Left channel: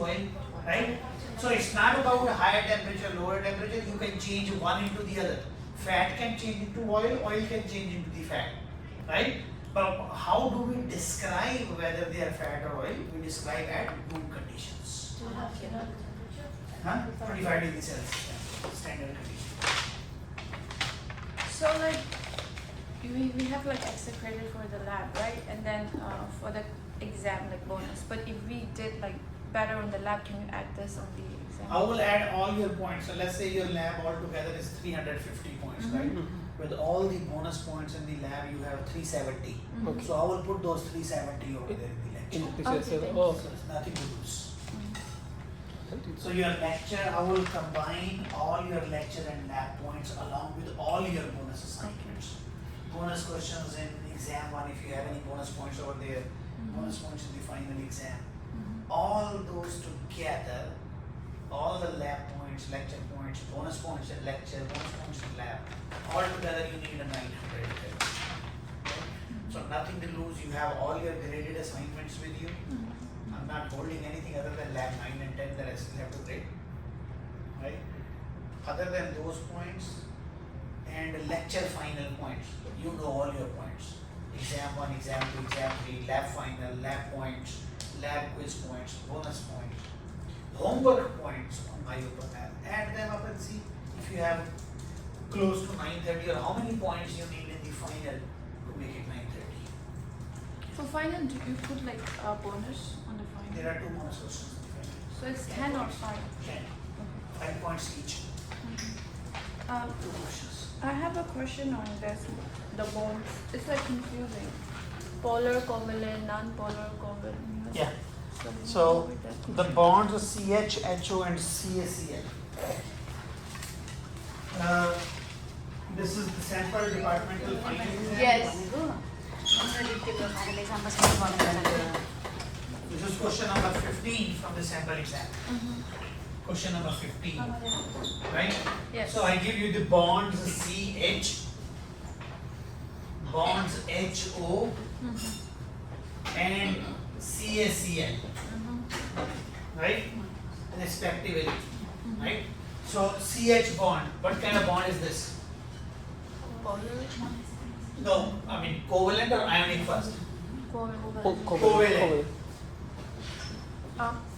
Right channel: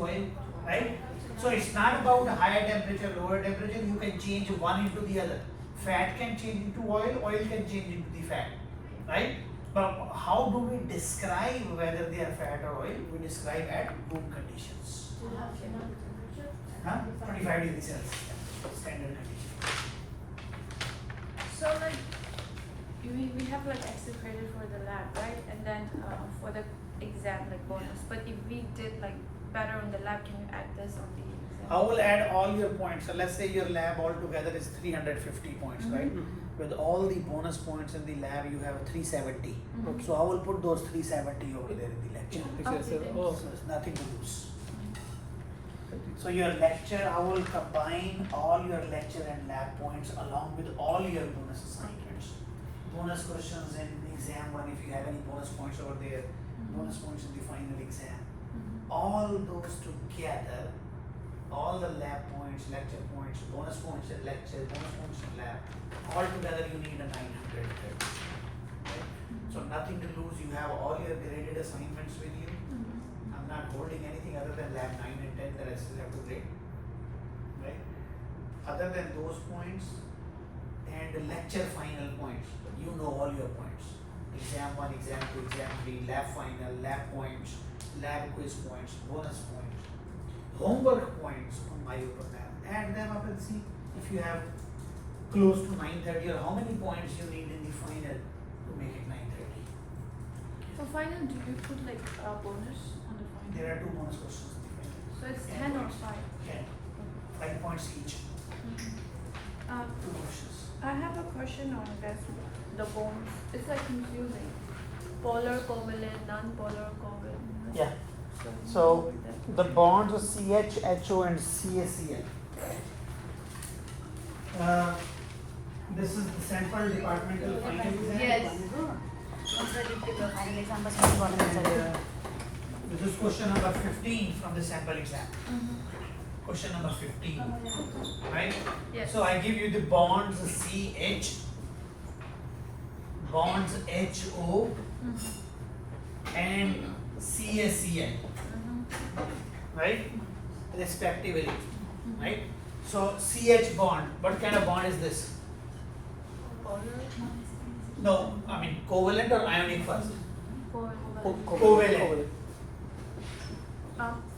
oil, right? So it's not about higher temperature, lower temperature. You can change one into the other. Fat can change into oil, oil can change into the fat, right? But how do we describe whether they are fat or oil? We describe at room conditions. 25 degrees Celsius, standard condition. So like we have like extra credit for the lab, right? And then for the exam like bonus. But if we did like better on the lab, can you add this on the exam? I will add all your points. So let's say your lab altogether is 350 points, right? With all the bonus points in the lab, you have 370. So I will put those 370 over there in the lecture. So it's nothing to lose. So your lecture, I will combine all your lecture and lab points along with all your bonus assignments. Bonus questions in exam 1, if you have any bonus points over there, bonus points in the final exam. All those together, all the lab points, lecture points, bonus points in lecture, bonus points in lab, all together you need a 900 credit. Right? So nothing to lose, you have all your graded assignments with you. I'm not holding anything other than lab 9 and 10 that I still have to grade. Right? Other than those points and lecture final points, you know all your points. Exam 1, exam 2, exam 3, lab final, lab points, lab quiz points, bonus points, homework points on my open math. Add them up and see if you have close to 930 or how many points you need in the final to make it 930. So final, do you put like a bonus on the final? There are 2 bonus questions in the final. So it's 10 or 5? 10. 5 points each. 2 questions. I have a question on this, the bonds. It's like confusing. Polar covalent, non-polar covalent. Yeah. So the bonds are CH, HO and CaCl. This is the sample departmental final exam. Yes. This is question number 15 from the sample exam. Question number 15. Right? Yes. So I give you the bonds CH, bonds HO and CaCl. Right? Respectively. Right? So CH bond, what kind of bond is this? No, I mean covalent or ionic first? Covalent.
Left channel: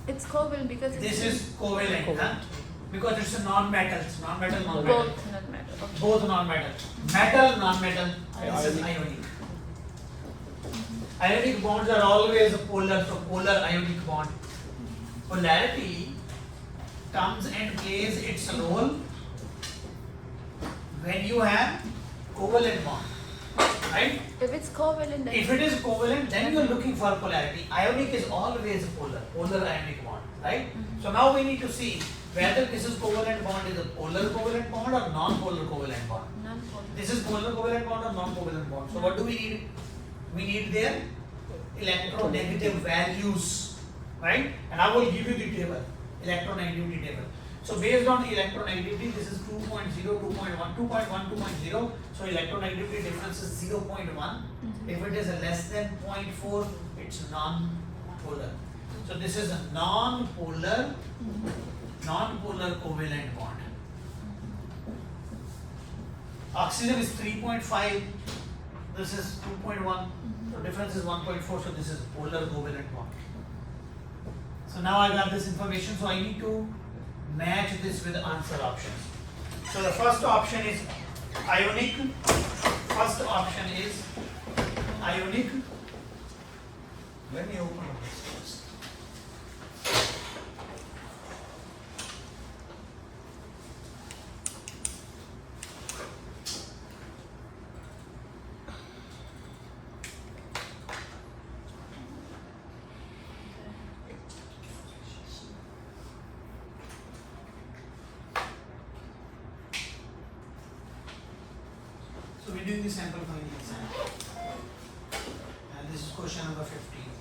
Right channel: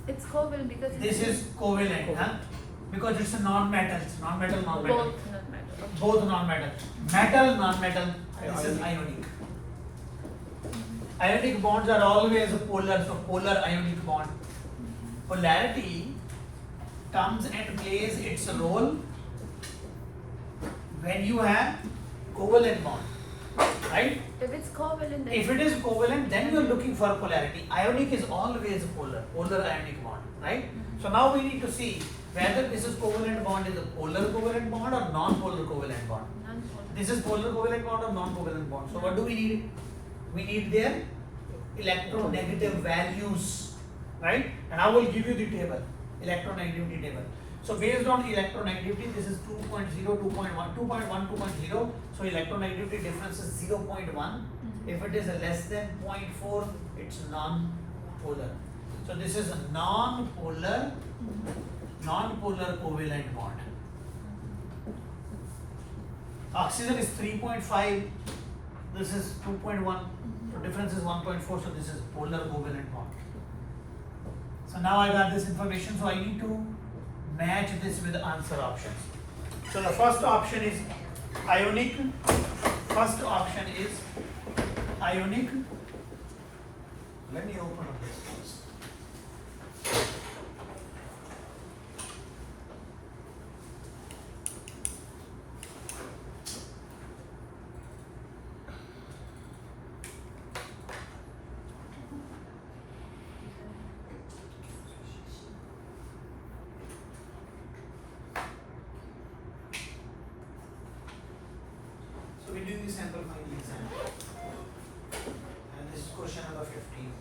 It's covalent because it's This is covalent, huh? Because it's a non-metal, non-metal, non-metal. both not metal. Okay. Both non-metal. Metal, non-metal. This is ionic. Ionic bonds are always polar, so polar ionic bond. Polarity comes and plays its role when you have covalent bond, right? If it's covalent, then If it is covalent, then you are looking for polarity. Ionic is always polar, polar ionic bond, right? So now we need to see whether this is covalent bond is a polar covalent bond or non-polar covalent bond. non-polar. This is polar covalent bond or non-covalent bond. So what do we need? We need their electronegative values, right? And I will give you the table, electronegativity table. So based on electronegativity, this is 2.0, 2.1, 2.1, 2.0. So electronegativity difference is 0.1. If it is less than 0.4, it's non-polar. So this is a non-polar covalent bond. Oxygen is 3.5. This is 2.1. So difference is 1.4. So this is polar covalent bond. So now I got this information. So I need to match this with answer options. So the first option is ionic. First option is ionic. Let me open up this first. So we're doing the sample final exam. And this is question number 15.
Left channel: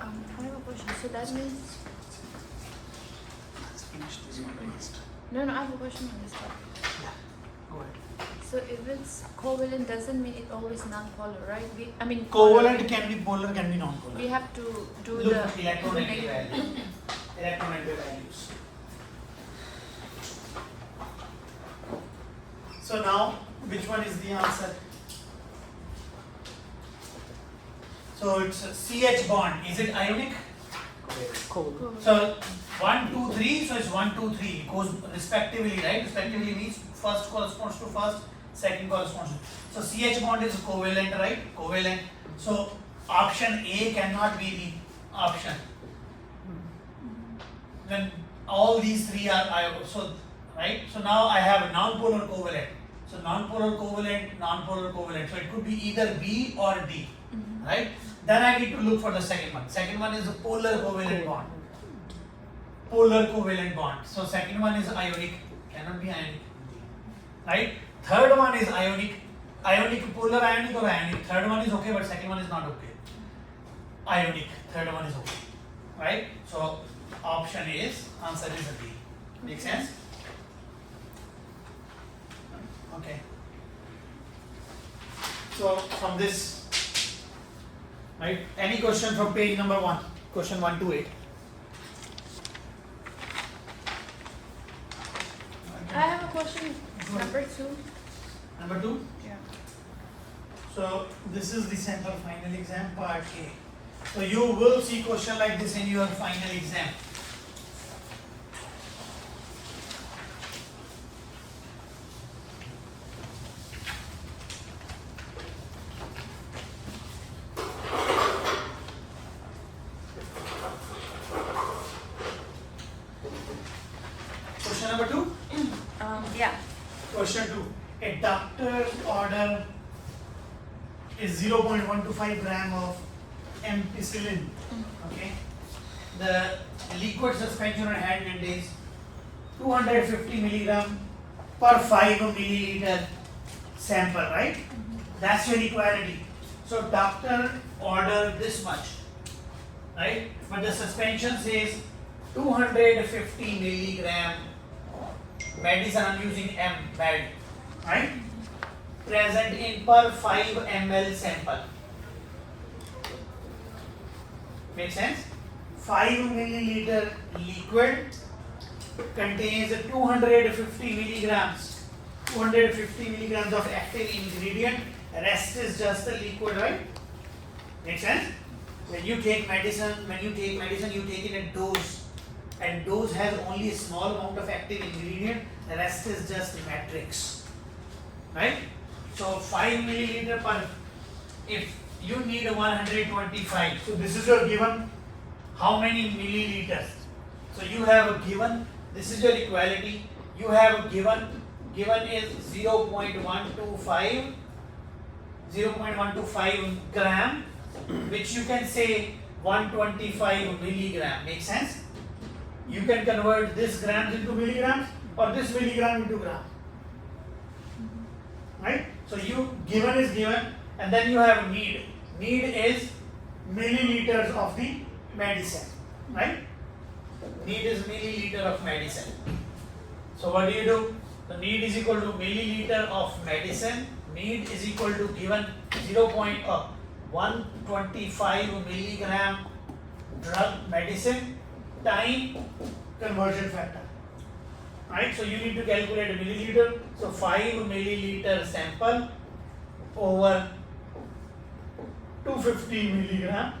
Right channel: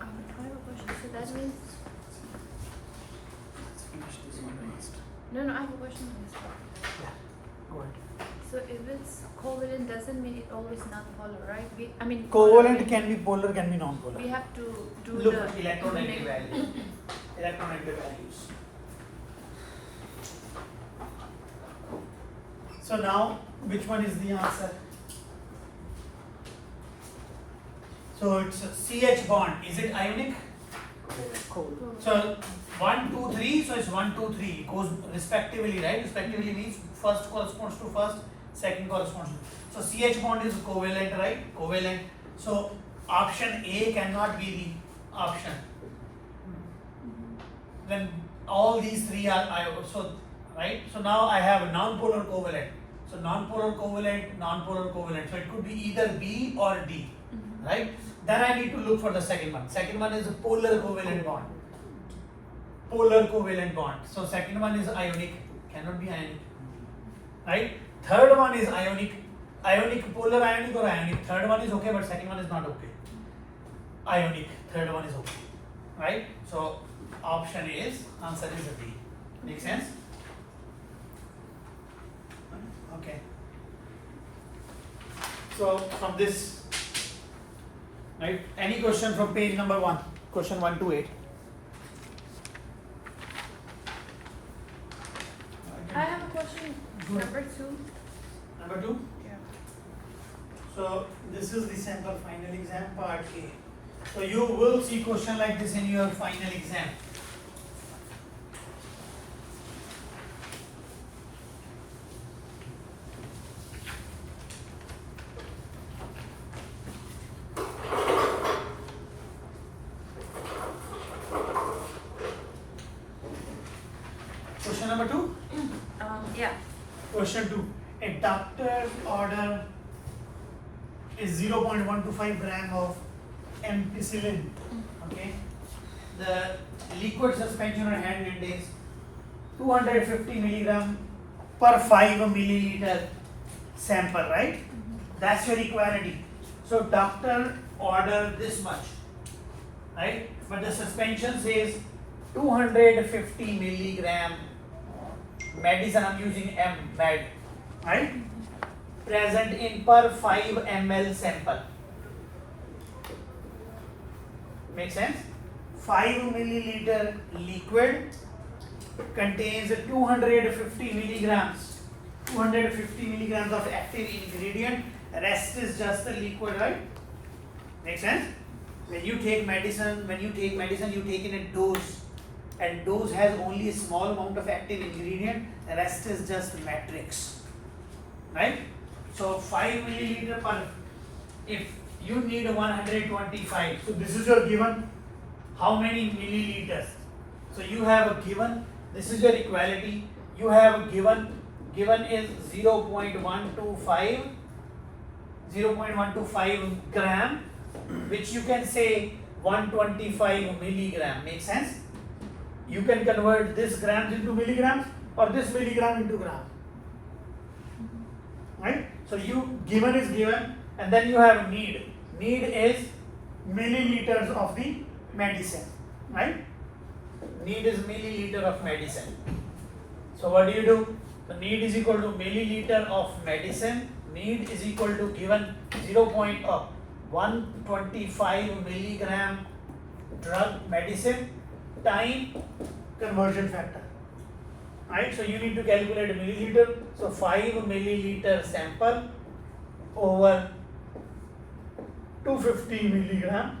I have a question. So that means Let's finish this one last. no, I have a question on this part. Yeah, go ahead. So if it's covalent, doesn't mean it's always non-polar, right? Covalent can be polar, can be non-polar. We have to do Look at electronegative values. Electronegative values. So now, which one is the answer? So it's a CH bond. Is it ionic? Covalent. So 1, 2, 3. So it's 1, 2, 3. It goes respectively, right? Respectively means first corresponds to first, second corresponds to. So CH bond is covalent, right? Covalent. So option A cannot be the option. Then all these three are so right. So now I have non-polar covalent. So non-polar covalent, non-polar covalent. So it could be either B or D, right? Then I need to look for the second one. Second one is a polar covalent bond. Polar covalent bond. So second one is ionic, cannot be ionic, right? Third one is ionic, ionic, polar ionic or ionic. Third one is okay, but second one is not okay. Ionic, third one is okay, right? So option is, answer is a B. Make sense? Okay. So from this, right? Any question from page number 1? Question 1 to 8. I have a question. Number 2. Number 2. Yeah. So this is the sample final exam part A. So you will see question like this in your final exam. Question number 2. Yeah. Question 2. A doctor's order is 0.125 gram of ampicillin. Okay. The liquid suspension on hand is 250 milligram per 5 milliliter sample, right? That's your equality. So doctor order this much, right? But the suspension says 250 milligram medicine. I'm using M, med, right? Present in per 5 ml sample. Make sense? 5 milliliter liquid contains 250 milligrams. 250 milligrams of active ingredient. Rest is just the liquid, right? Make sense? When you take medicine, you take in a dose. And dose has only a small amount of active ingredient. Rest is just matrix, right? So 5 milliliter per. If you need 125, so this is your given. How many milliliters? So you have a given. This is your equality. You have a given. Given is 0.125 gram, which you can say 125 milligram. Make sense? You can convert this grams into milligrams or this milligram into gram, right? So you given is given, and then you have need. Need is milliliters of the medicine, right? Need is milliliter of medicine. So what do? The need is equal to milliliter of medicine. Need is equal to given 0.125 milligram drug medicine time conversion factor, right? So you need to calculate a milliliter. So 5 milliliter sample over 250 milligram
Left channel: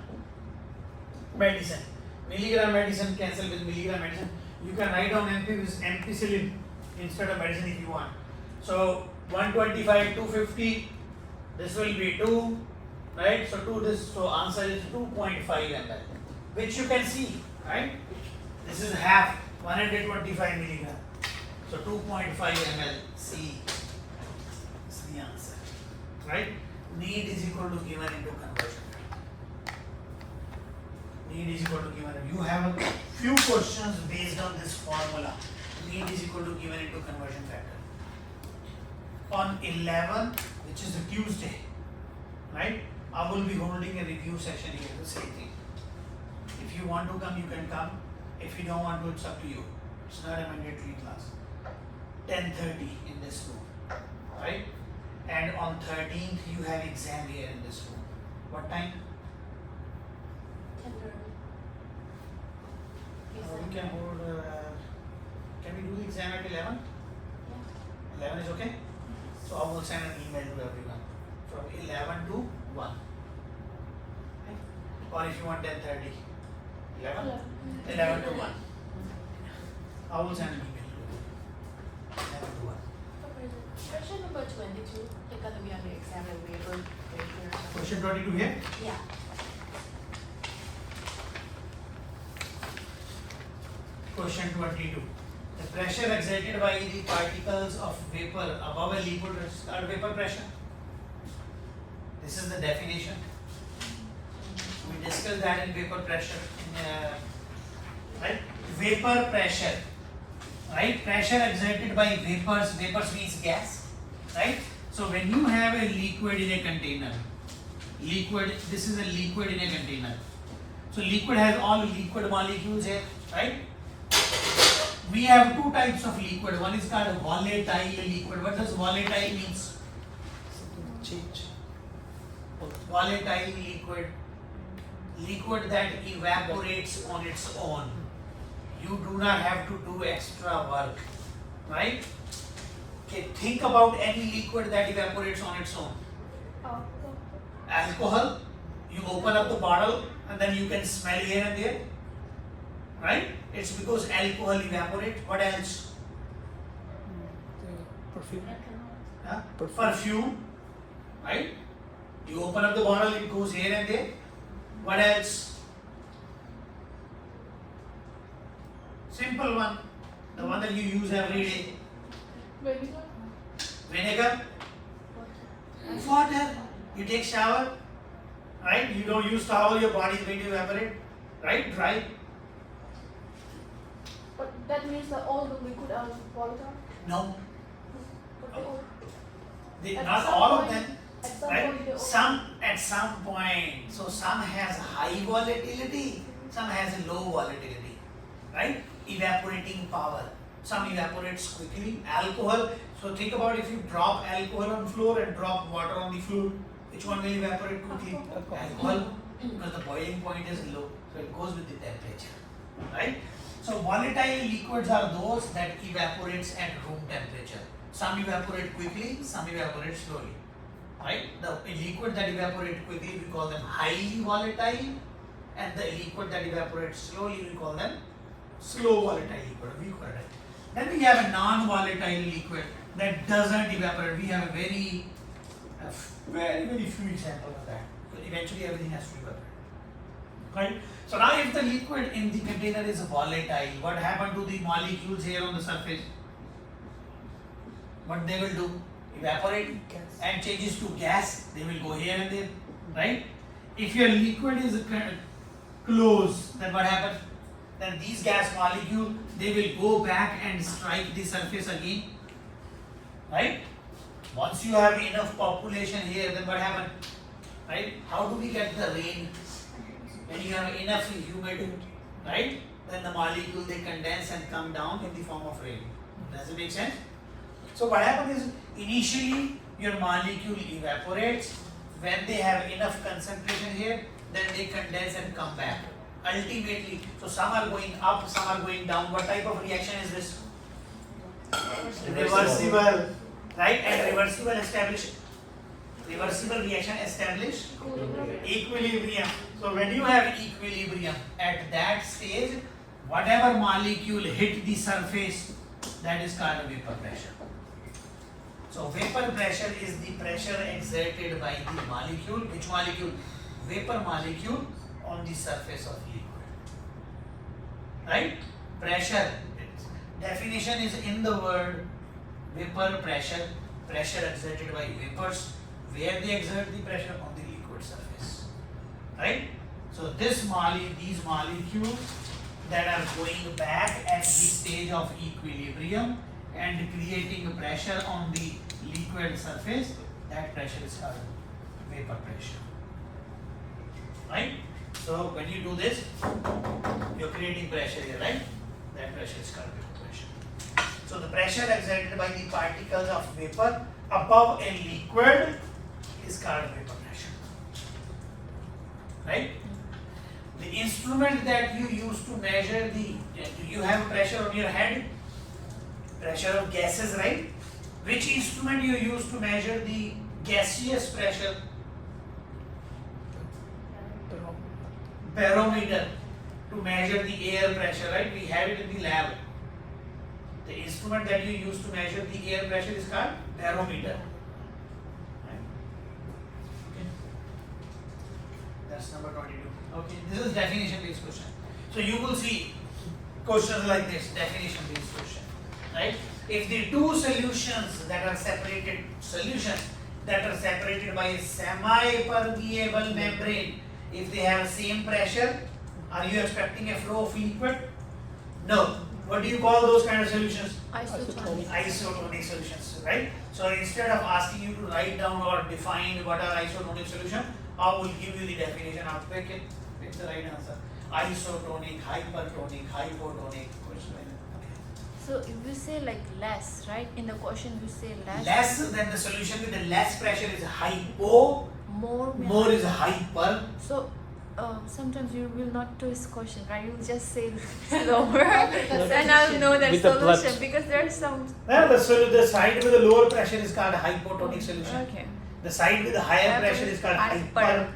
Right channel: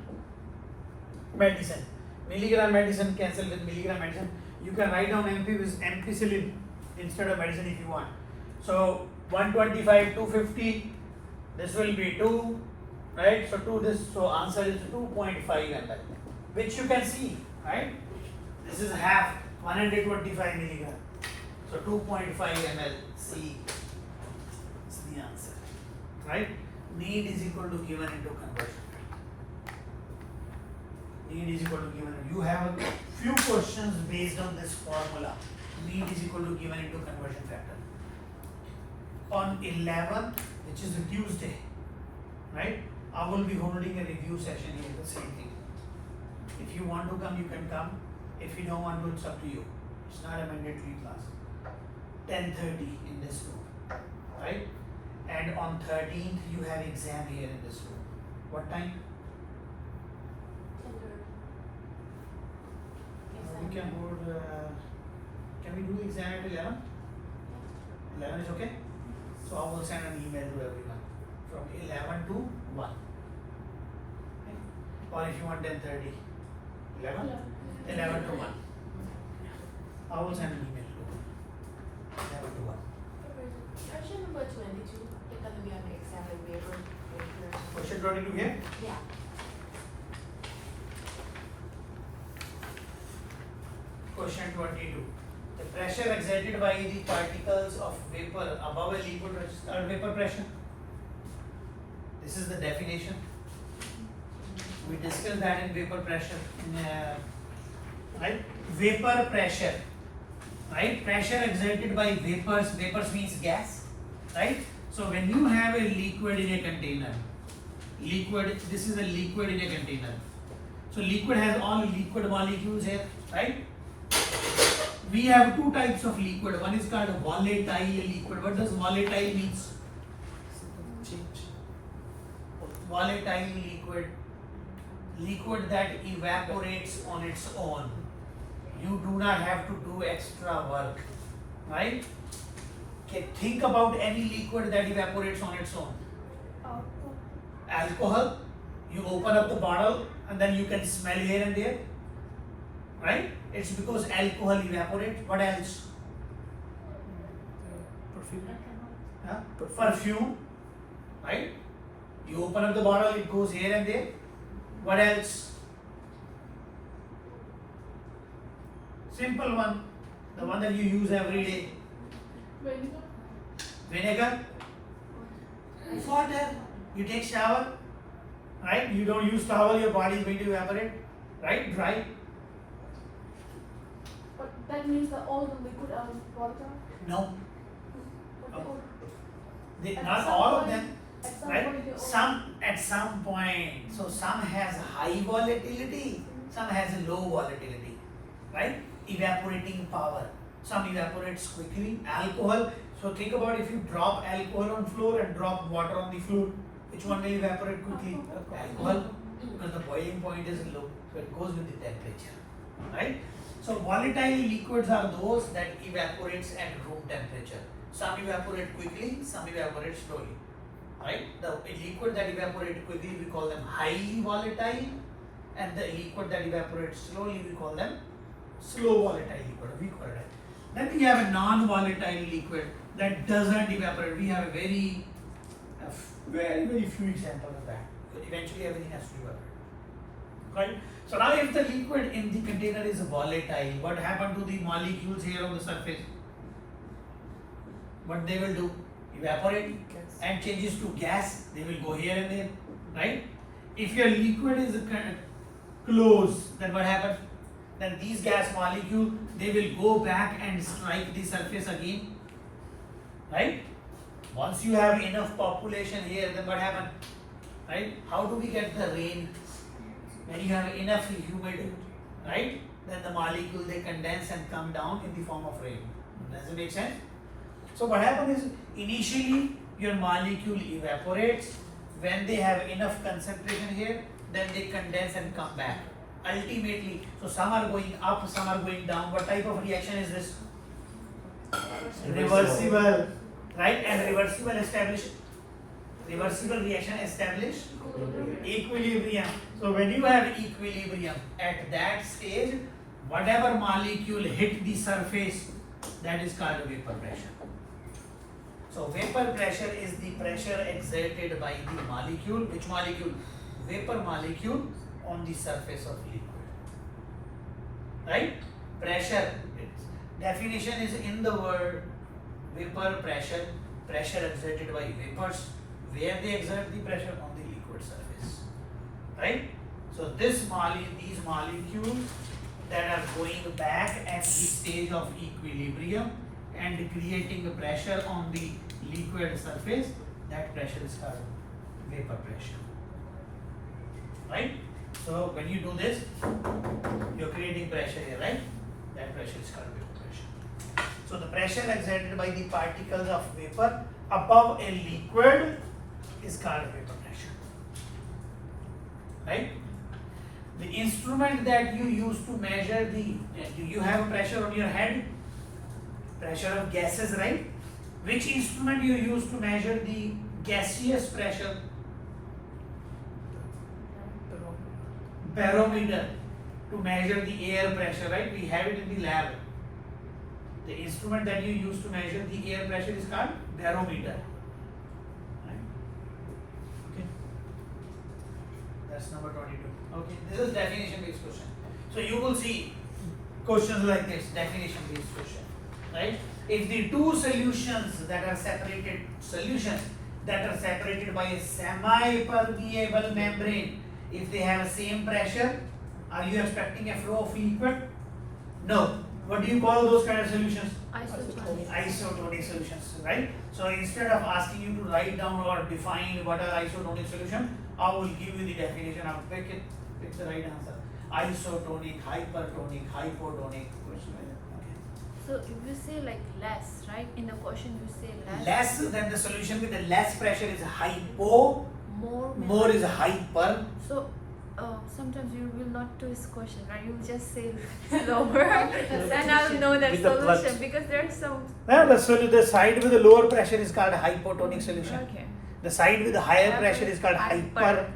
medicine. Milligram medicine cancel with milligram medicine. You can write down MP with ampicillin instead of medicine if you want. So 125, 250. This will be 2, right? So 2 this. So answer is 2.5 ml, which you can see, right? This is half, 125 milligram. So 2.5 ml. C is the answer, right? Need is equal to given into conversion. Need is equal to given. You have a few questions based on this formula. Need is equal to given into conversion factor. On 11, which is a Tuesday, right? I will be holding a review session here, the same thing. If you want to come, you can come. If you don't want to, it's up to you. It's not a mandatory class. 10:30 in this room, right? and on 13th you have exam here in this room. What time? We can hold, can we do the exam at 11? 11 is okay? So I will send an email to everyone from 11 to 1. Right? Or if you want 10:30. 11? 11 to 1. I will send an email to you. 11 to 1. Question number 22. You're going to be on the exam and we're going to go here. Question 22 here. Yeah. Question 22. The pressure exerted by the particles of vapor above a liquid is called vapor pressure. This is the definition. We discussed that in vapor pressure. Right? Vapor pressure. Right? Pressure exerted by vapors. Vapors means gas. Right? So when you have a liquid in a container, this is a liquid in a container. So liquid has all liquid molecules here. Right? We have two types of liquid. One is called volatile liquid. What does volatile means? Change. Volatile liquid. Liquid that evaporates on its own. You do not have to do extra work. Right? Okay, think about any liquid that evaporates on its own. Alcohol. You open up the bottle and then you can smell here and there. Right? It's because alcohol evaporates. What else? Perfume. Huh? Perfume. Right? You open up the bottle, it goes here and there. What else? Simple one. The one that you use every day. Vinegar. Water. You take shower. Right? You don't use towel, your body is going to evaporate. Right? Dry. But that means that all the liquid out of water. No. But they would- At Not some all of point- them. at some Right? point they all- Some at some point. So some has high volatility, some has low volatility. Right? Evaporating power. Some evaporates quickly. Alcohol. So think about if you drop alcohol on floor and drop water on the floor, which one will evaporate quickly? Alcohol. Because the boiling point is low. So it goes with the temperature. Right? So volatile liquids are those that evaporates at room temperature. Some evaporate quickly, some evaporate slowly. Right? The liquid that evaporate quickly we call them highly volatile, and the liquid that evaporates slowly we call them slow volatile liquid. We call it. Then we have a non-volatile liquid that doesn't evaporate. We have a very few examples of that. But eventually everything has to evaporate. Right? So now if the liquid in the container is volatile, what happened to the molecules here on the surface? What they will do? Evaporate and changes to gas. They will go here and there. Right? If your liquid is closed, then what happens? Then these gas molecules, they will go back and strike the surface again. Right? Once you have enough population here, then what happens? Right? How do we get the rain? When you have enough humidity, right? Then the molecule they condense and come down in the form of rain. Does it make sense? So what happens is initially your molecule evaporates. When they have enough concentration here, then they condense and come back. Ultimately, so some are going up, some are going down. What type of reaction is this? Reversible, right? And reversible reaction establish equilibrium. So when you have equilibrium at that stage, whatever molecule hit the surface, that is called vapor pressure. So vapor pressure is the pressure exerted by the molecule. Which molecule? Vapor molecule on the surface of liquid. Right? Pressure. Its definition is in the word vapor pressure. Pressure exerted by vapors. Where they exert the pressure? On the liquid surface. Right? So these molecules that are going back at the stage of equilibrium and creating a pressure on the liquid surface, that pressure is called vapor pressure. Right? So when you do this, you're creating pressure here, right? That pressure is called vapor pressure. So the pressure exerted by the particles of vapor above a liquid is called vapor pressure. Right? The instrument that you use to measure the, do you have a pressure on your head? Pressure of gases, right? Which instrument you use to measure the gaseous pressure? Barometer, to measure the air pressure, right? We have it in the lab. The instrument that you use to measure the air pressure is called barometer. Right? Okay. That's number 22. Okay, this is definition based question. So you will see questions like this, definition based question. Right? If the two solutions that are separated by a semi-permeable membrane, if they have the same pressure, are you expecting a flow of liquid? No. What do you call those kind of solutions? Isotonic. Isotonic solutions, right? So instead of asking you to write down or define what are isotonic solution, I will give you the definition. I'll pick the right answer. Isotonic, hypertonic, hypotonic. So if we say like less, right? In the question we say less. Less than the solution with the less pressure is hypo, more is hyper. So sometimes you will not twist question, right? You will just say lower, and I'll know that With the solution blood. because there's some. The side with the lower pressure is called hypotonic solution. Okay. The side with the higher pressure is called hyper. Hyper.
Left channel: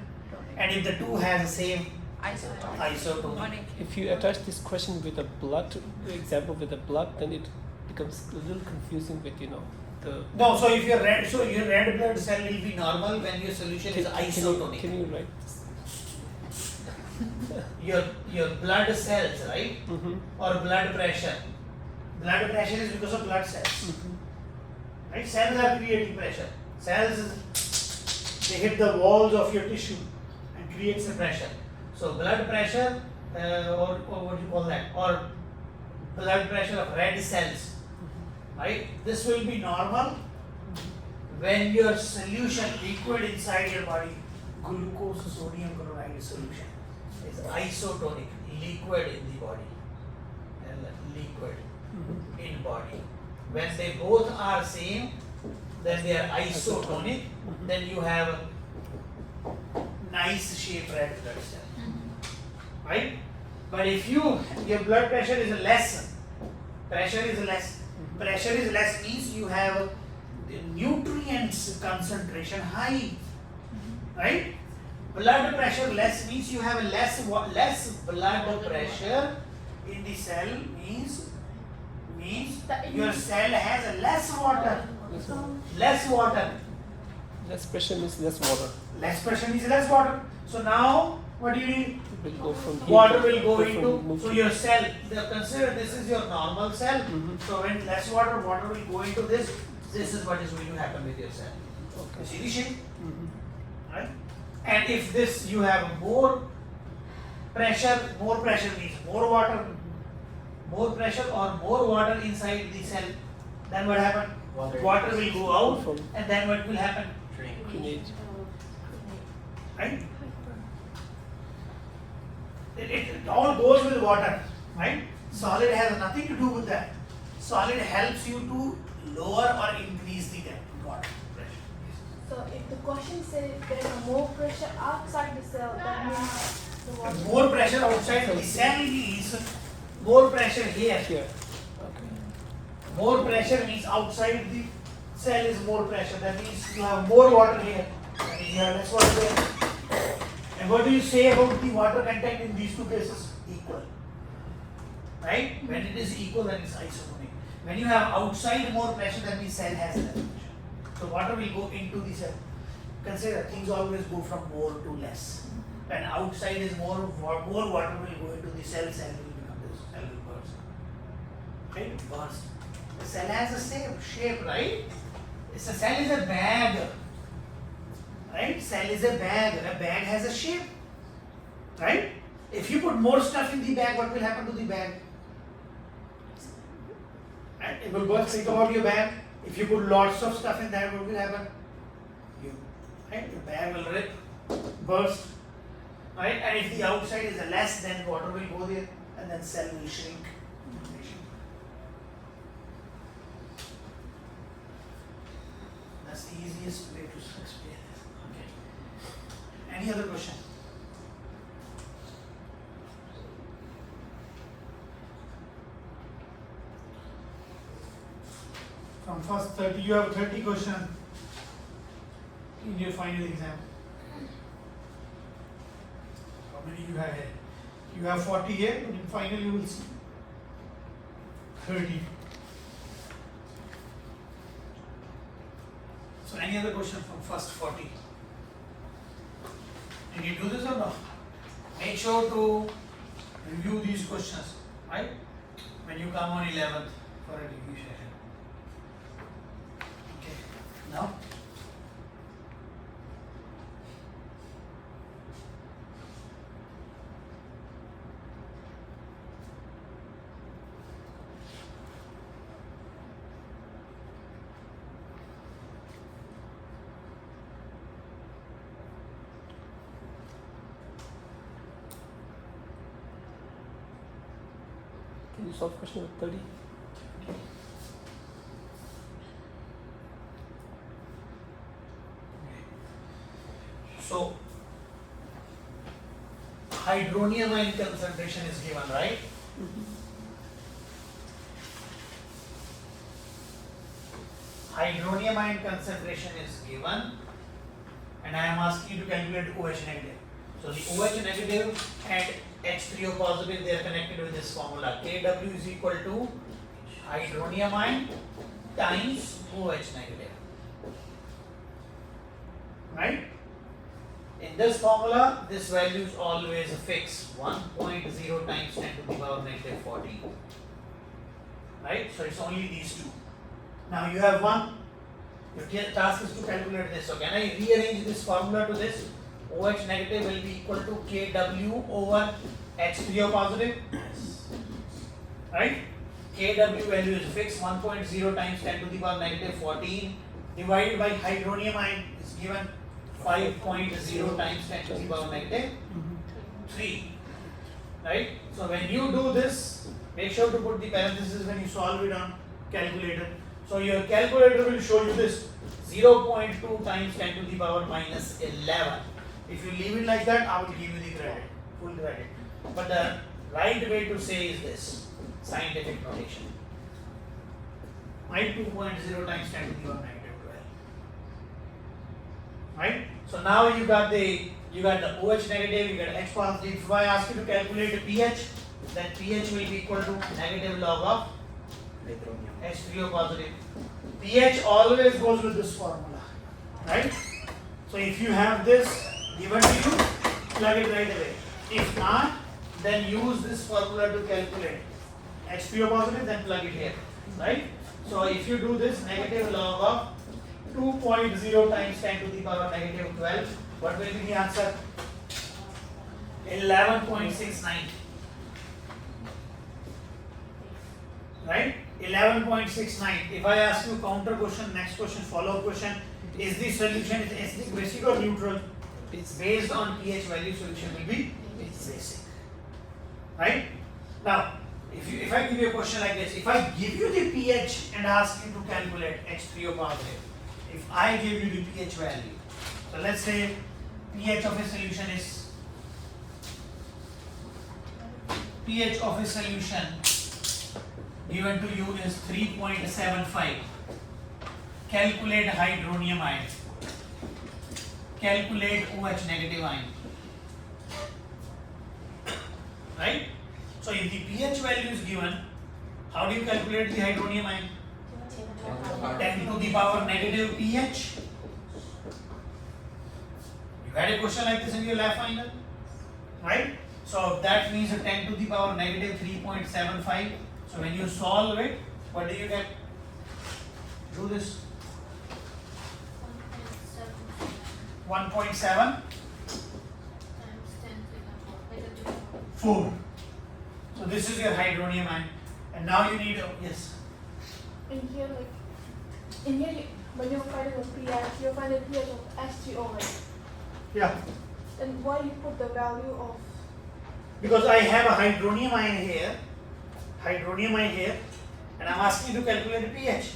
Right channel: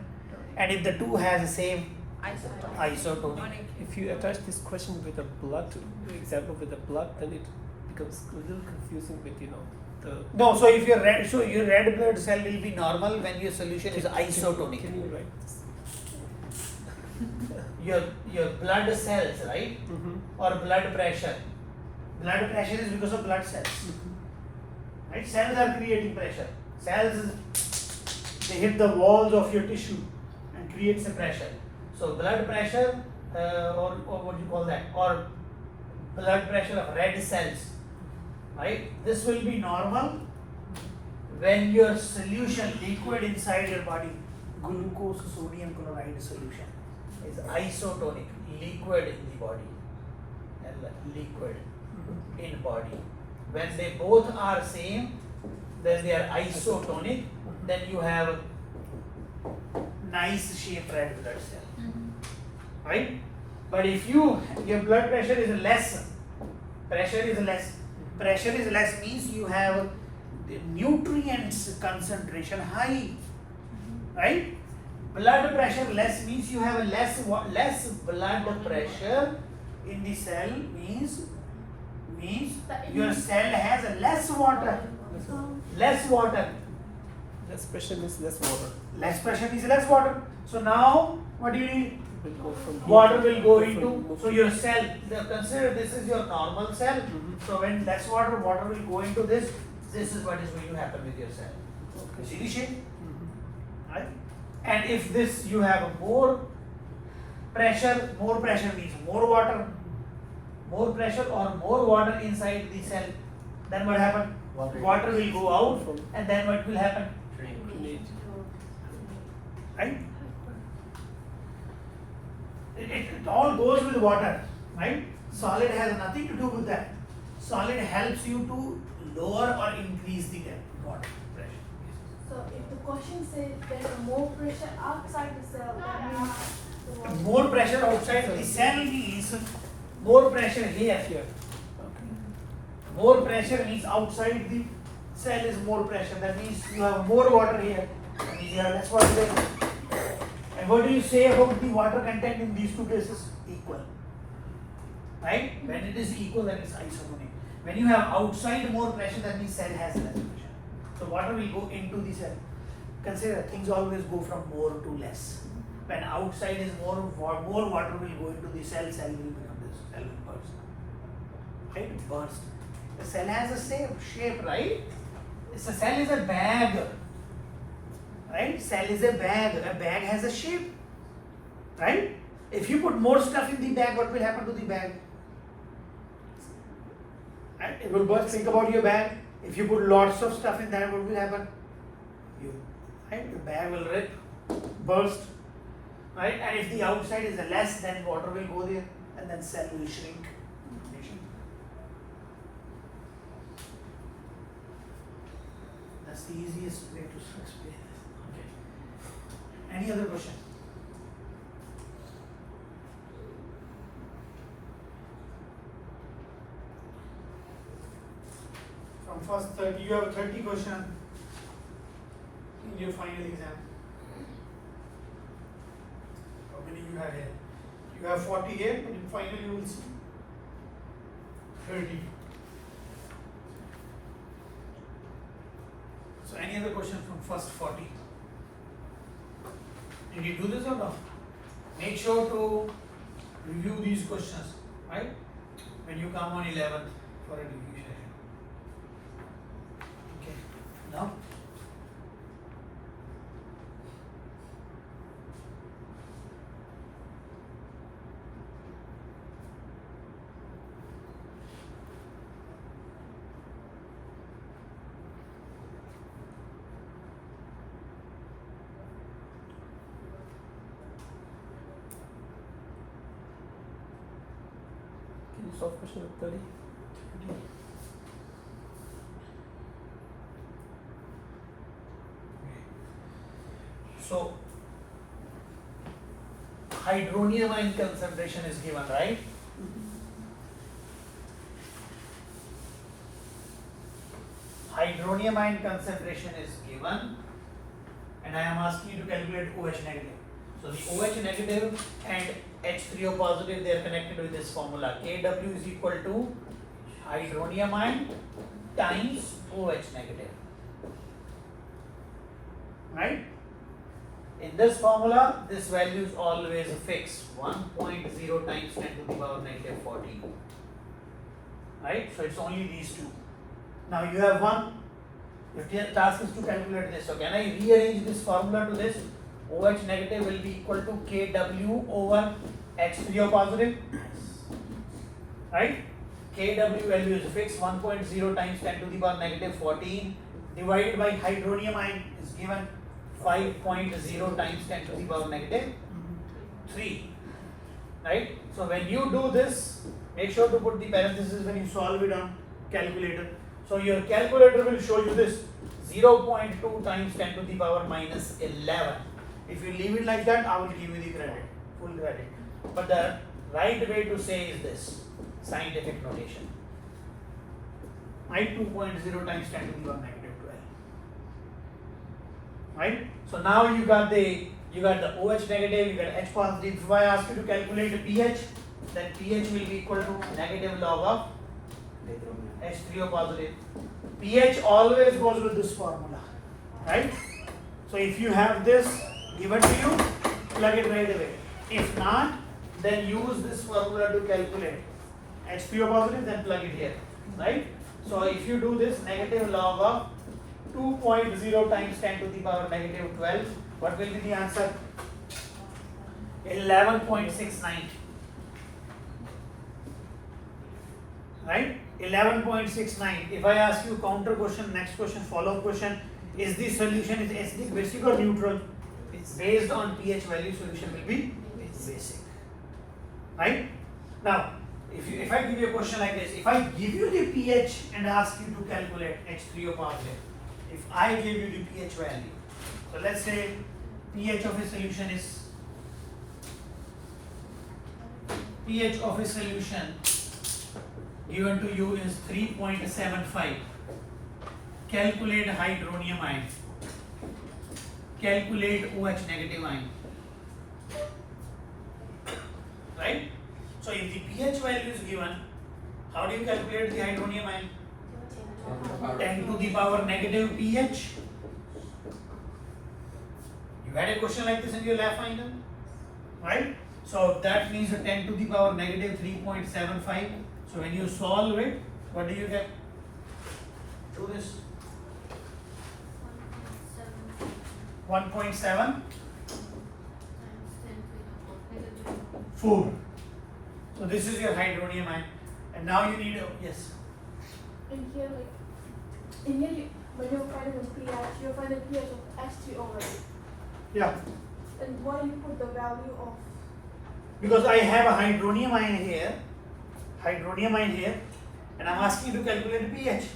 And if the two has the same Isotonic. If you attach this question with a blood example with the blood, then it becomes a little confusing with the. No, so if your red blood cell will be normal when your solution is isotonic. Can you write this? Your blood cells, right? Or blood pressure. Blood pressure is because of blood cells. Right? Cells are creating pressure. Cells, they hit the walls of your tissue and creates a pressure. So blood pressure, or what do you call that? Or blood pressure of red cells. Right? This will be normal when your solution, liquid inside your body, glucose sodium chloride solution, is isotonic, liquid in the body. Liquid in body. When they both are same, then they are isotonic, then you have a nice shaped red blood cell. Right? But if your blood pressure is less means you have the nutrients concentration high. Right? Blood pressure less means you have a less blood pressure in the cell means your cell has a less water. Less water. Less pressure means less water. Less pressure means less water. So now what do you need? It will go from here Water to will go different into, movement. so your cell, consider this is your normal cell. So when less water will go into this. This is what is going to happen with your cell. You see the shape? Right? And if this you have more pressure means more water, more pressure or more water inside the cell, then what happens? Water will go out, and then what will happen? Lineage. Right? It all goes with water, right? Solid has nothing to do with that. Solid helps you to lower or increase the water pressure. So if the question says there's a more pressure outside the cell, that means the water. More pressure outside the cell means more pressure here. Here. More pressure means outside the cell is more pressure. That means you have more water here. That means you have less water there. And what do you say about the water content in these two cases? Equal. Right? When it is equal, then it's isotonic. When you have outside more pressure, that means cell has less pressure. So water will go into the cell. Consider things always go from more to less. When outside is more water will go into the cell will become this, cell will burst. Right? It bursts. The cell has the same shape, right? It's a cell is a bag. Right? Cell is a bag. A bag has a shape. Right? If you put more stuff in the bag, what will happen to the bag? Right? It will burst. Think about your bag. If you put lots of stuff in that, what will happen? Right? The bag will burst. Right? And if the outside is less, then water will go there, and then cell will shrink. easiest way to explain it. Okay. Any other question? From first 30, you have 30 question in your final exam. How many you have here? You have 40 here, but in final you will see 30. So any other question from first 40? Did you do this or not? Make sure to review these questions, right? When you come on 11th for a review session. Okay. Now? Can you solve question number 30? So, hydronium ion concentration is given, right? Hydronium ion concentration is given, and I am asking you to calculate OH negative. So the OH negative and H3O positive, they are connected with this formula. Kw is equal to hydronium ion times OH negative. Right? In this formula, this value is always fixed, 1.0 times 10 to the power negative 14. Right? So it's only these two. Now you have one. Your task is to calculate this. So can I rearrange this formula to this? OH negative will be equal to Kw over H3O positive. Right? Kw value is fixed, 1.0 times 10 to the power negative 14 divided by hydronium ion is given 5.0 times 10 to the power negative 3. Right? So when you do this, make sure to put the parentheses when you solve it on calculator. So your calculator will show you this 0.2 times 10 to the power minus 11. If you leave it like that, I will give you the credit, full credit. But the right way to say is this, scientific notation. Right? 2.0 times 10 to the power negative 12. Right? So now you got the OH negative, you got H positive. If I ask you to calculate the pH, that pH will be equal to negative log of H3O positive. pH always goes with this formula, right? So if you have this given to you, plug it right away. If not, then use this formula to calculate H3O positive, then plug it here, right? So if you do this, negative log of 2.0 times 10 to the power negative 12, what will be the answer? 11.69. Right? 11.69. If I ask you counter question, next question, follow-up question, is the solution is acidic, basic or neutral? Based on pH value, solution will be basic. Right? Now, if I give you a question like this, if I give you the pH and ask you to calculate H3O positive, if I give you the pH value, so let's say pH of a solution is given to you is 3.75. Calculate hydronium ion. Calculate OH negative ion. Right? So if the pH value is given, how do you calculate the hydronium ion? 10 to the power negative pH. You had a question like this in your lab final, right? So that means a 10 to the power negative 3.75. So when you solve it, what do you get? Do this. 1.7 4. So this is your hydronium ion, and now you need yes. In here, when you find the pH, you find the pH of H3O, right? Yeah. And why you put the value of? Because I have a hydronium ion here, and I'm asking you to calculate the pH.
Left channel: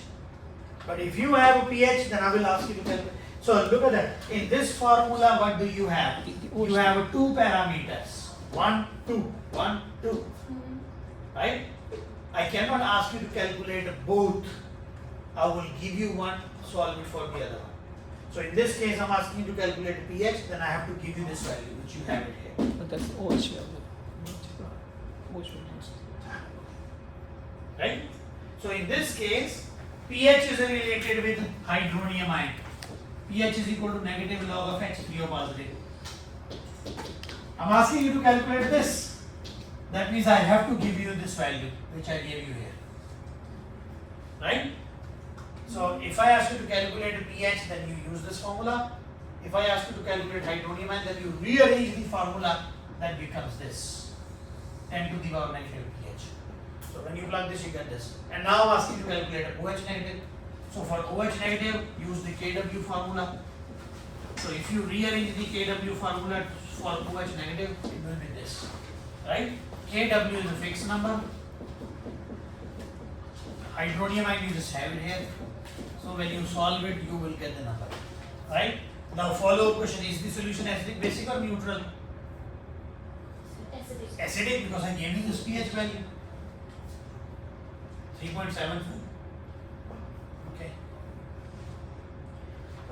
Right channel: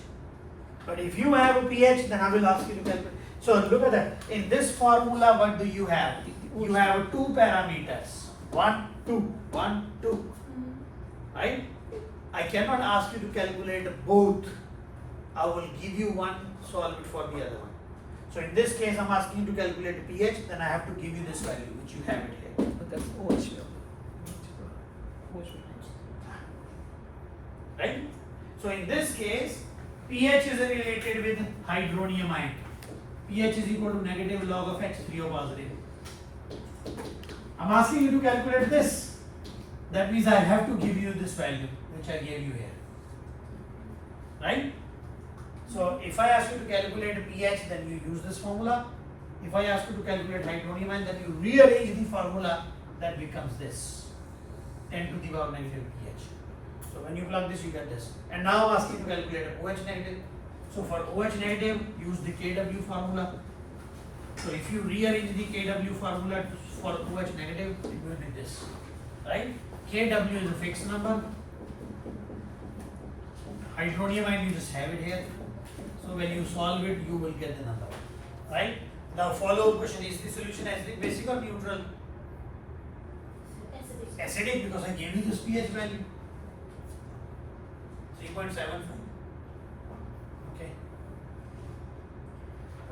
But if you have a pH, then I will ask you to calculate. So look at that. In this formula, what do you have? You have two parameters. 1, 2, 1, 2. Right? I cannot ask you to calculate both. I will give you one, solve it for the other one. So in this case, I'm asking you to calculate the pH, then I have to give you this value, which you have it here. But that's OH value. OH Right? So in this case, pH is related with hydronium ion. pH is equal to negative log of H3O positive. I'm asking you to calculate this. That means I have to give you this value, which I gave you here. Right? So if I ask you to calculate pH, then you use this formula. If I ask you to calculate hydronium ion, then you rearrange the formula, that becomes this. 10 to the power negative pH. So when you plug this, you get this. And now I'm asking you to calculate a OH negative. So for OH negative, use the Kw formula. So if you rearrange the Kw formula for OH negative, it will be this. Right? Kw is a fixed number. Hydronium ion, you just have it here. So when you solve it, you will get the number. Right? Now follow-up question, is the solution acidic, basic or neutral? Acidic. Acidic, because I gave you this pH value. 3.74. Okay.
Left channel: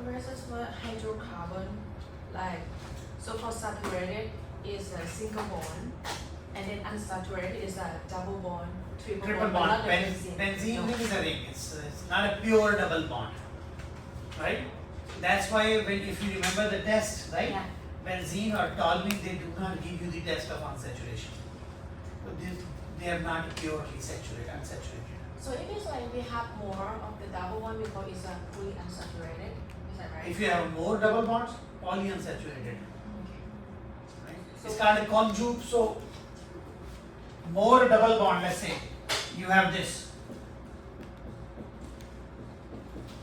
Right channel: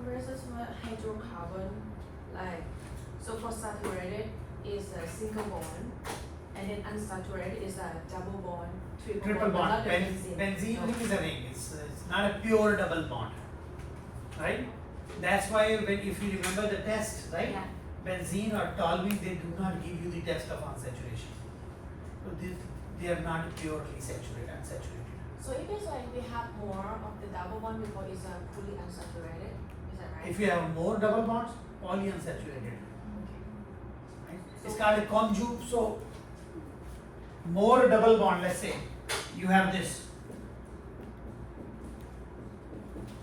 Versus what hydrocarbon, like, so for saturated is a single bond, and then unsaturated is a double bond, Triple but bond. not the benzene. Benzene No. ring is a ring. It's not a pure double bond. Right? That's why when if you remember the test, right? Yeah. Benzene or toluene, they do not give you the test of unsaturation. But they are not purely saturated, unsaturated. So if it's like we have more of the double bond because it's a fully unsaturated, is that right? If you have more double bonds, polyunsaturated. Right? It's called a conjugate. So more double bond, let's say you have this.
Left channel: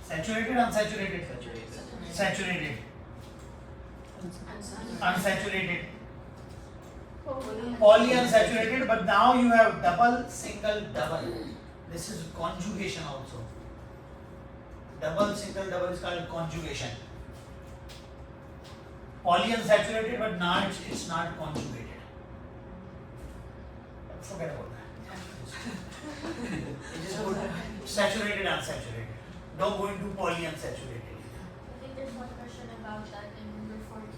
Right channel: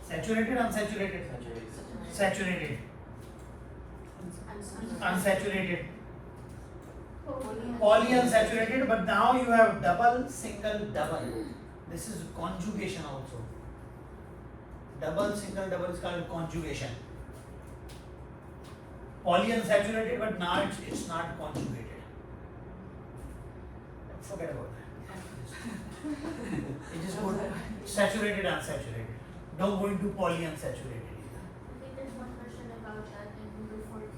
Saturated, unsaturated? Saturated. Unsaturated. Polyunsaturated, but now you have double, single, double. This is conjugation also. Double, single, double is called conjugation. Polyunsaturated, but now it's not conjugated. Forget about that. It is go to saturated, unsaturated. Don't go into polyunsaturated. I think there's one question about that in number 14.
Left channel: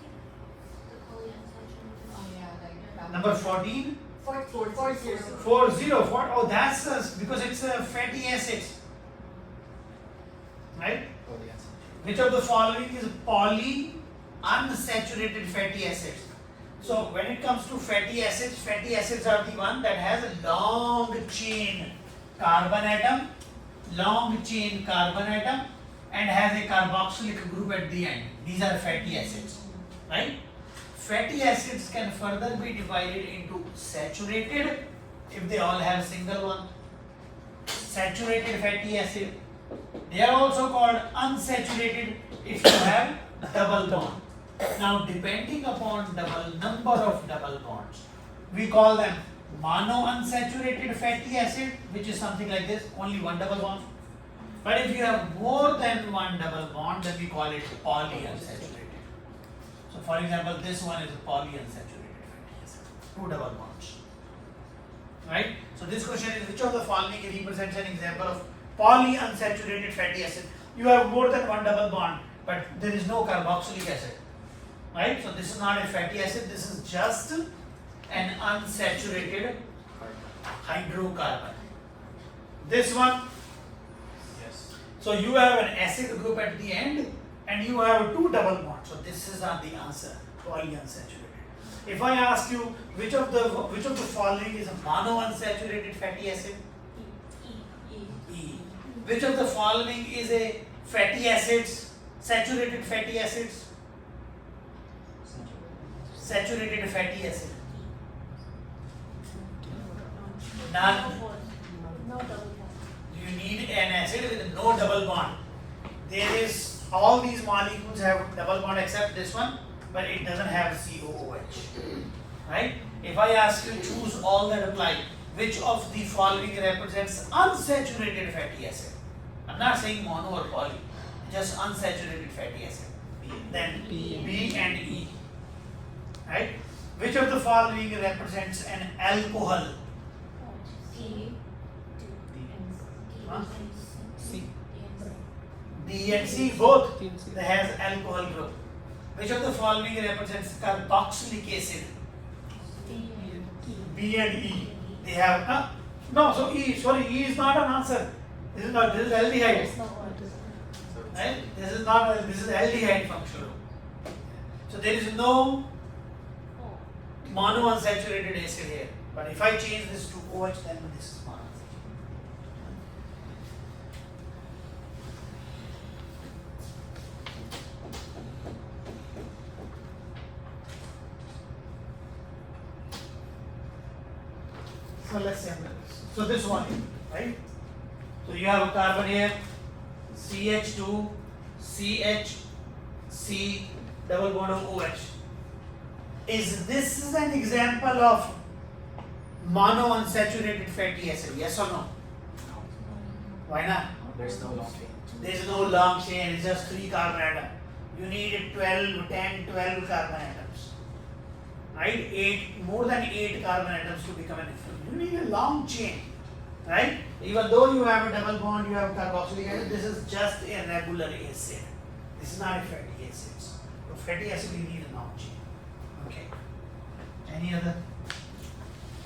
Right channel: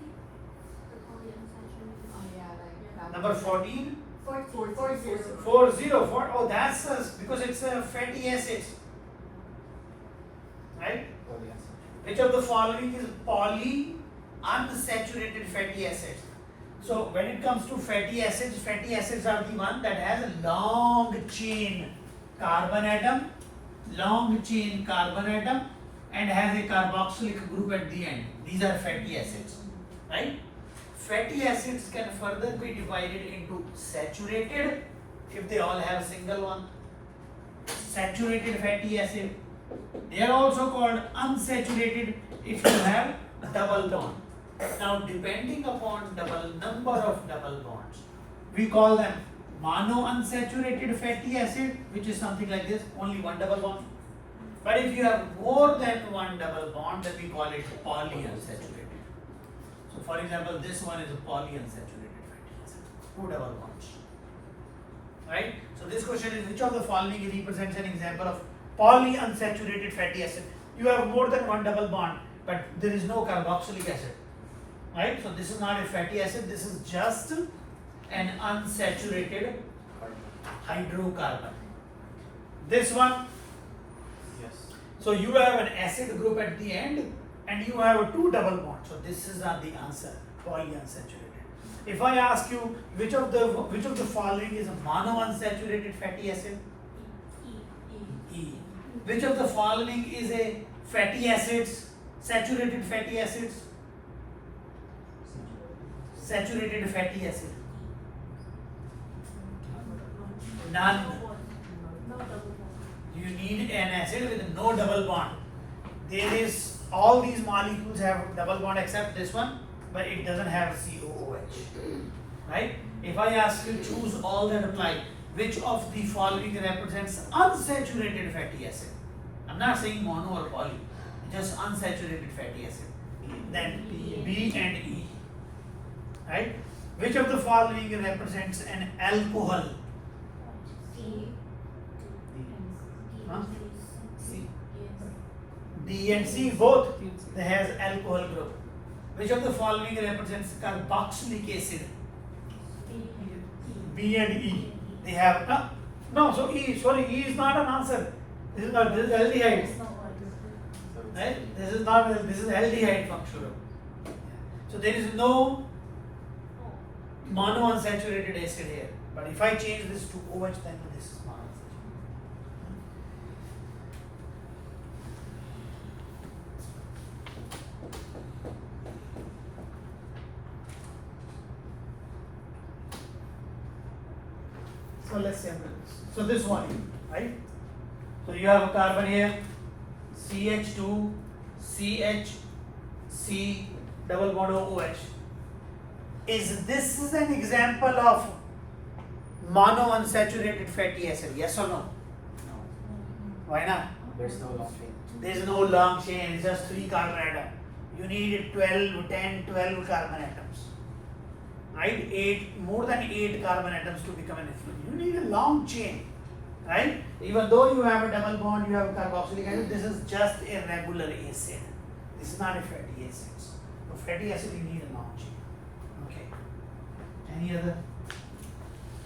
The polyunsaturated. Oh yeah, like Number 14. 40. Oh, that's because it's a fatty acid. Right? Which of the following is polyunsaturated fatty acids? So when it comes to fatty acids are the one that has a long chain carbon atom, and has a carboxylic group at the end. These are fatty acids, right? Fatty acids can further be divided into saturated, if they all have single one, saturated fatty acid. They are also called unsaturated if you have double bond. Now depending upon number of double bonds, we call them monounsaturated fatty acid, which is something like this, only one double bond. But if you have more than one double bond, then we call it polyunsaturated. So for example, this one is a polyunsaturated fatty acid, two double bonds. Right? So this question is, which of the following represents an example of polyunsaturated fatty acid? You have more than one double bond, but there is no carboxylic acid. Right? So this is not a fatty acid, this is just an unsaturated hydrocarbon. This one, Yes. so you have an acid group at the end and you have two double bonds. So this is not the answer, polyunsaturated. If I ask you which of the following is a monounsaturated fatty acid? E. Which of the following is a fatty acids, saturated fatty acids? Saturated fatty acid. None. You need an acid with no double bond. There is, all these molecules have double bond except this one, but it doesn't have COOH. Right? If I ask you choose all that apply, which of the following represents unsaturated fatty acid? I'm I'm not saying mono or poly, just unsaturated fatty acid. Then B and E. Right? Which of the following represents an alcohol? Huh? C. D and C both. They has alcohol group. Which of the following represents carboxylic acid? B and E. They have no. So E is not an answer. This is aldehyde. Right? This is aldehyde functional. So there is no monounsaturated acid here. But if I change this to OH, then this is monounsaturated. So let's say so this one, right? So you have a carbon here, CH2, CH, C, double bond OH. This is an example of monounsaturated fatty acid? Yes or no? Why not? There's no long chain. There is no long chain, it's just 3 carbon atoms. You need 12, 10, 12 carbon atoms. Right? More than 8 carbon atoms to become an ethylene. You need a long chain. Right? Even though you have a double bond, you have carboxylic acid, this is just a regular acid. This is not a fatty acid. For fatty acid, you need a long chain. Okay. Any other?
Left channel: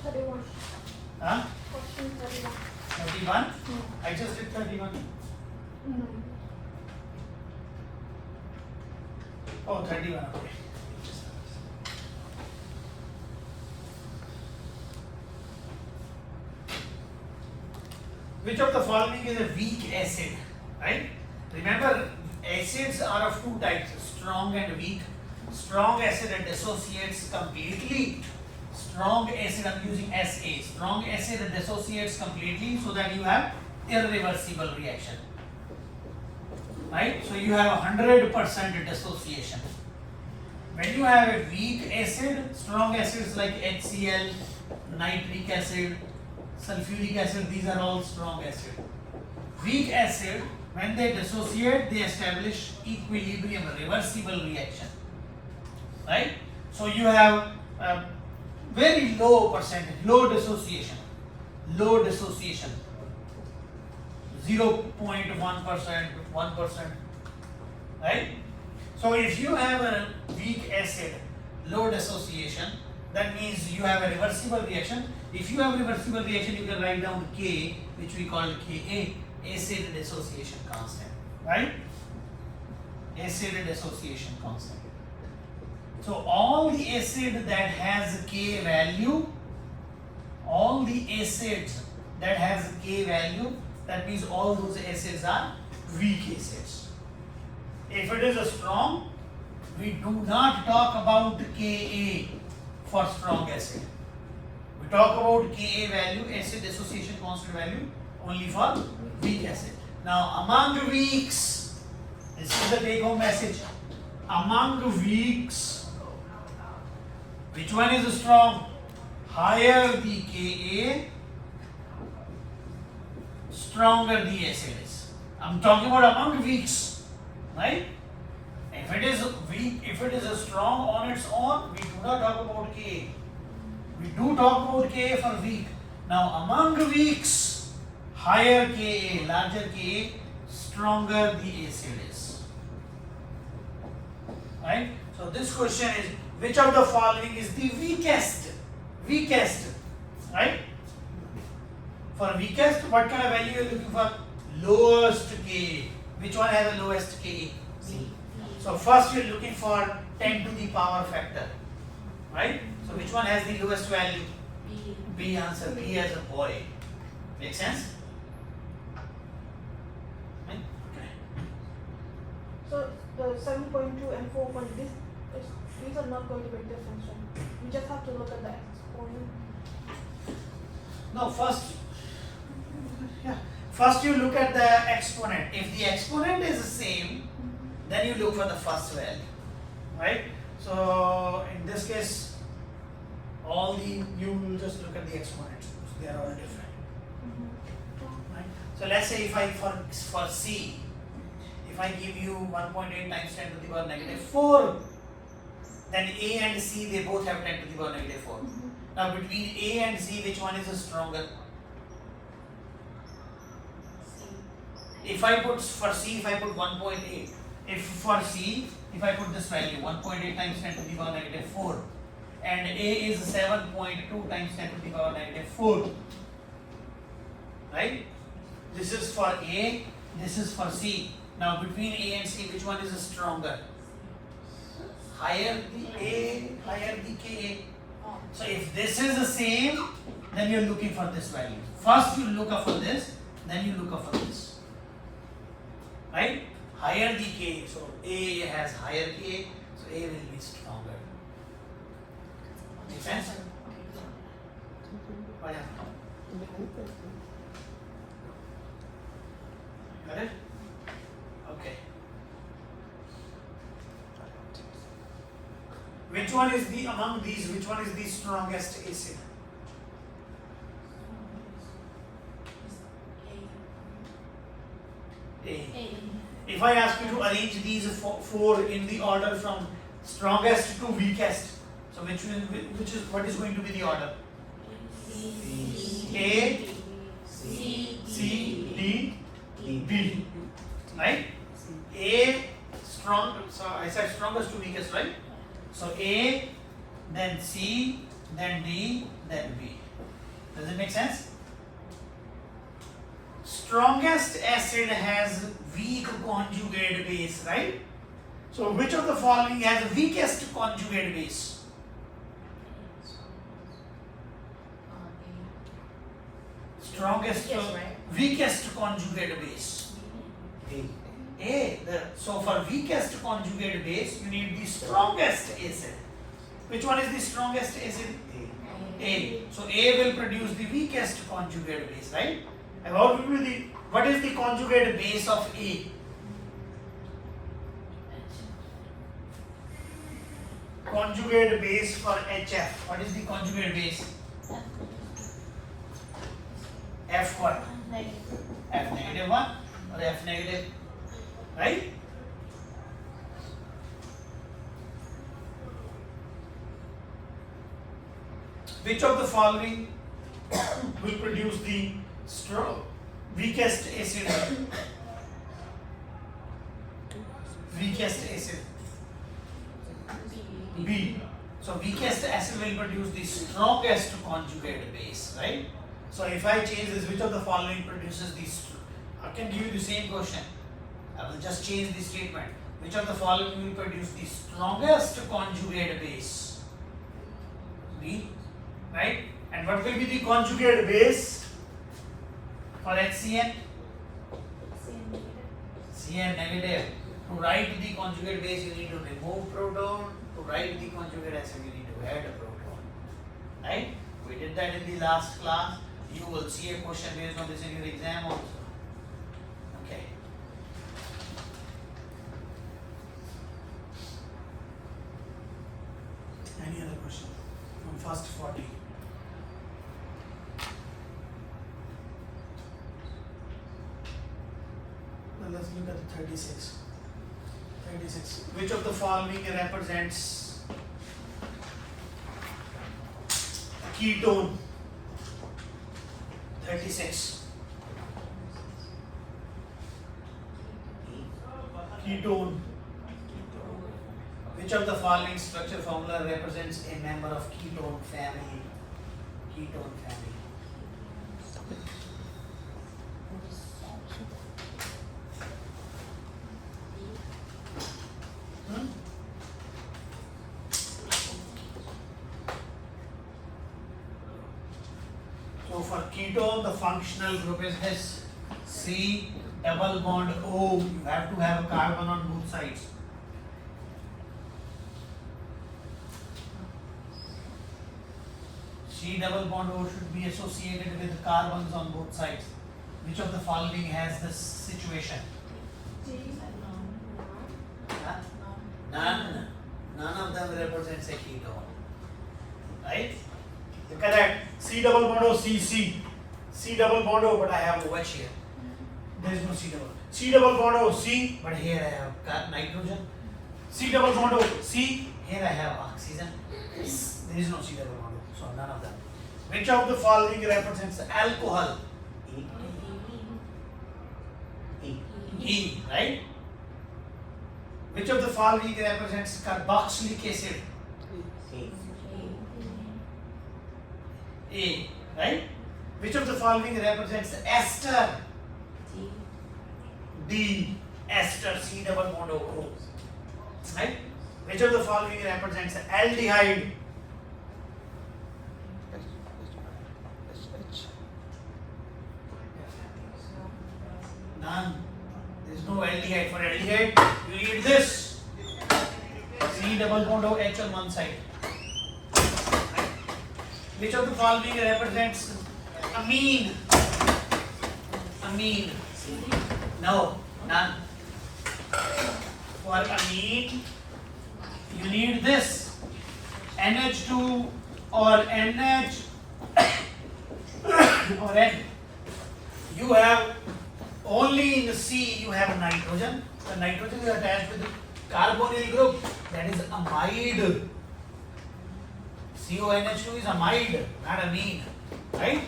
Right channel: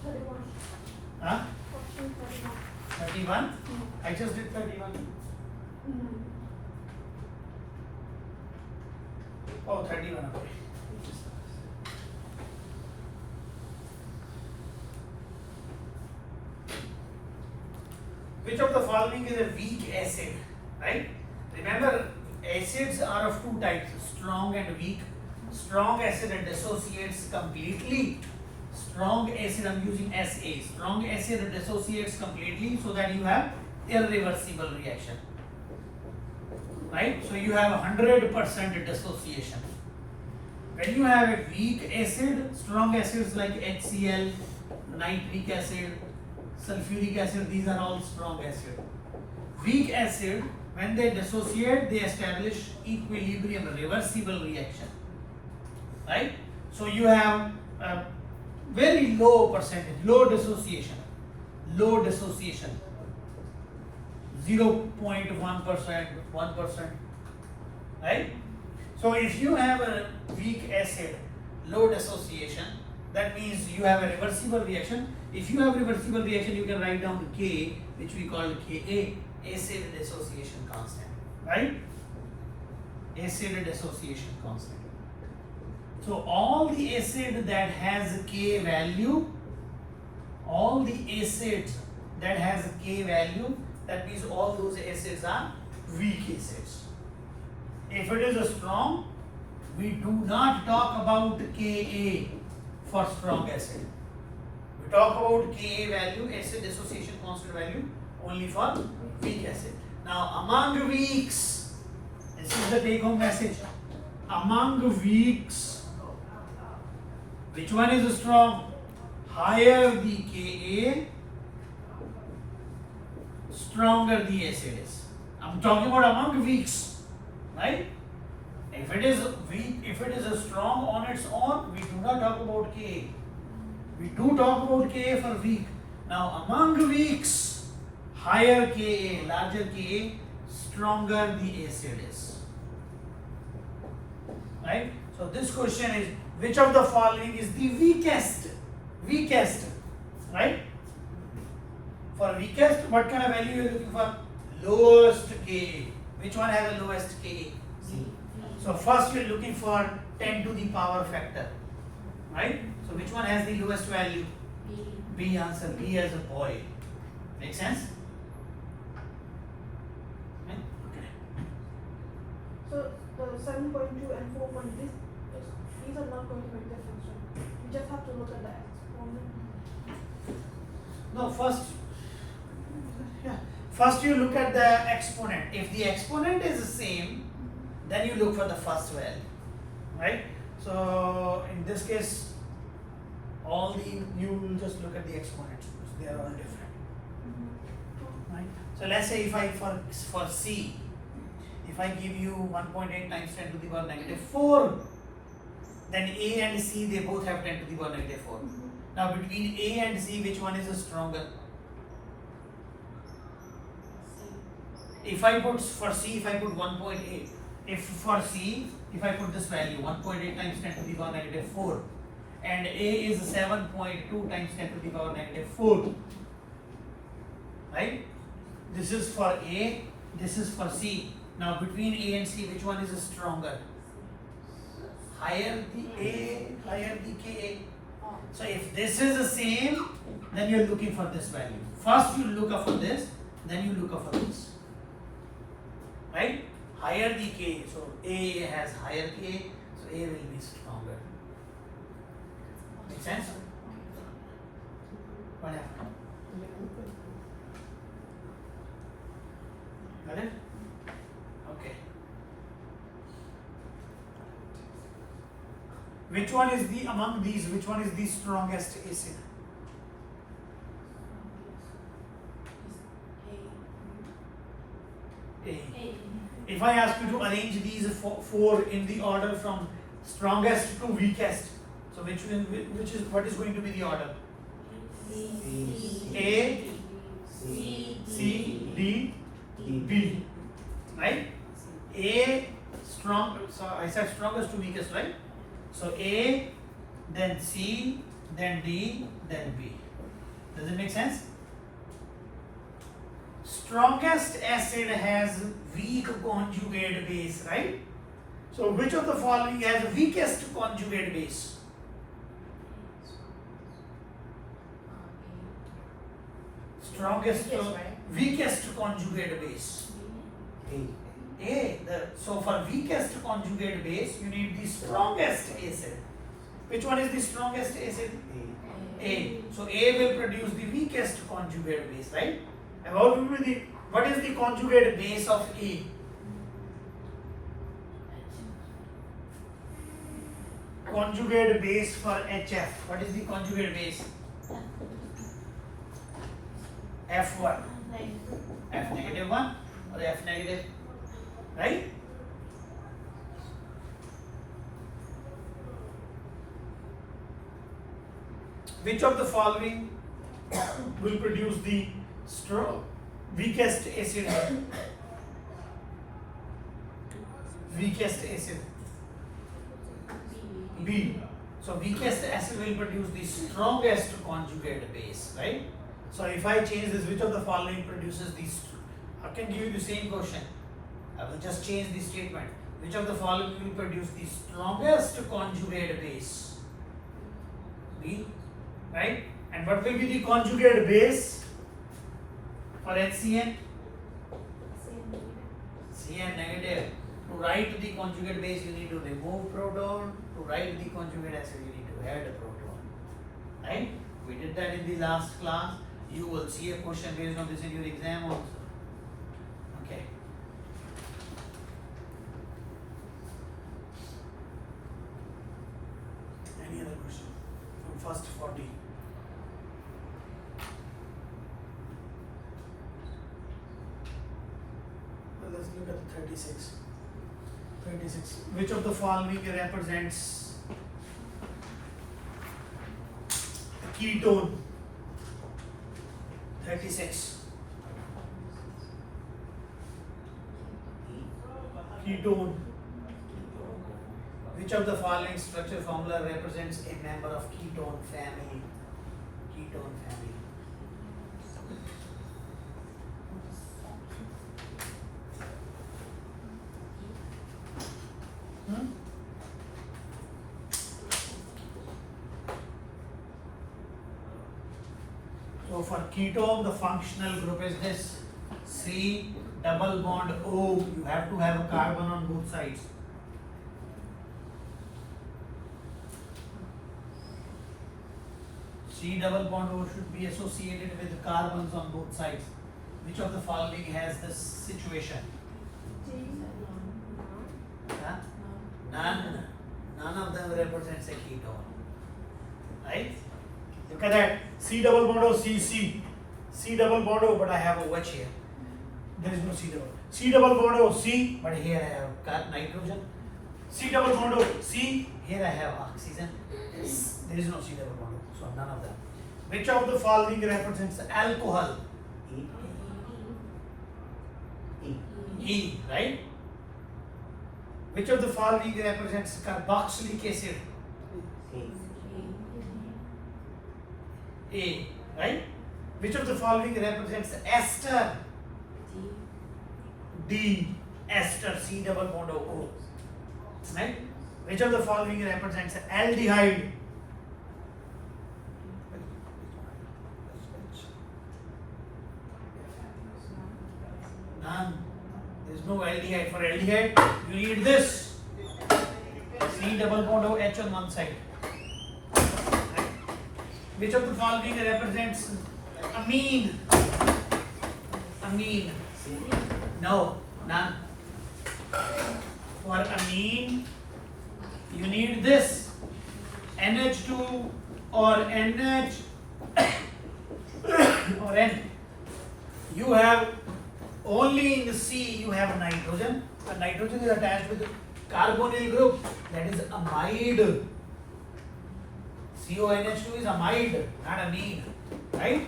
31. Huh? Option 31. 31? I just did 31. Oh, 31, okay. Which of the following is a weak acid? Right? Remember, acids are of 2 types, strong and weak. Strong acid dissociates completely. Strong acid, I'm using SA. Strong acid dissociates completely so that you have irreversible reaction. Right? So you have 100% dissociation. When you have a weak acid, strong acids like HCl, nitric acid, sulfuric acid, these are all strong acid. Weak acid, when they dissociate, they establish equilibrium, reversible reaction. Right? So you have a very low percentage, low dissociation, 0.1%, 1%. Right? So if you have a weak acid, low dissociation, that means you have a reversible reaction. If you have reversible reaction, you can write down K, which we call Ka, acid dissociation constant. Right? Acid dissociation constant. So all the acid that has K value, that means all those acids are weak acids. If it is a strong, we do not talk about Ka for strong acid. We talk about Ka value, acid dissociation constant value, only for weak acid. Now among weaks, this is the take home message. Among weaks, which one is strong? Higher the Ka, stronger the acid is. I'm talking about among weaks, right? If it is weak, if it is a strong on its own, we do not talk about Ka. We do talk about Ka for weak. Now among weaks, higher Ka, larger Ka, stronger the acid is. Right? So this question is, which of the following is the weakest? Weakest, right? For weakest, what kind of value you are looking for? Lowest Ka. Which one has the lowest Ka? C. So first you are looking for 10 to the power factor, right? So which one has the lowest value? B. B answer, B as a boy. Make sense? Right? Okay. So the 7.2 and 4.1, these are not going to make the function. We just have to look at the exponent. No, first you look at the exponent. If the exponent is the same, then you look for the first value, right? So in this case, you will just look at the exponents. So they are all different, right? So let's say if I for C, if I give you 1.8 times 10 to the power negative 4, then A and C they both have 10 to the power negative 4. Now between A and C, which one is stronger? If I put for C, if I put 1.8, if for C, if I put this value 1.8 times 10 to the power negative 4, and A is 7.2 times 10 to the power negative 4, right? This is for A, this is for C. Now between A and C, which one is stronger? Higher the A, higher the Ka. So if this is the same, then you're looking for this value. First you look up for this, then you look up for this. Right? Higher the Ka. So A has higher Ka, so A will be stronger. Make sense? What happened? Got it? Okay. Which one is the among these? Which one is the strongest acid? A. If I ask you to arrange these four in the order from strongest to weakest, so what is going to be the order? A, C, D, B. Right? A strong. So I said strongest to weakest, right? So A, then C, then D, then B. Does it make sense? Strongest acid has weak conjugate base, right? So which of the following has weakest conjugate base? Strongest, Yes, right. weakest conjugate base. A. So for weakest conjugate base, you need the strongest acid. Which one is the strongest acid? A. So A will produce the weakest conjugate base, right? And what is the conjugate base of A? Conjugate base for HF. What is the conjugate base? F what? F negative 1 or F negative, right? Which of the following will produce the weakest acid? Weakest acid. B. So weakest acid will produce the strongest conjugate base, right? So if I change this, which of the following produces the? I can give you the same question. I will just change the statement. Which of the following will produce the strongest conjugate base? B, right? And what will be the conjugate base for HCN? Cn negative. To write the conjugate base, you need to remove proton. To write the conjugate acid, you need to add a proton. Right? We did that in the last class. You will see a question based on this in your exam also. Okay. Any other question from first 40? Well, let's look at the 36. 36. Which of the following represents a ketone? 36. Ketone. Which of the following structure formula represents a member of ketone family? Ketone family. So for ketone, the functional group is this: C double bond O. You have to have a carbon on both sides. C double bond O should be associated with carbons on both sides. Which of the following has this situation? Huh? None. None of them represents a ketone. Right? Look at that. C double bond O, C, C. C double bond O, but I have OH here. There is no C double. C double bond O C, but here I have nitrogen. C double bond O C, here I have oxygen. There is no C double bond O, so none of them. Which of the following represents alcohol? E, right? Which of the following represents carboxylic acid? A, right? Which of the following represents ester? D, ester, C double bond O, right? Which of the following represents aldehyde? None. There is no aldehyde. For aldehyde, you need this. C double bond O H on one side. Right? Which of the following represents amine? Amine. No, none. For amine, you need this. NH2 or NH or N. You have only in the C you have nitrogen. The nitrogen is attached with the carbonyl group, that is amide. CONH2 is amide, not amine, right?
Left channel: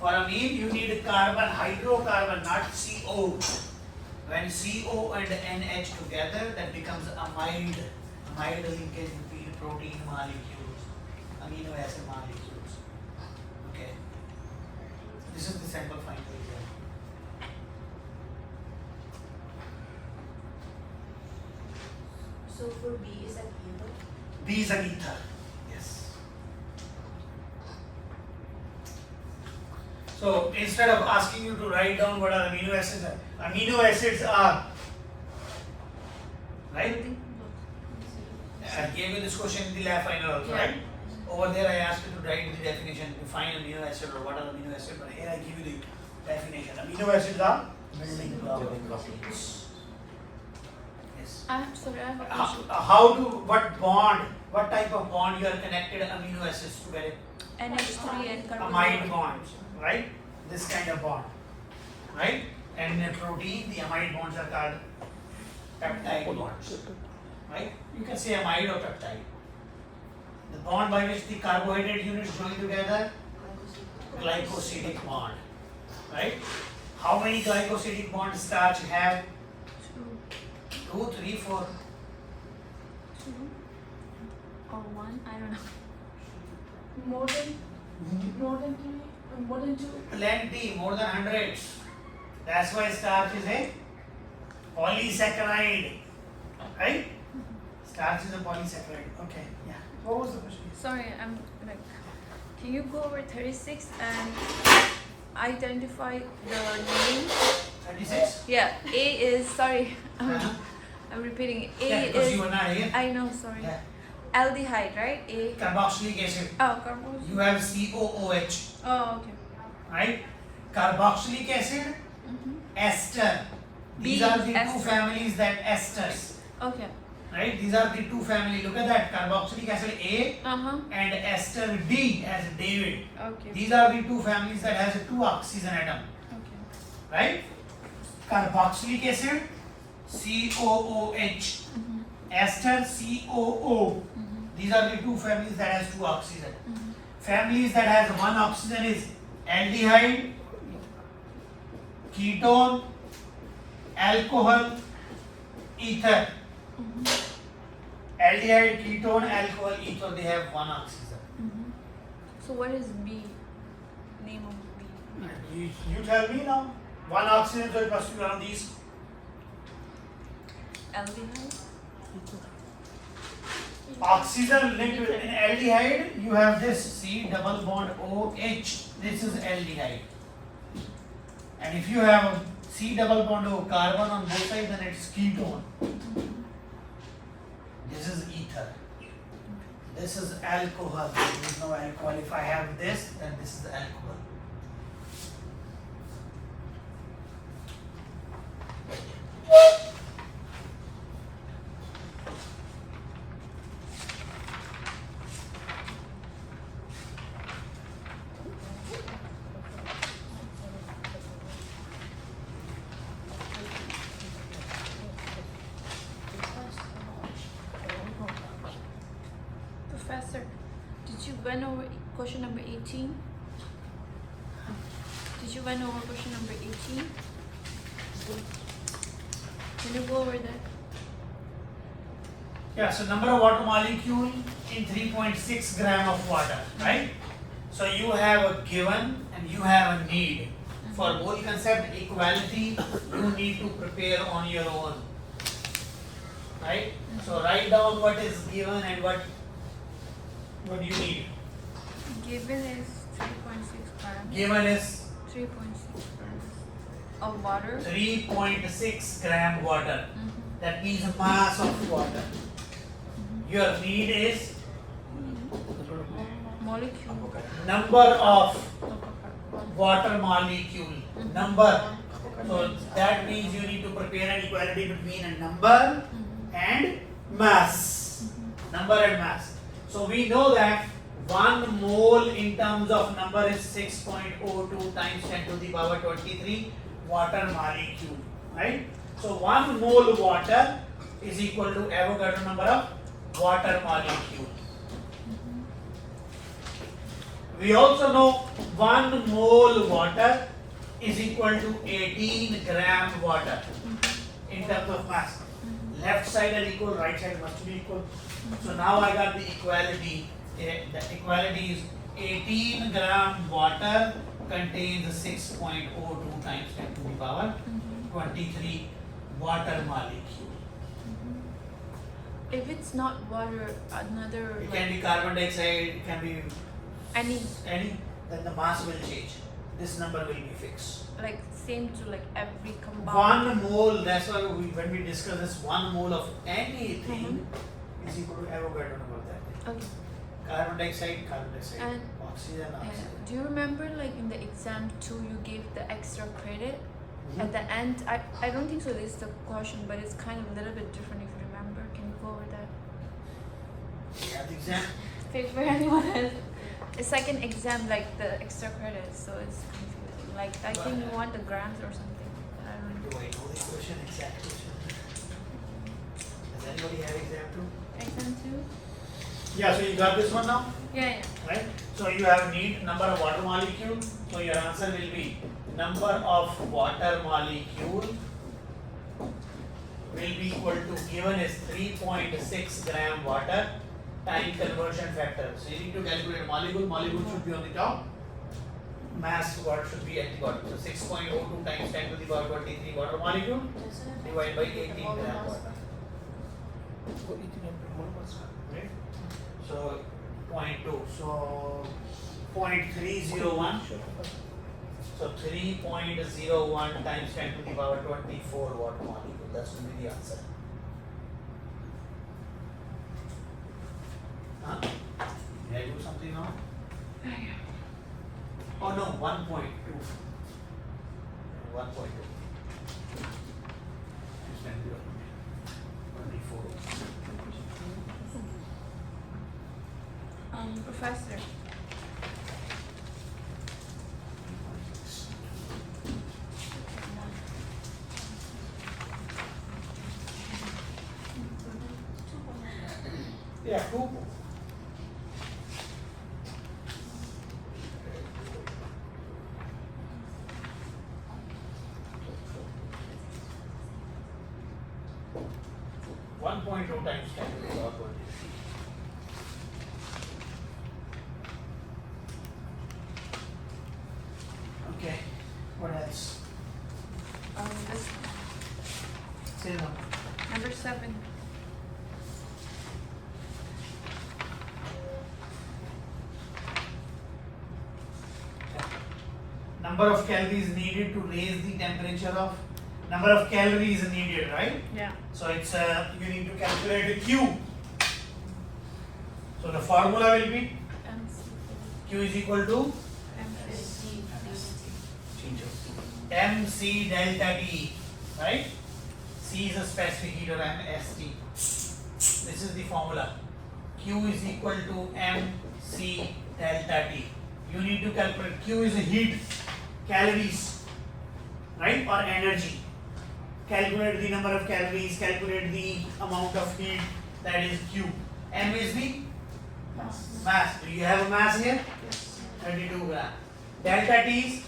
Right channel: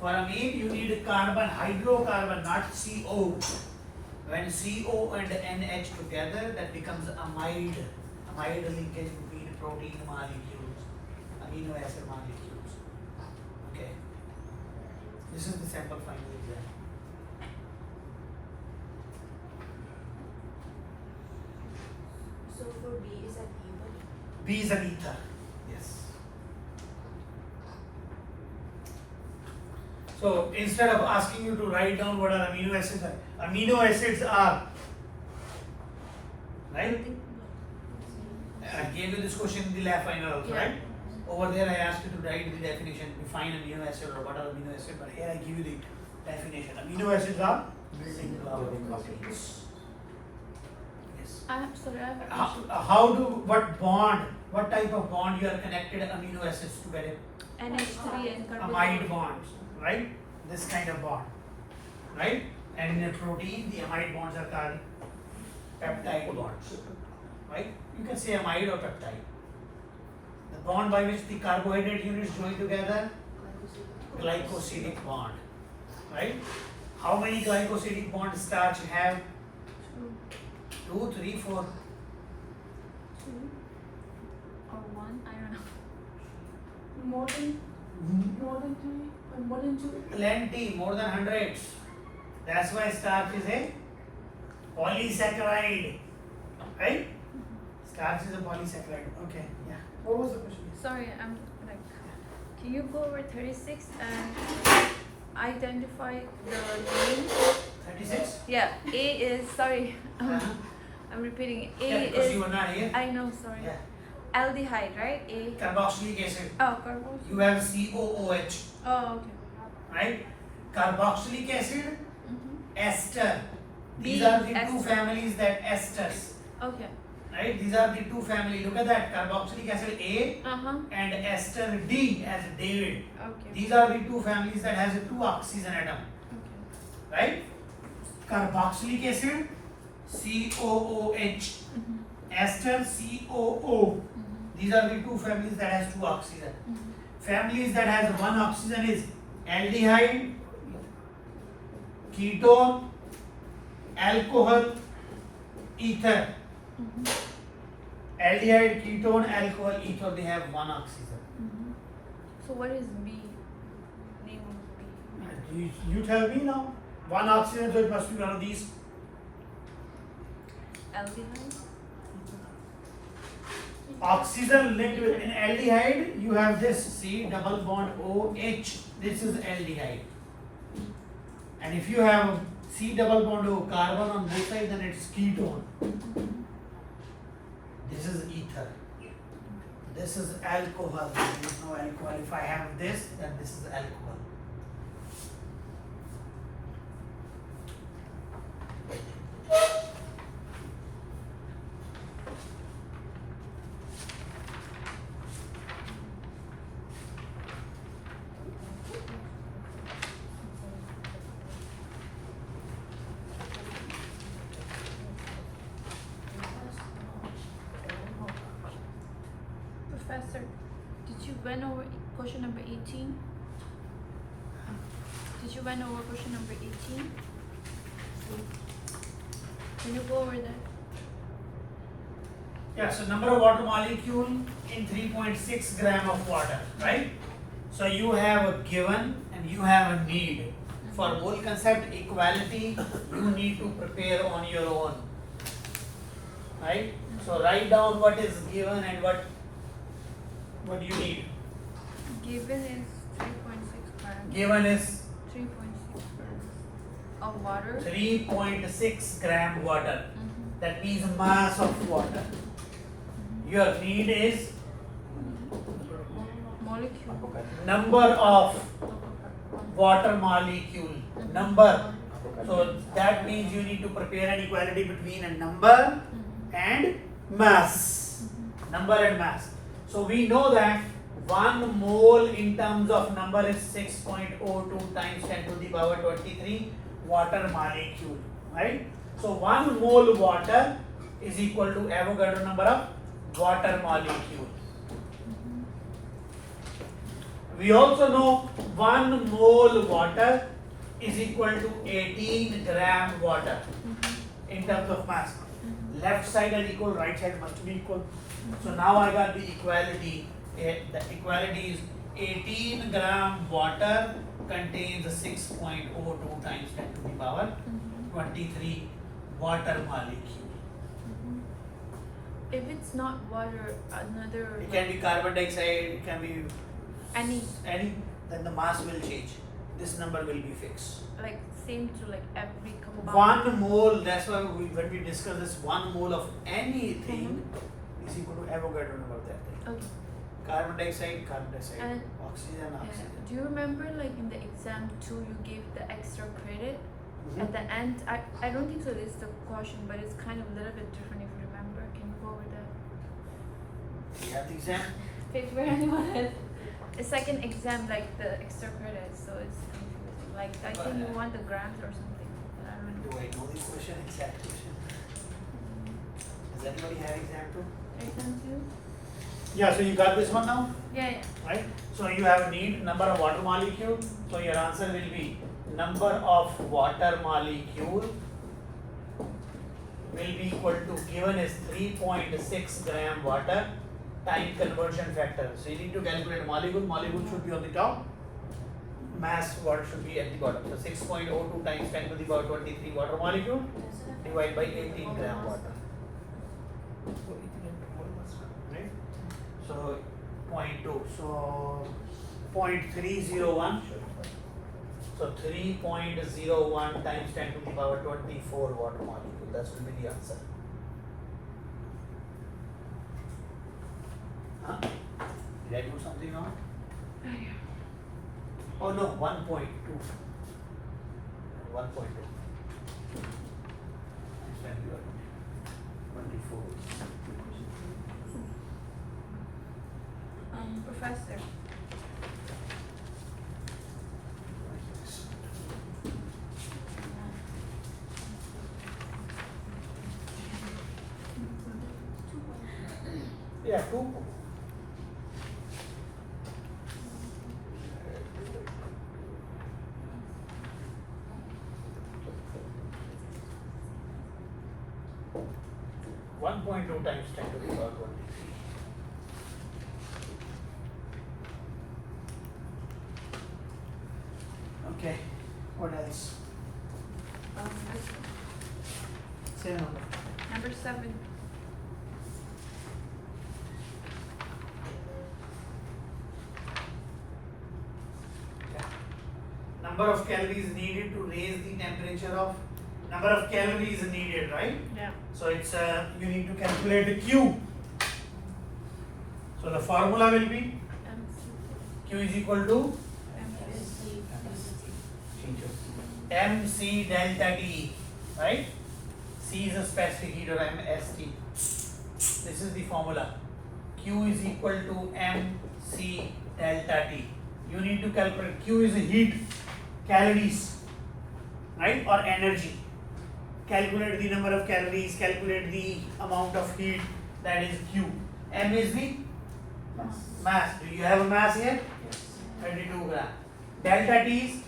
For amine you need carbon, hydrocarbon, not CO. When CO and NH together, that becomes amide. Amide linkage between protein molecules, amino acid molecules. Okay. This is the sample final exam. So for B is that ether? B is an ether. Yes. So instead of asking you to write down what are amino acids are, right? I gave you this question in the lab final also, right? Over there I asked you to write the definition, define amino acid or what are amino acids, but here I give you the definition. Amino acids are building blocks. Yes. I have a question. What type of bond you are connected amino acids together? NH3 and carbon. Amide bonds, right? This kind of bond, right? And in a protein, the amide bonds are called peptide bonds, right? You can say amide or peptide. The bond by which the carbohydrate units join together, glycosidic bond, right? How many glycosidic bonds starch have? 2, 3, 4. 2 or 1, I don't know. More than 3, more than 2. Plenty, more than hundreds. That's why starch is a polysaccharide, right? Starch is a polysaccharide. Okay, yeah. What was the question? Sorry, I'm like, can you go over 36 and identify the name? 36? Yeah, A is, sorry, Uh-huh. I'm repeating. A Yeah, because is, you were not here. I know, sorry. Yeah. Aldehyde, right? A. Carboxylic acid. Oh, carboxylic. You have COOH, Oh, okay. right? Carboxylic acid, Mm-hmm. ester. These B, are the two ester. families that esters, Okay. right? These are the two families. Look at that. Carboxylic acid A Uh-huh. and ester D as David. Okay. These are the two families that has a 2 oxygen atom, Okay. right? Carboxylic acid, COOH, Mm-hmm. ester, COO. Mm-hmm. These are the two families that has 2 oxygen. Mm-hmm. Families that has 1 oxygen is aldehyde, ketone, alcohol, ether. Mm-hmm. Aldehyde, ketone, alcohol, ether, they have 1 oxygen. Mm-hmm. So what is B? Name of B? You tell me now. 1 oxygen, so it must be one of these. Aldehyde? Oxygen linked with an aldehyde, you have this C double bond OH. This is aldehyde. And if you have C double bond O carbon on both sides, then it's ketone. This is ether. This is alcohol. There is no alcohol. If I have this, then this is alcohol. Professor, did you went over question number 18? Did you went over question number 18? Can you go over that? Yeah, so number of water molecule in 3.6 gram of water, right? So you have a given and you have a need. For whole concept equality, you need to prepare on your own, right? So write down what is given and what you need. Given is 3.6 grams. Given is 3.6 grams of water. 3.6 gram water. Mm-hmm. That means mass of water. Your need is Molecule. number of water molecule. Number. So that means you need to prepare an equality between a number and mass. Number and mass. So we know that 1 mole in terms of number is 6.02 times 10 to the power 23 water molecule, right? So 1 mole water is equal to Avogadro number of water molecule. We also know 1 mole water is equal to 18 gram water in terms of mass. Left side are equal, right side must be equal. So now I got the equality. The equality is 18 gram water contains 6.02 times 10 to the power 23 water molecule. If it's not water, another. It can be carbon dioxide, it can be any then the mass will change. This number will be fixed. like same to like every combined. 1 mole, that's why when we discuss this, 1 mole of anything is equal to Avogadro number that. Okay. Carbon dioxide, And- oxygen, Yeah. oxygen. Do you remember like in the exam 2 you gave the extra credit? At the end, I don't think so this is the question, but it's kind of a little bit different if you remember. Can you go over that? Yeah, the exam. Paper anyone has a second exam like the extra credit, so it's confusing. Like I think you want the grams or something. But I don't know. Do I know the question, exact question? Does anybody have exam 2? Exam 2? Yeah, so you got this one now, Yeah, yeah. right? So you have need number of water molecule. So your answer will be number of water molecule will be equal to, given is 3.6 gram water time conversion factor. So you need to calculate molecule should be on the top, mass what should be at the bottom. So 6.02 times 10 to the power 23 water molecule divided by 18 grams. Right? So 0.2. So 0.301. So 3.01 times 10 to the power 24 water molecule. That's going to be the answer. Huh? Did I do something now? Oh no, 1.2. 1.2. Times 10 to the power 24. Professor. Yeah, 2. One point two times 10 to the power 23. Okay, what else? This one. Say number. Number 7. Number of calories needed to raise the temperature of, number of calories needed, right? Yeah. So it's you need to calculate the Q. So the formula will be Q is equal to MC delta T, right? C is a specific heat or MST. This is the formula. Q is equal to MC delta T. You need to calculate. Q is a heat, calories, right, or energy. Calculate the number of calories, calculate the amount of heat, that is Q. M is the Mass. Do you have a mass here? 32 gram. Delta T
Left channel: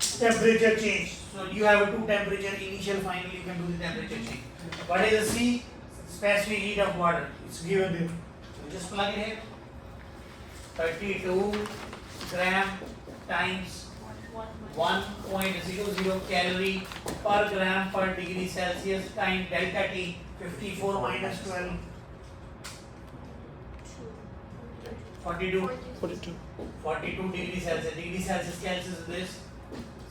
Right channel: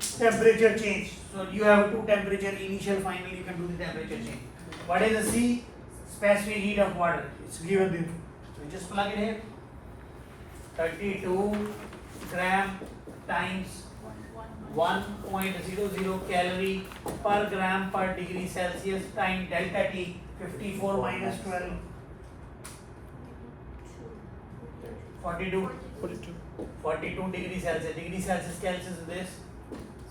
is temperature change. So you have two temperature, initial, final, you can do the temperature change. What is the C? Specific heat of water. It's given there. So just plug it here. 32 gram times 1.00 calorie per gram per degree Celsius times delta T 54 minus 12 42 42. degree Celsius. Degree Celsius cancels with this.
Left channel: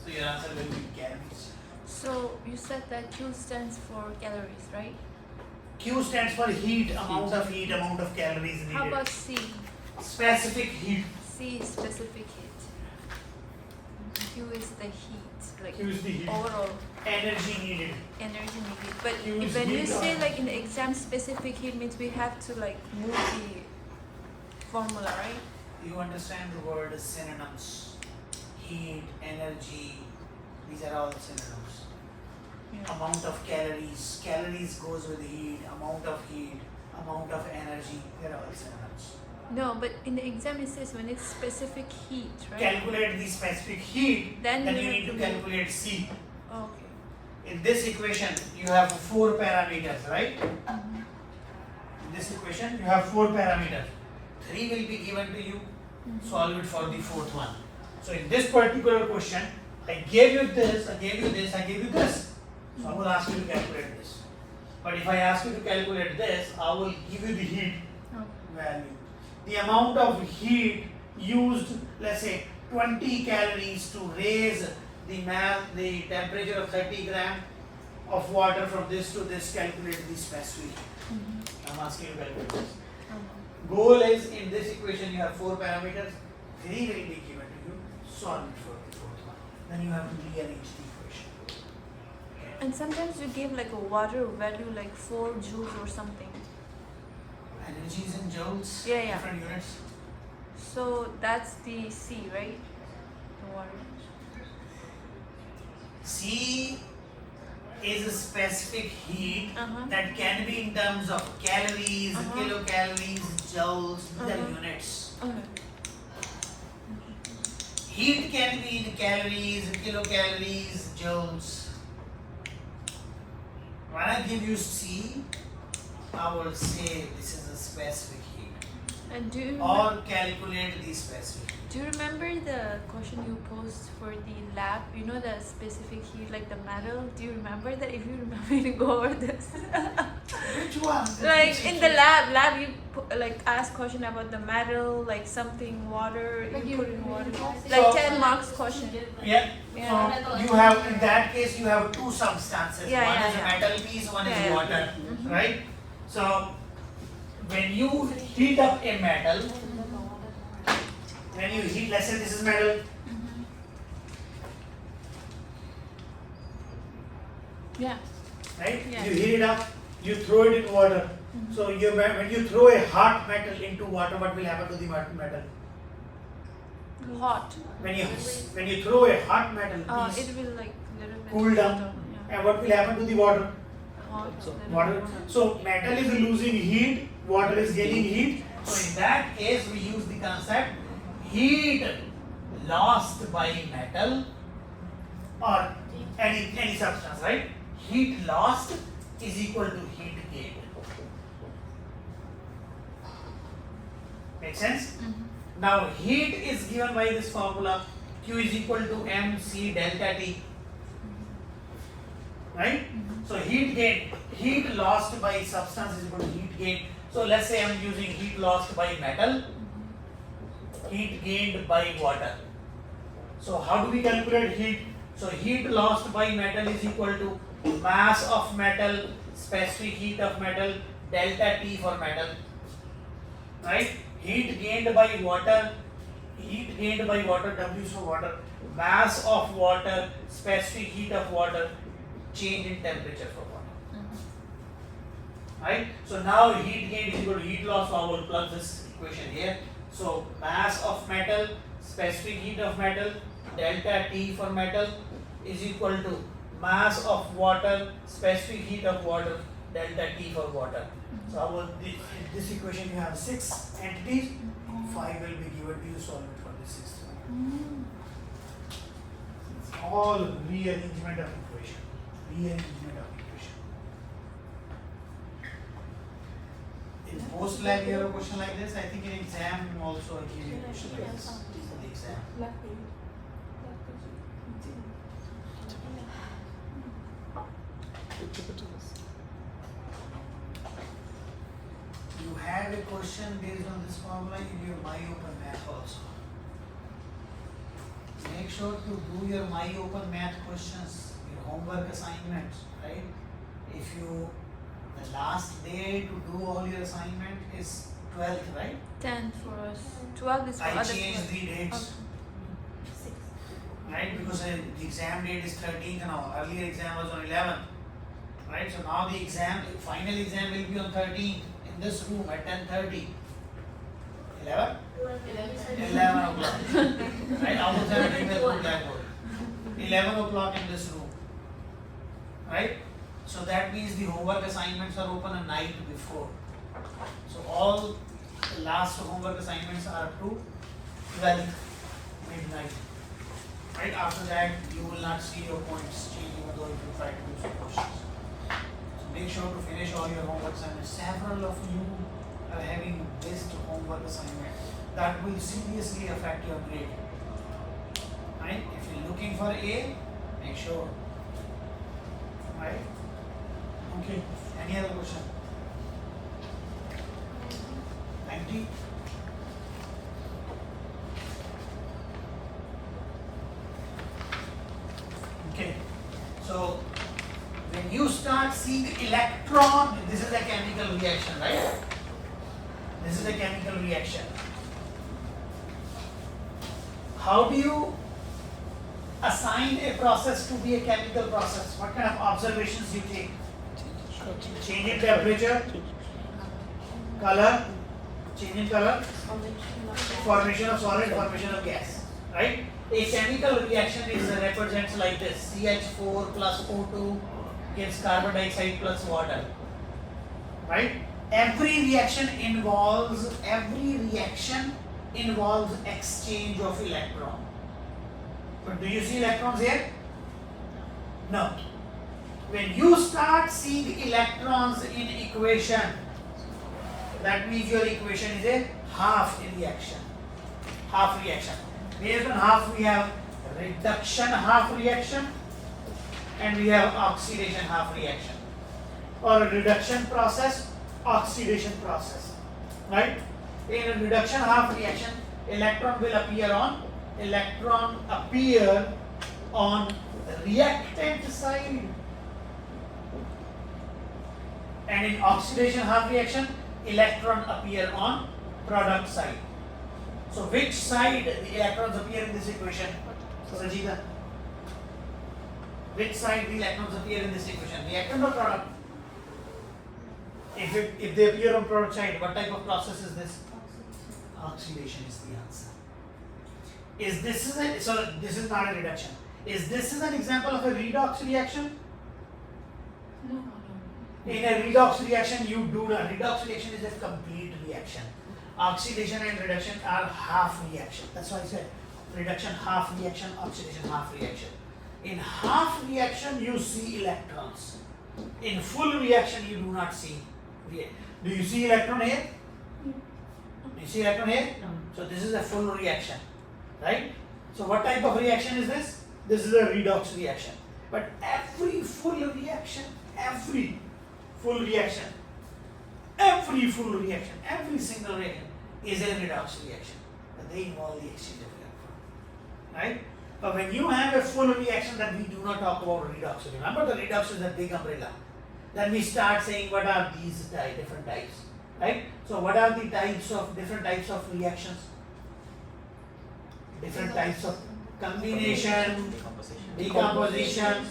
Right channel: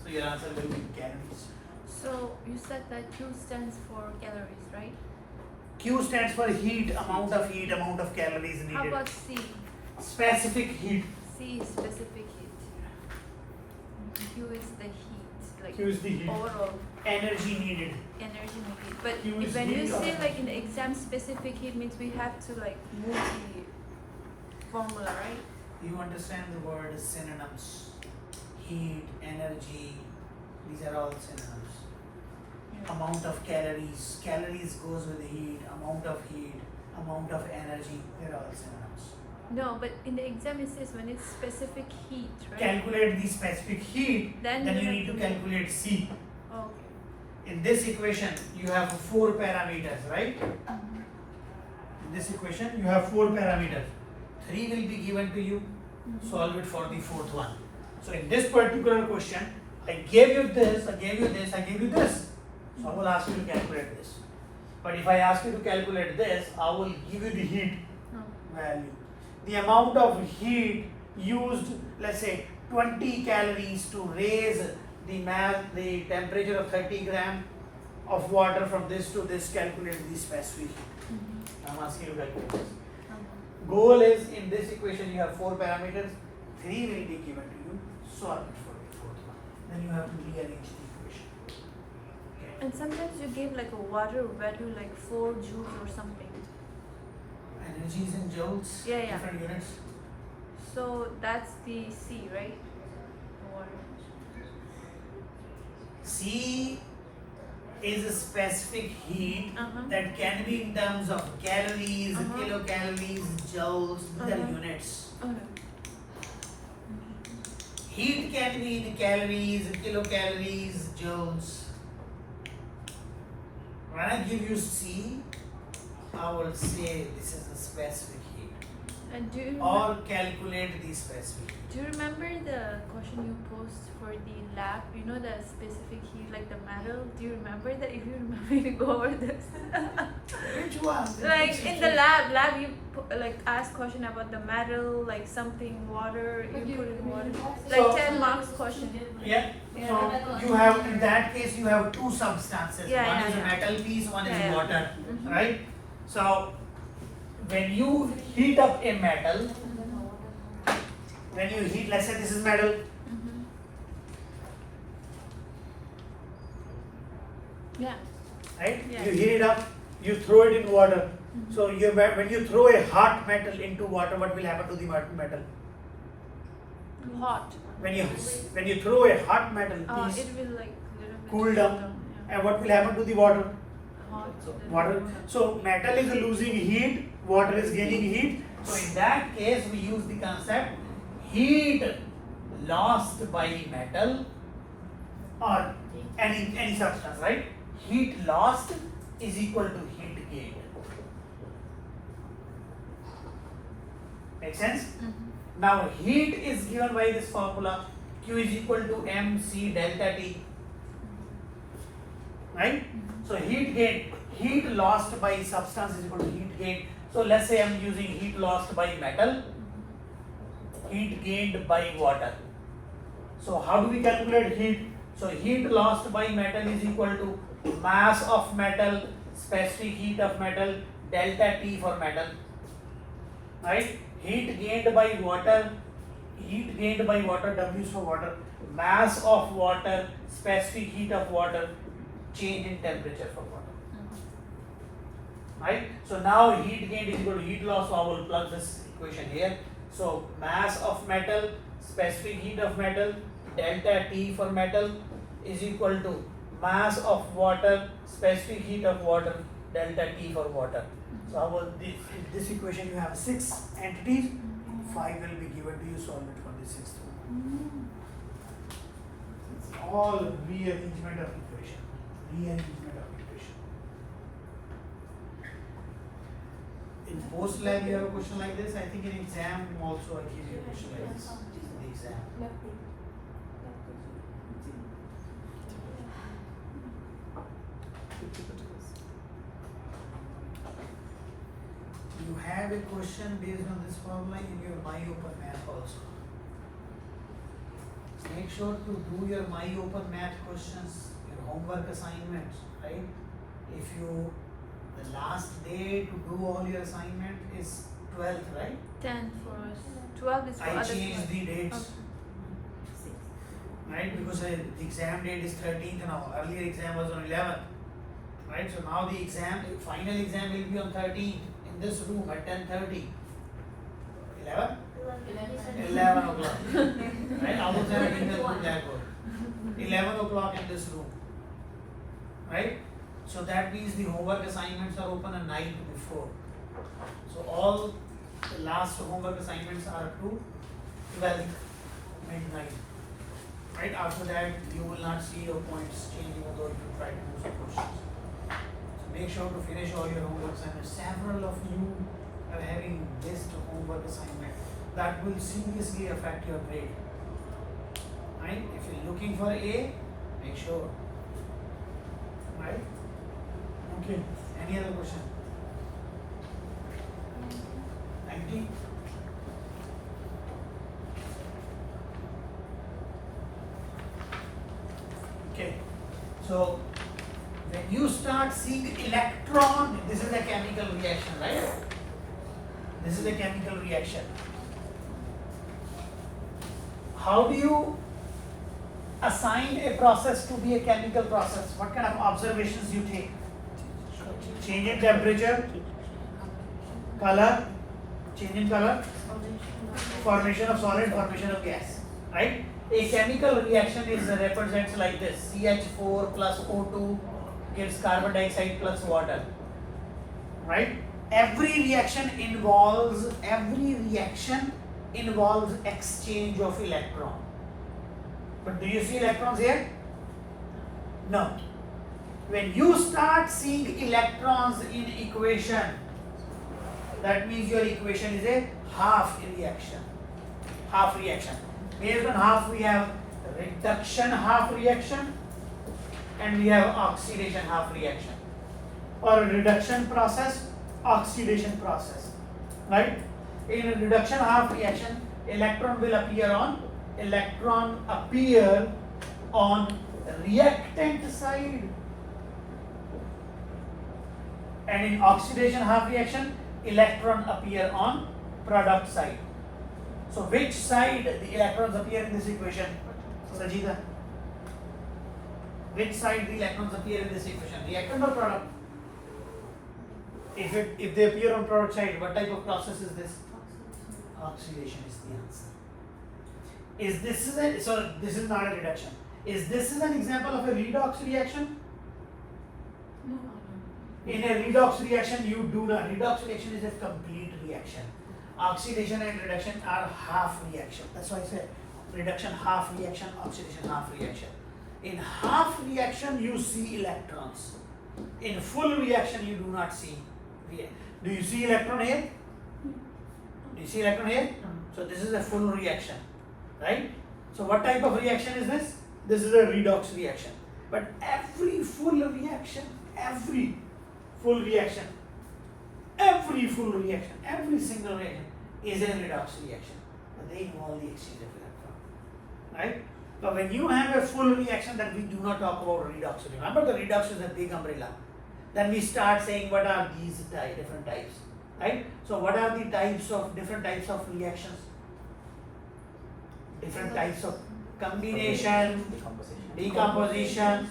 So your answer will be calories. So you said that Q stands for calories, right? Q stands for heat, amount of calories needed. How about C? Specific heat. C is specific heat. Q is the heat, like Q is the heat. overall Energy needed. energy needed. But Q is when you heat say or- like in the exam specific heat means we have to like move the formula, right? You understand the word synonyms. Heat, energy, these are all synonyms. Yeah. Amount of calories. Calories goes with heat, amount of energy, they're all synonyms. No, but in the exam it says when it's specific heat, right? Calculate the specific heat, Then then you you have need to to- calculate C. Okay. In this equation, you have 4 parameters, right? Mhm. In this equation, you have 4 parameters. 3 will be given to you. Mhm. Solve it for the 4th one. So in this particular question, I gave you this, I gave you this, I gave you this. So I will ask you to calculate this. But if I ask you to calculate this, I will give you the heat Okay. value. The amount of heat used, let's say 20 calories to raise the temperature of 30 gram of water from this to this, calculate the specific heat. Mhm. I'm asking you to calculate this. Okay. Goal is in this equation you have 4 parameters, 3 will be given to you, solve it for the 4th one. Then you have to rearrange the equation. Okay. And sometimes you give like a water value like 4 joules or something. Energy is in joules, Yeah, yeah. different units. So that's the C, right? The water. C is a specific heat Uh-huh. that can be in terms of calories, Uh-huh. kilocalories, joules, these are Uh-huh. units. Okay. Heat can be in calories, kilocalories, joules. When I give you C, I will say this is a specific heat. And Or calculate the specific heat. do you remember the question you posed for the lab? You know the specific heat, like the metal. Do you remember that? If you remember, to go over this. Which one? Like in the lab you like ask question about the metal, like something water. You put in water. Like So- 10 marks question. Yeah. Yeah. So you have, in that case, you have 2 substances. Yeah, one yeah, is a yeah. metal piece, one Yeah, is yeah. water, Mhm. right? So when you heat up a metal, when you heat, let's say this is metal, Mhm. Yeah. right? Yeah. You heat it up, you throw it in water. Mhm. So when you throw a hot metal into water, what will happen to the metal? Hot. When you throw a hot metal piece, It will like little bit cool down, Yeah. and what will happen to the water? Hot. Water. So metal is losing heat, water is gaining heat. So in that case, we use the concept heat lost by metal or any substance, right? Heat lost is equal to heat gained. Make sense? Mhm. Now heat is given by this formula, Q is equal to mc delta T, right? So heat gain, heat lost by substance is equal to heat gain. So let's say I'm using heat lost by metal, heat gained by water. So how do we calculate heat? So heat lost by metal is equal to mass of metal, specific heat of metal, delta T for metal, right? Heat gained by water, W is for water, mass of water, specific heat of water, change in temperature for water. Mhm. Right? So now heat gained is equal to heat loss, so I will plug this equation here. So mass of metal, specific heat of metal, delta T for metal is equal to mass of water, specific heat of water, delta T for water. So this equation you have 6 entities, 5 will be given to you, solve it for the 6th one. It's all rearrangement of equation. Rearrangement of equation. In post lab you have a question like this. I think in exam also I give you a question like this. In the exam. Left brain. You have a question based on this formula in your MyOpen Math also. Make sure to do your MyOpen Math questions, your homework assignments, right? If you, the last day to do all your assignment is 12th, right? 10 for us. 12 is for I other changed class. the dates, Okay. right? Because the exam date is 13th now. Earlier exam was on 11th, right? So now the exam, the final exam will be on 13th in this room at 10:30. 11? 11 o'clock. Right? I was having the blackboard. 11 o'clock in this room. Right? So that means the homework assignments are open a night before. So all the last homework assignments are up to 12th midnight. Right? After that, you will not see your points change even though if you try to do some questions. So make sure to finish all your homework assignments. Several of you are having missed homework assignment. That will seriously affect your grade. Right? If you're looking for A, make sure. Right? Okay. Any other question? 90? Okay. So when you start seeing electron, this is a chemical reaction, right? This is a chemical reaction. How do you assign a process to be a chemical process? What kind of observations you take? Change in temperature, color, change in color, formation of solid, formation of gas, right? A chemical reaction is represents like this: CH4 plus O2 gives carbon dioxide plus water, right? Every reaction involves exchange of electron. But do you see electrons here? No. When you start seeing electrons in equation, that means your equation is a half reaction. Half reaction. Based on half, we have reduction half reaction and we have oxidation half reaction. Or reduction process, oxidation process. Right? In a reduction half reaction, electron appear on the reactant side. And in oxidation half reaction, electron appear on product side. So which side the electrons appear in this equation? Sajida? Which side the electrons appear in this equation? Reactant or product? If they appear on product side, what type of process is this? Oxidation is the answer. So this is not a reduction. Is this an example of a redox reaction? No. In a redox reaction, redox reaction is a complete reaction. Oxidation and reduction are half reaction. That's why I said reduction half reaction, oxidation half reaction. In half reaction, you see electrons. In full reaction, you do not see. Do you see electron here? Do you see electron here? So this is a full reaction, right? So what type of reaction is this? This is a redox reaction. But every full reaction, every full reaction, every single reaction is a redox reaction. But they involve the exchange of electron, right? But when you have a full reaction, that we do not talk about redox. Remember, the redox is a big umbrella. Then we start saying what are these different types, right? So what are the different types of reactions? Different types of combination, decomposition,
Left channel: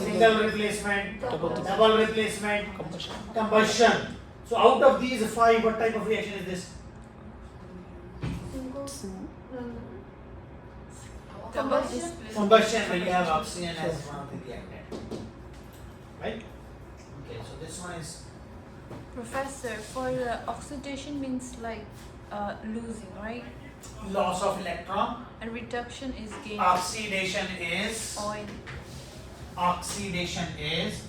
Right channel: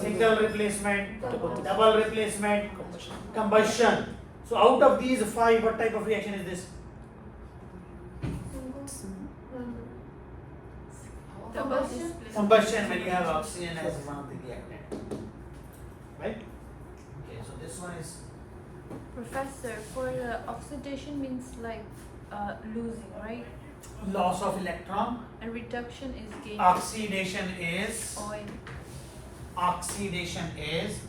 single replacement, double replacement, combustion. So out of these 5, what type of reaction is this? Combustion, when you have oxygen as one of the reactant, right? Okay, so this one is Professor, for the oxidation means like losing, right? Loss of electron. And reduction is gain. Oxidation is. Oil. Oxidation is.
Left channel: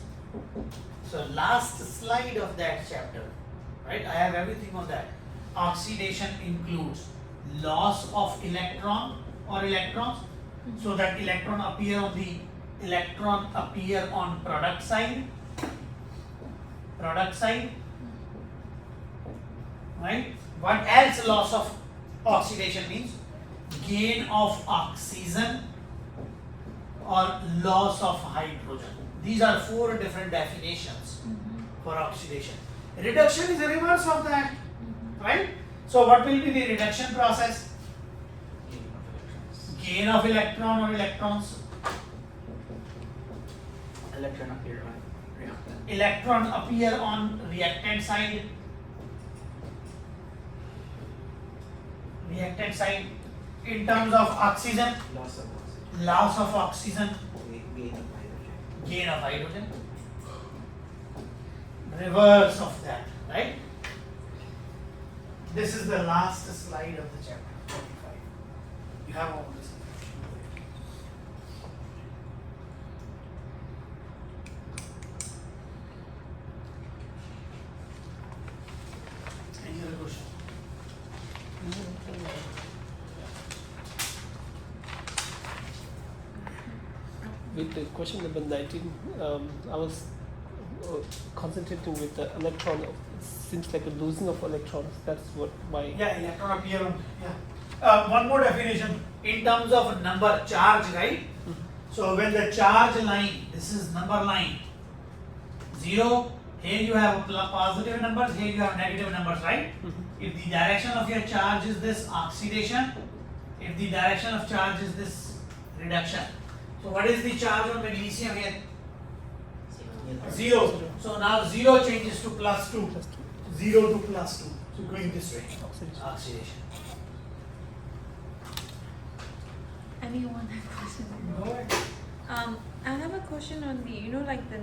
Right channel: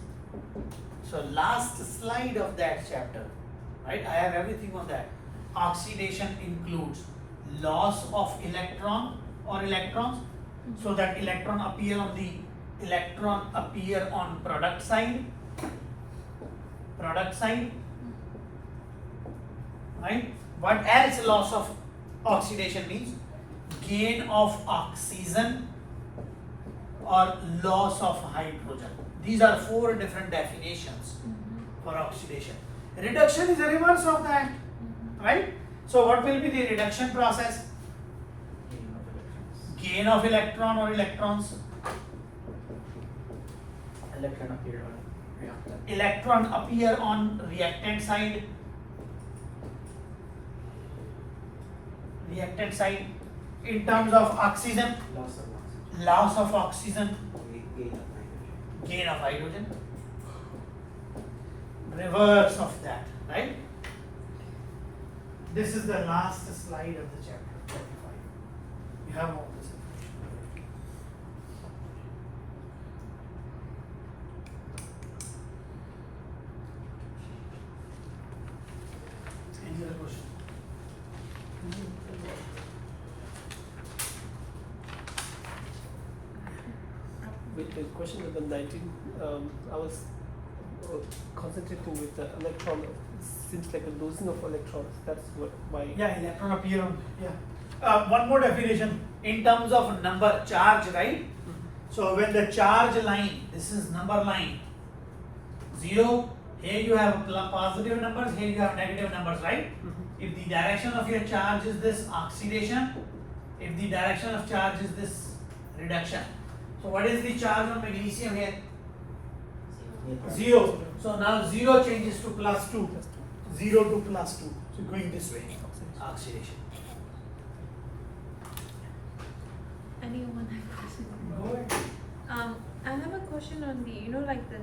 So last slide of that chapter, right? I have everything on that. Oxidation includes loss of electron or electrons. So that electron appear on product side. Right? What else loss of oxidation means? Gain of oxygen or loss of hydrogen. These are 4 different definitions for oxidation. Reduction is the reverse of that, right? So what will be the reduction process? Gain of electron or electrons. Electron appear on reactant. Electron appear on reactant side. In terms of oxygen, Loss of oxygen. loss of oxygen, Gain of hydrogen. gain of hydrogen. Reverse of that, right? This is the last slide of the chapter 45. You have all this. Any other question? With the question number 19, I was concentrating with the electron. It seems like a losing of electrons. That's what my Yeah, electron appear on. Yeah. One more definition in terms of number charge, right? So when the charge line, this is number line, 0. Here you have positive numbers. Here you have negative numbers, right? If the direction of your charge is this oxidation, if the direction of charge is this reduction. So what is the charge on magnesium here? 0. So now 0 changes to +2. 0 to +2. So going this way. Oxidation. Anyone have question? I have a question on the, like the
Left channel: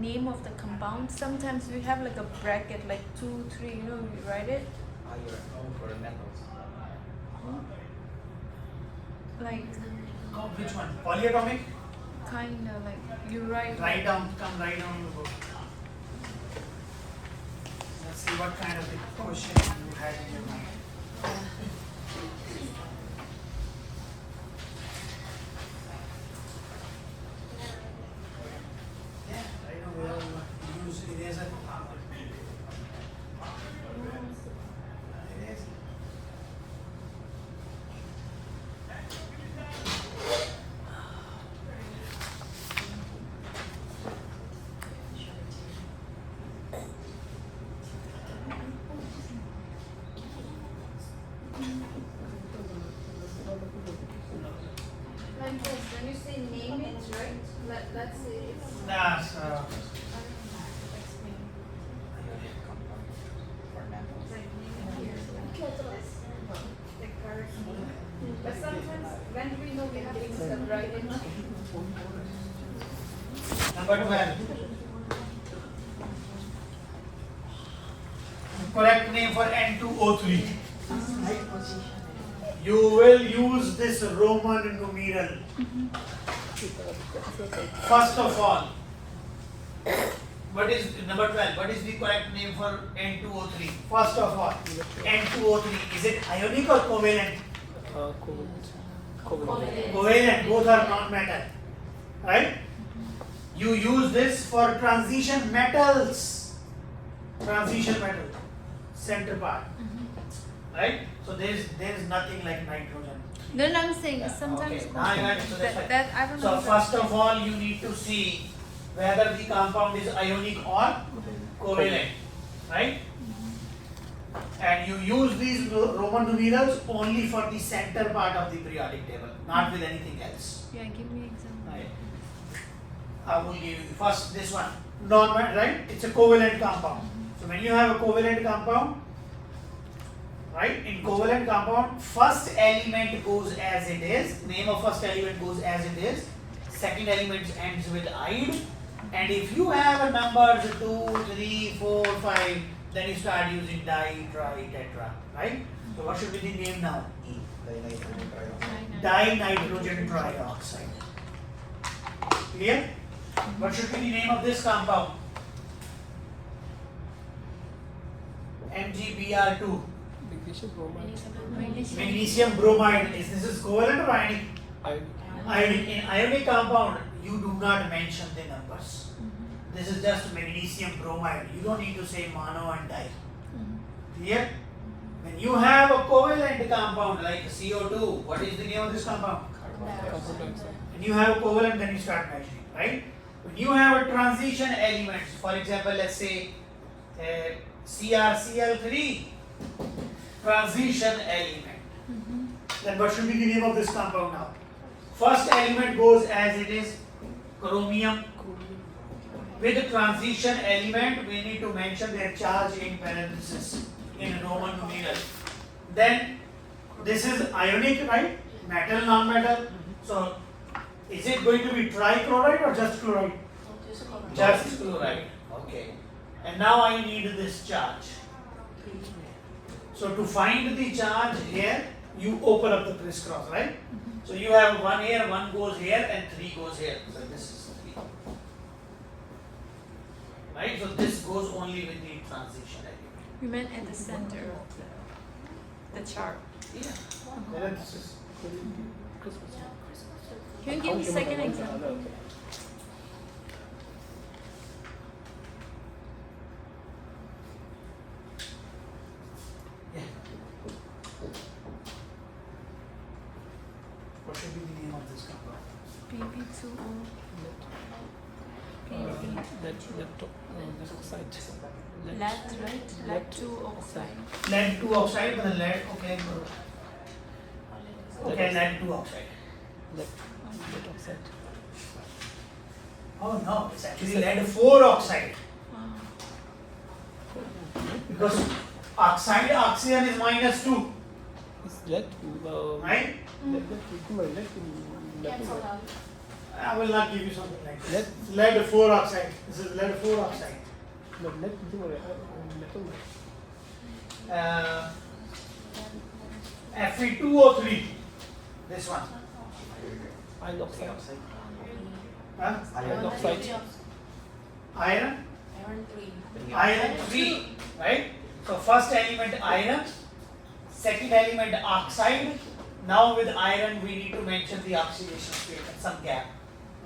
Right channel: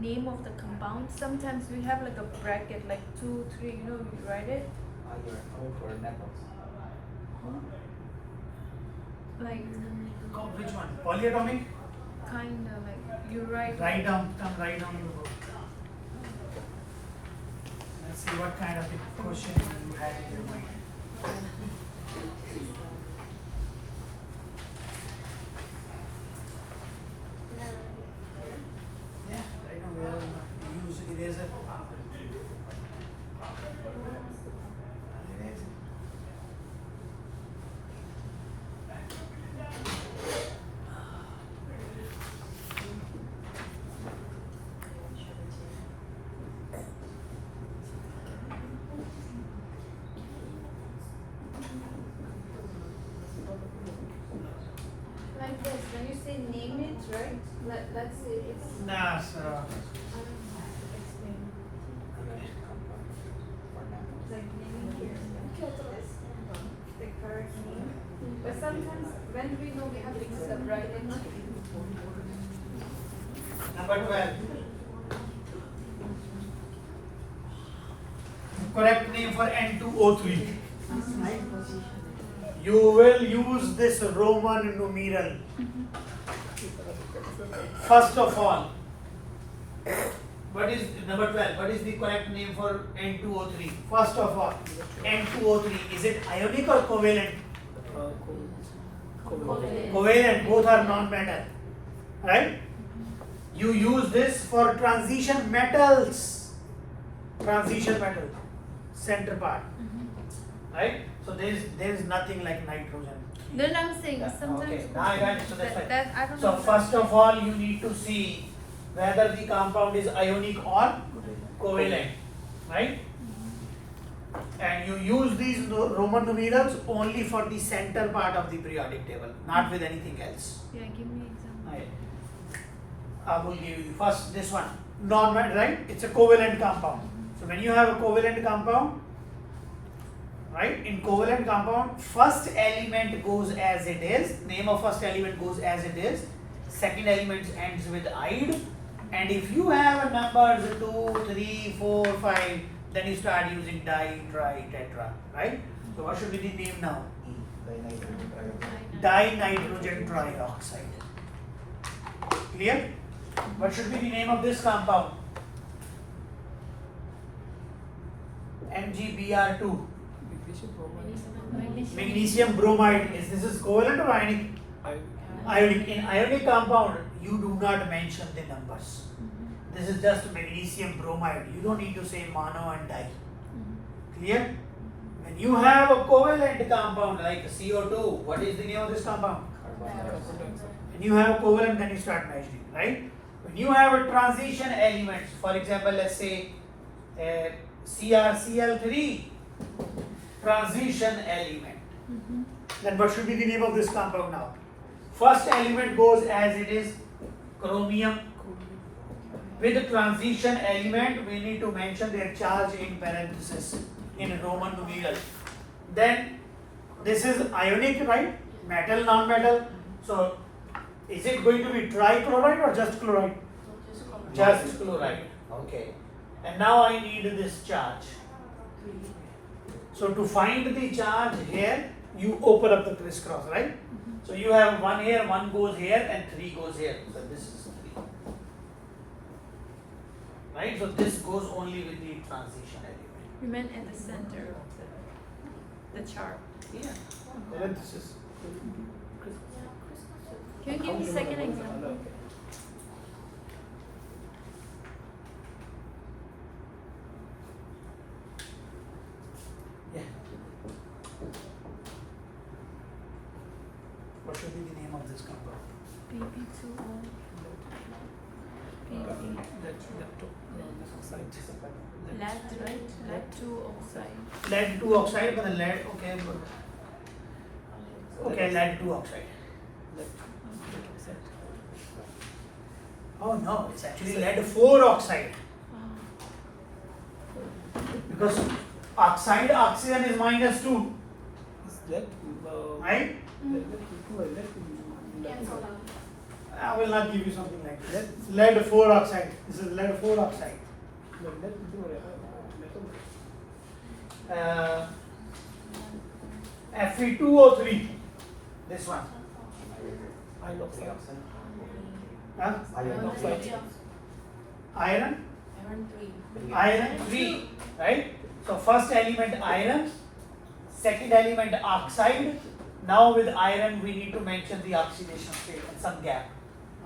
name of the compound. Sometimes we have like a bracket, like 2, 3, we write it. Iron over metals. Like, Which one? Polyatomic? kind of like, you write. Write down, come write down the book. Let's see what kind of a question you had in your mind. Yeah, write down where you use eraser. Eraser. When you say name it, right? Let's say it's. Nah, sir. Ionic compound for metals. Like name it here. Catalyst. The correct name. But sometimes when we know we have to mix up, right? Number 12. Correct name for N2O3. You will use this Roman numeral. First of all, what is number 12? What is the correct name for N2O3? First of all, N2O3, is it ionic or covalent? Covalent, both are non-metal, right? You use this for transition metals, center part, right? So there is nothing like nitrogen. Then I'm saying Yeah, sometimes okay. I got it. So that's right. that I don't So know. first of all, you need to see whether the compound is ionic or covalent, right? And you use these Roman numerals only for the center part of the periodic table, not with anything else. Yeah, give me an example. I will give you first this one, non-metal, right? It's a covalent compound. So when you have a covalent compound, right? In covalent compound, first element goes as it is. Name of first element goes as it is. Second element ends with "ide." And if you have numbers 2, 3, 4, 5, then you start using di, tri, tetra, right? So what should be the name now? E. Dinitrogen trioxide. Dinitrogen trioxide. Clear? What should be the name of this compound? MgBr2. Magnesium bromide. This is covalent or ionic? Ionic. In ionic compound, you do not mention the numbers. This is just magnesium bromide. You don't need to say mono and di. Clear? When you have a covalent compound like CO2, what is the name of this compound? Carbon dioxide. When you have a covalent, then you start measuring, right? When you have a transition element, for example, let's say CrCl3, transition element. Then what should be the name of this compound now? First element goes as it is, chromium. With the transition element, we need to mention their charge in parenthesis in Roman numeral. Then this is ionic, right? Metal, non-metal. So is it going to be trichloride or just chloride? Just chloride. Okay. And now I need this charge. So to find the charge here, you open up the crisscross, right? So you have one here, one goes here, and three goes here. So this is 3. Right? So this goes only with the transition element. You meant at the center of the chart. Yeah. Parenthesis. Can you give me a second example? Yeah. What should be the name of this compound? PP2O. Lead, right? Lead 2 oxide. Lead 2 oxide, but the lead, okay, good. Okay, lead 2 oxide. Oh no, it's actually lead 4 oxide. Because oxide, oxygen is -2, right? I will not give you something like this. Lead 4 oxide. This is lead 4 oxide. Fe2O3. This one. Dioxide. Huh? Iron oxide. Iron. Iron 3. Iron 3. Right? So first element iron. Second element oxide. Now with iron we need to mention the oxidation state and some gap.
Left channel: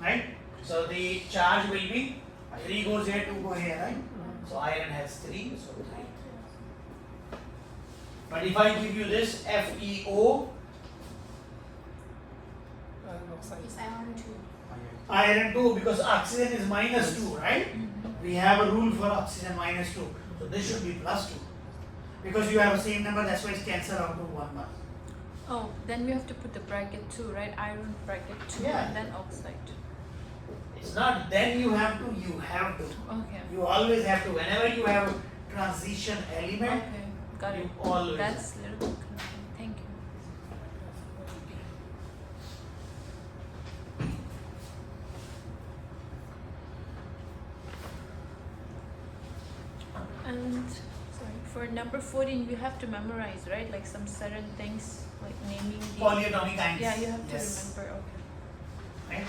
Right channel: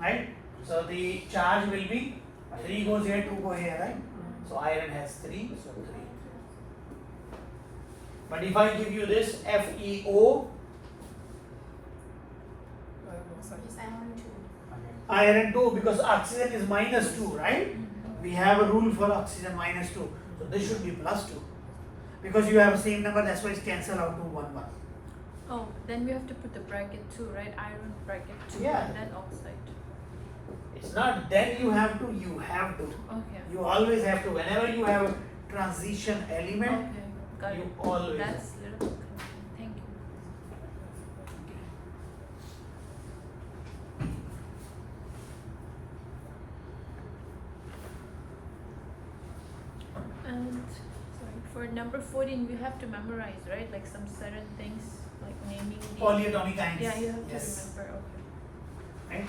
Right? So the charge will be 3 goes here, 2 go here, right? So iron has 3, so 3. But if I give you this FeO, It's iron 2. iron 2, because oxygen is -2, right? We have a rule for oxygen -2. So this should be +2. Because you have the same number, that's why it's cancelled out to 1, 1. Oh, then we have to put the bracket 2, right? Iron bracket 2 Yeah. and then oxide. It's not then you have to, you have to. Okay. You always have to. Whenever you have a transition element, Okay, got you it. always That's a little bit confusing. Thank you. And sorry, for number 14, you have to memorize, right? Like some certain things, like naming. the- polyatomic ions. Yeah, you have to Yes. remember. Okay. Right?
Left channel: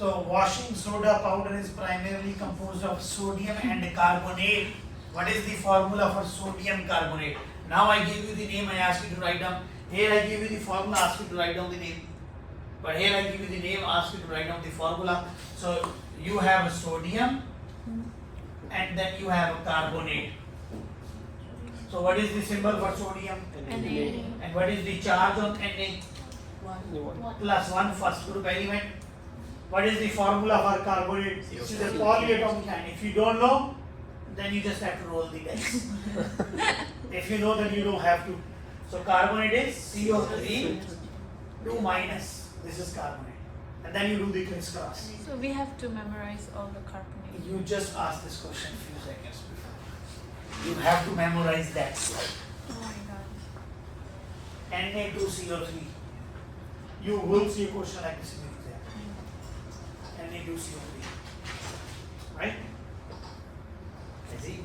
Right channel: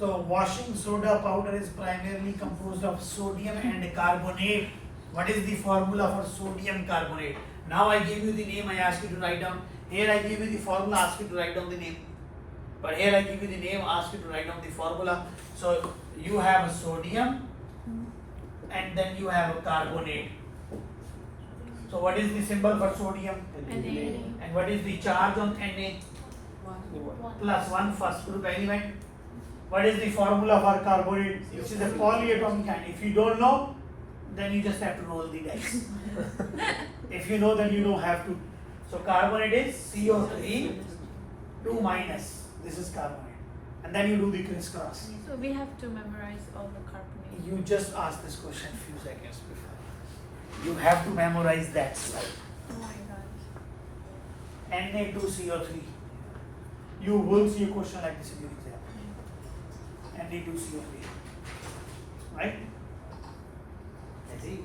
So washing soda powder is primarily composed of sodium and carbonate. What is the formula for sodium carbonate? Now I give you the name, I ask you to write down. Here I give you the formula, ask you to write down the name. But here I give you the name, ask you to write down the formula. So you have a sodium and then you have a carbonate. So what is the symbol for sodium? Na. And what is the charge on Na? 1. +1 first group element. What is the formula for carbonate? This is a polyatomic ion. If you don't know, then you just have to roll the dice. If you know, then you don't have to. So carbonate is CO3 2 minus. This is carbonate. And then you do the crisscross. So we have to memorize all the carbonate. You just asked this question a few seconds before. You have to memorize that slide. Oh my gosh. Na2CO3. You will see a question like this in your exam. Na2CO3. Right? I see.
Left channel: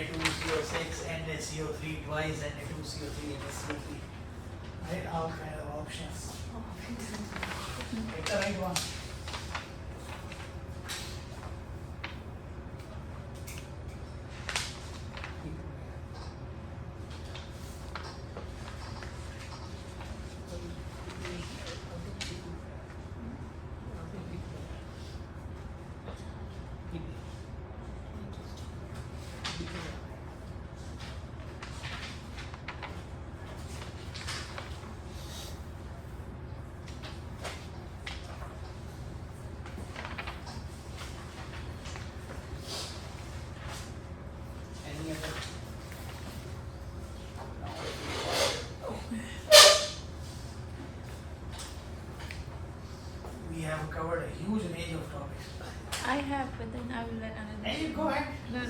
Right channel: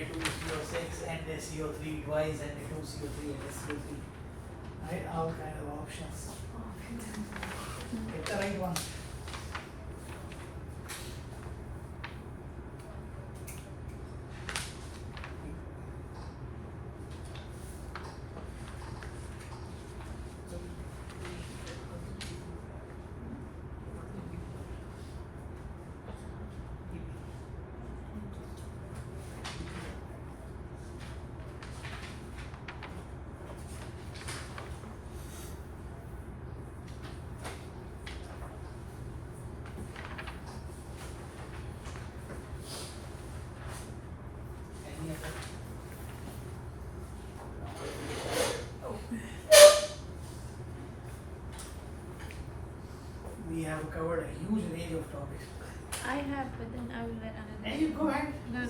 Na2CO6, NaCO3 twice, Na2CO3, NaCO3. Right, all kind of options. Pick the right one. Any other? We have covered a huge range of topics. I have, but then I will let another. Hey, you go ahead. No.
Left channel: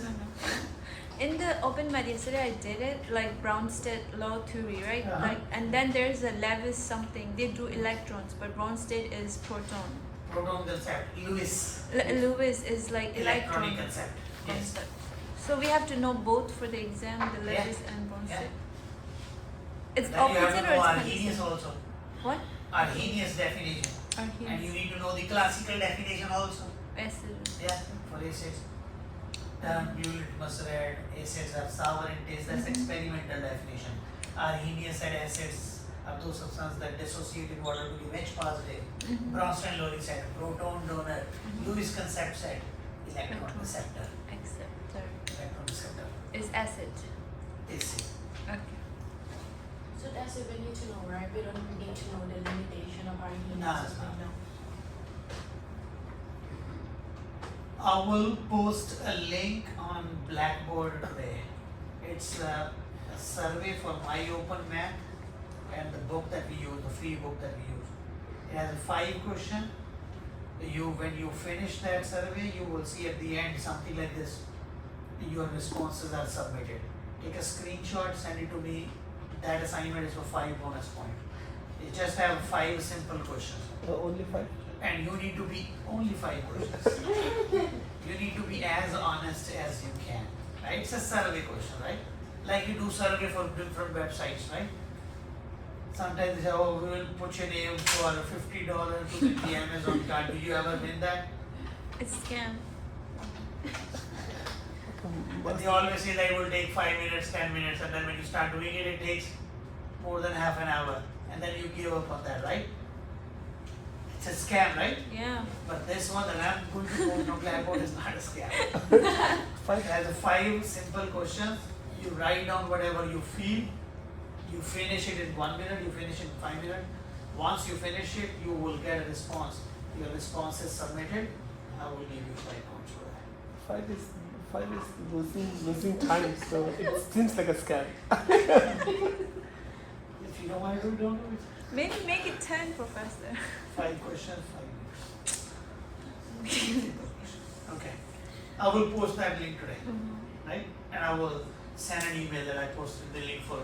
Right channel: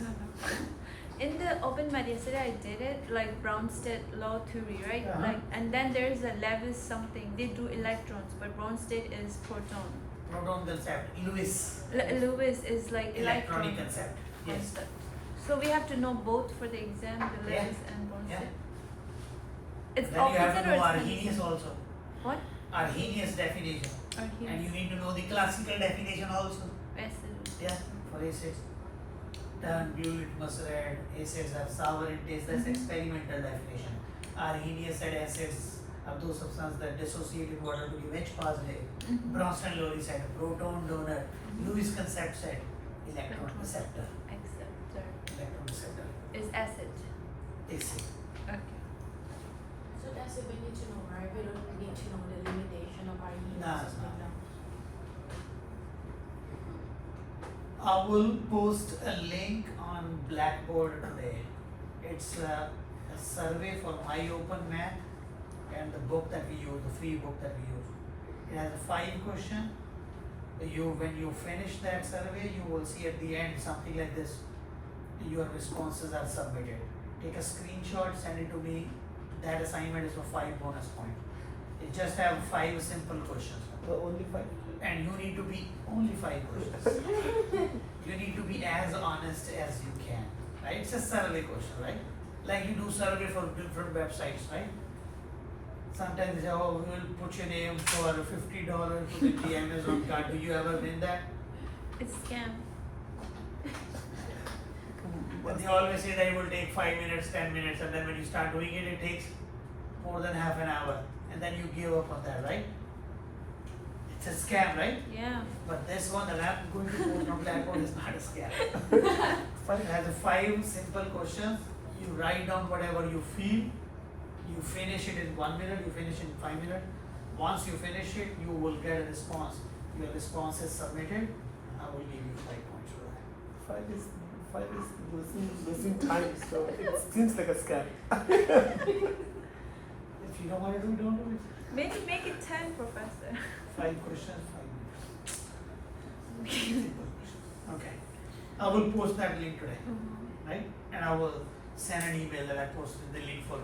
In the open math yesterday, I did it like Brownsted law theory, right? Uh-huh. Like, and then there's a Lewis something. They do electrons, but Brownsted is proton. Proton concept, Lewis. Lewis is like Electronic electron concept. Yes. concept. So we have to know both for the exam, the Yeah. Lewis and Brownsted. Yeah. It's Then you have opposite to or know it's Arrhenius constant? also. What? Arrhenius definition. And you Arrhenius. need to know the classical definition also. Acid. Yeah, for acids. Blue litmus red, acids are sour in taste, that's experimental definition. Arrhenius said acids are those substances that dissociate in water to give H positive. Mhm. Bronston-Lowry said proton donor. Lewis concept said electron Electron. receptor. Acceptor Electron receptor. is acid. Acid. Okay. So that's it we need to know, right? We don't need to know the limitation of our units. No. I will post a link on Blackboard today. It's a survey for iOpenMath and the book that we use, the free book that we use. It has a 5 question. When you finish that survey, you will see at the end something like this. Your responses are submitted. Take a screenshot, send it to me. That assignment is for 5 bonus points. It just have 5 simple questions. Only 5. And you need to be only 5 questions. You need to be as honest as you can, right? It's a survey question, right? Like you do survey for different websites, right? Sometimes they say, oh, we will put your name for $50 to win the Amazon card. Do you ever win that? It's scam. But they always say that it will take 5 minutes, 10 minutes, and then when you start doing it, it takes more than half an hour, and then you give up on that, right? It's a scam, right? Yeah. But this one that I'm going to go from Blackboard is not a scam. It has 5 simple questions. You write down whatever you feel. You finish it in 1 minute. You finish it in 5 minutes. Once you finish it, you will get a response. Your response is submitted. I will give you 5 points for that. 5 is losing time, so it seems like a scam. If you don't want to do, don't do it. Maybe make it 10, Professor. 5 questions, 5 minutes. Okay. I will post that link today, right? And I will send an email that I posted the link for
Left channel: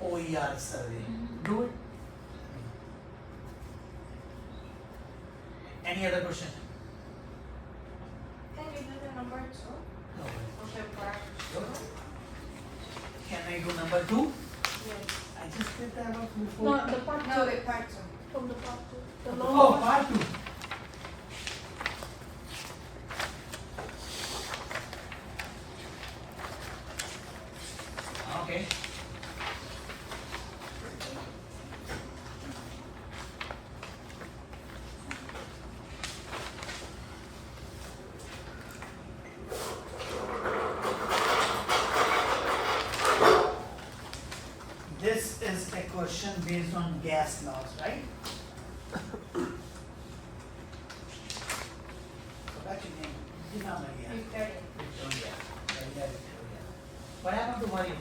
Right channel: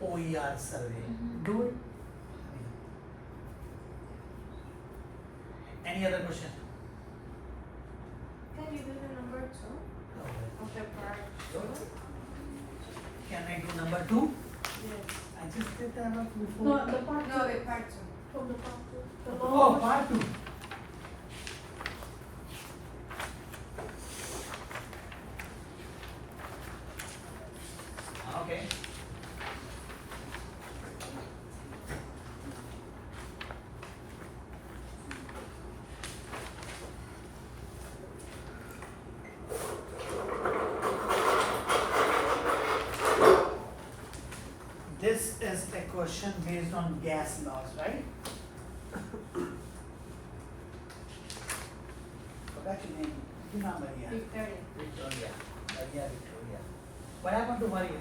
OER survey. Do it. Any other question? Can you do the number 2? No. Okay, part Can I do number 2? Yes. I just did that one No, before. the part two. No, wait, part 2. From the part two. The Oh, law. part 2. Okay. This is a question based on gas laws, right? Forgot your name. Tina Maria. Victoria. Victoria. Maria Victoria. What happened to Maria?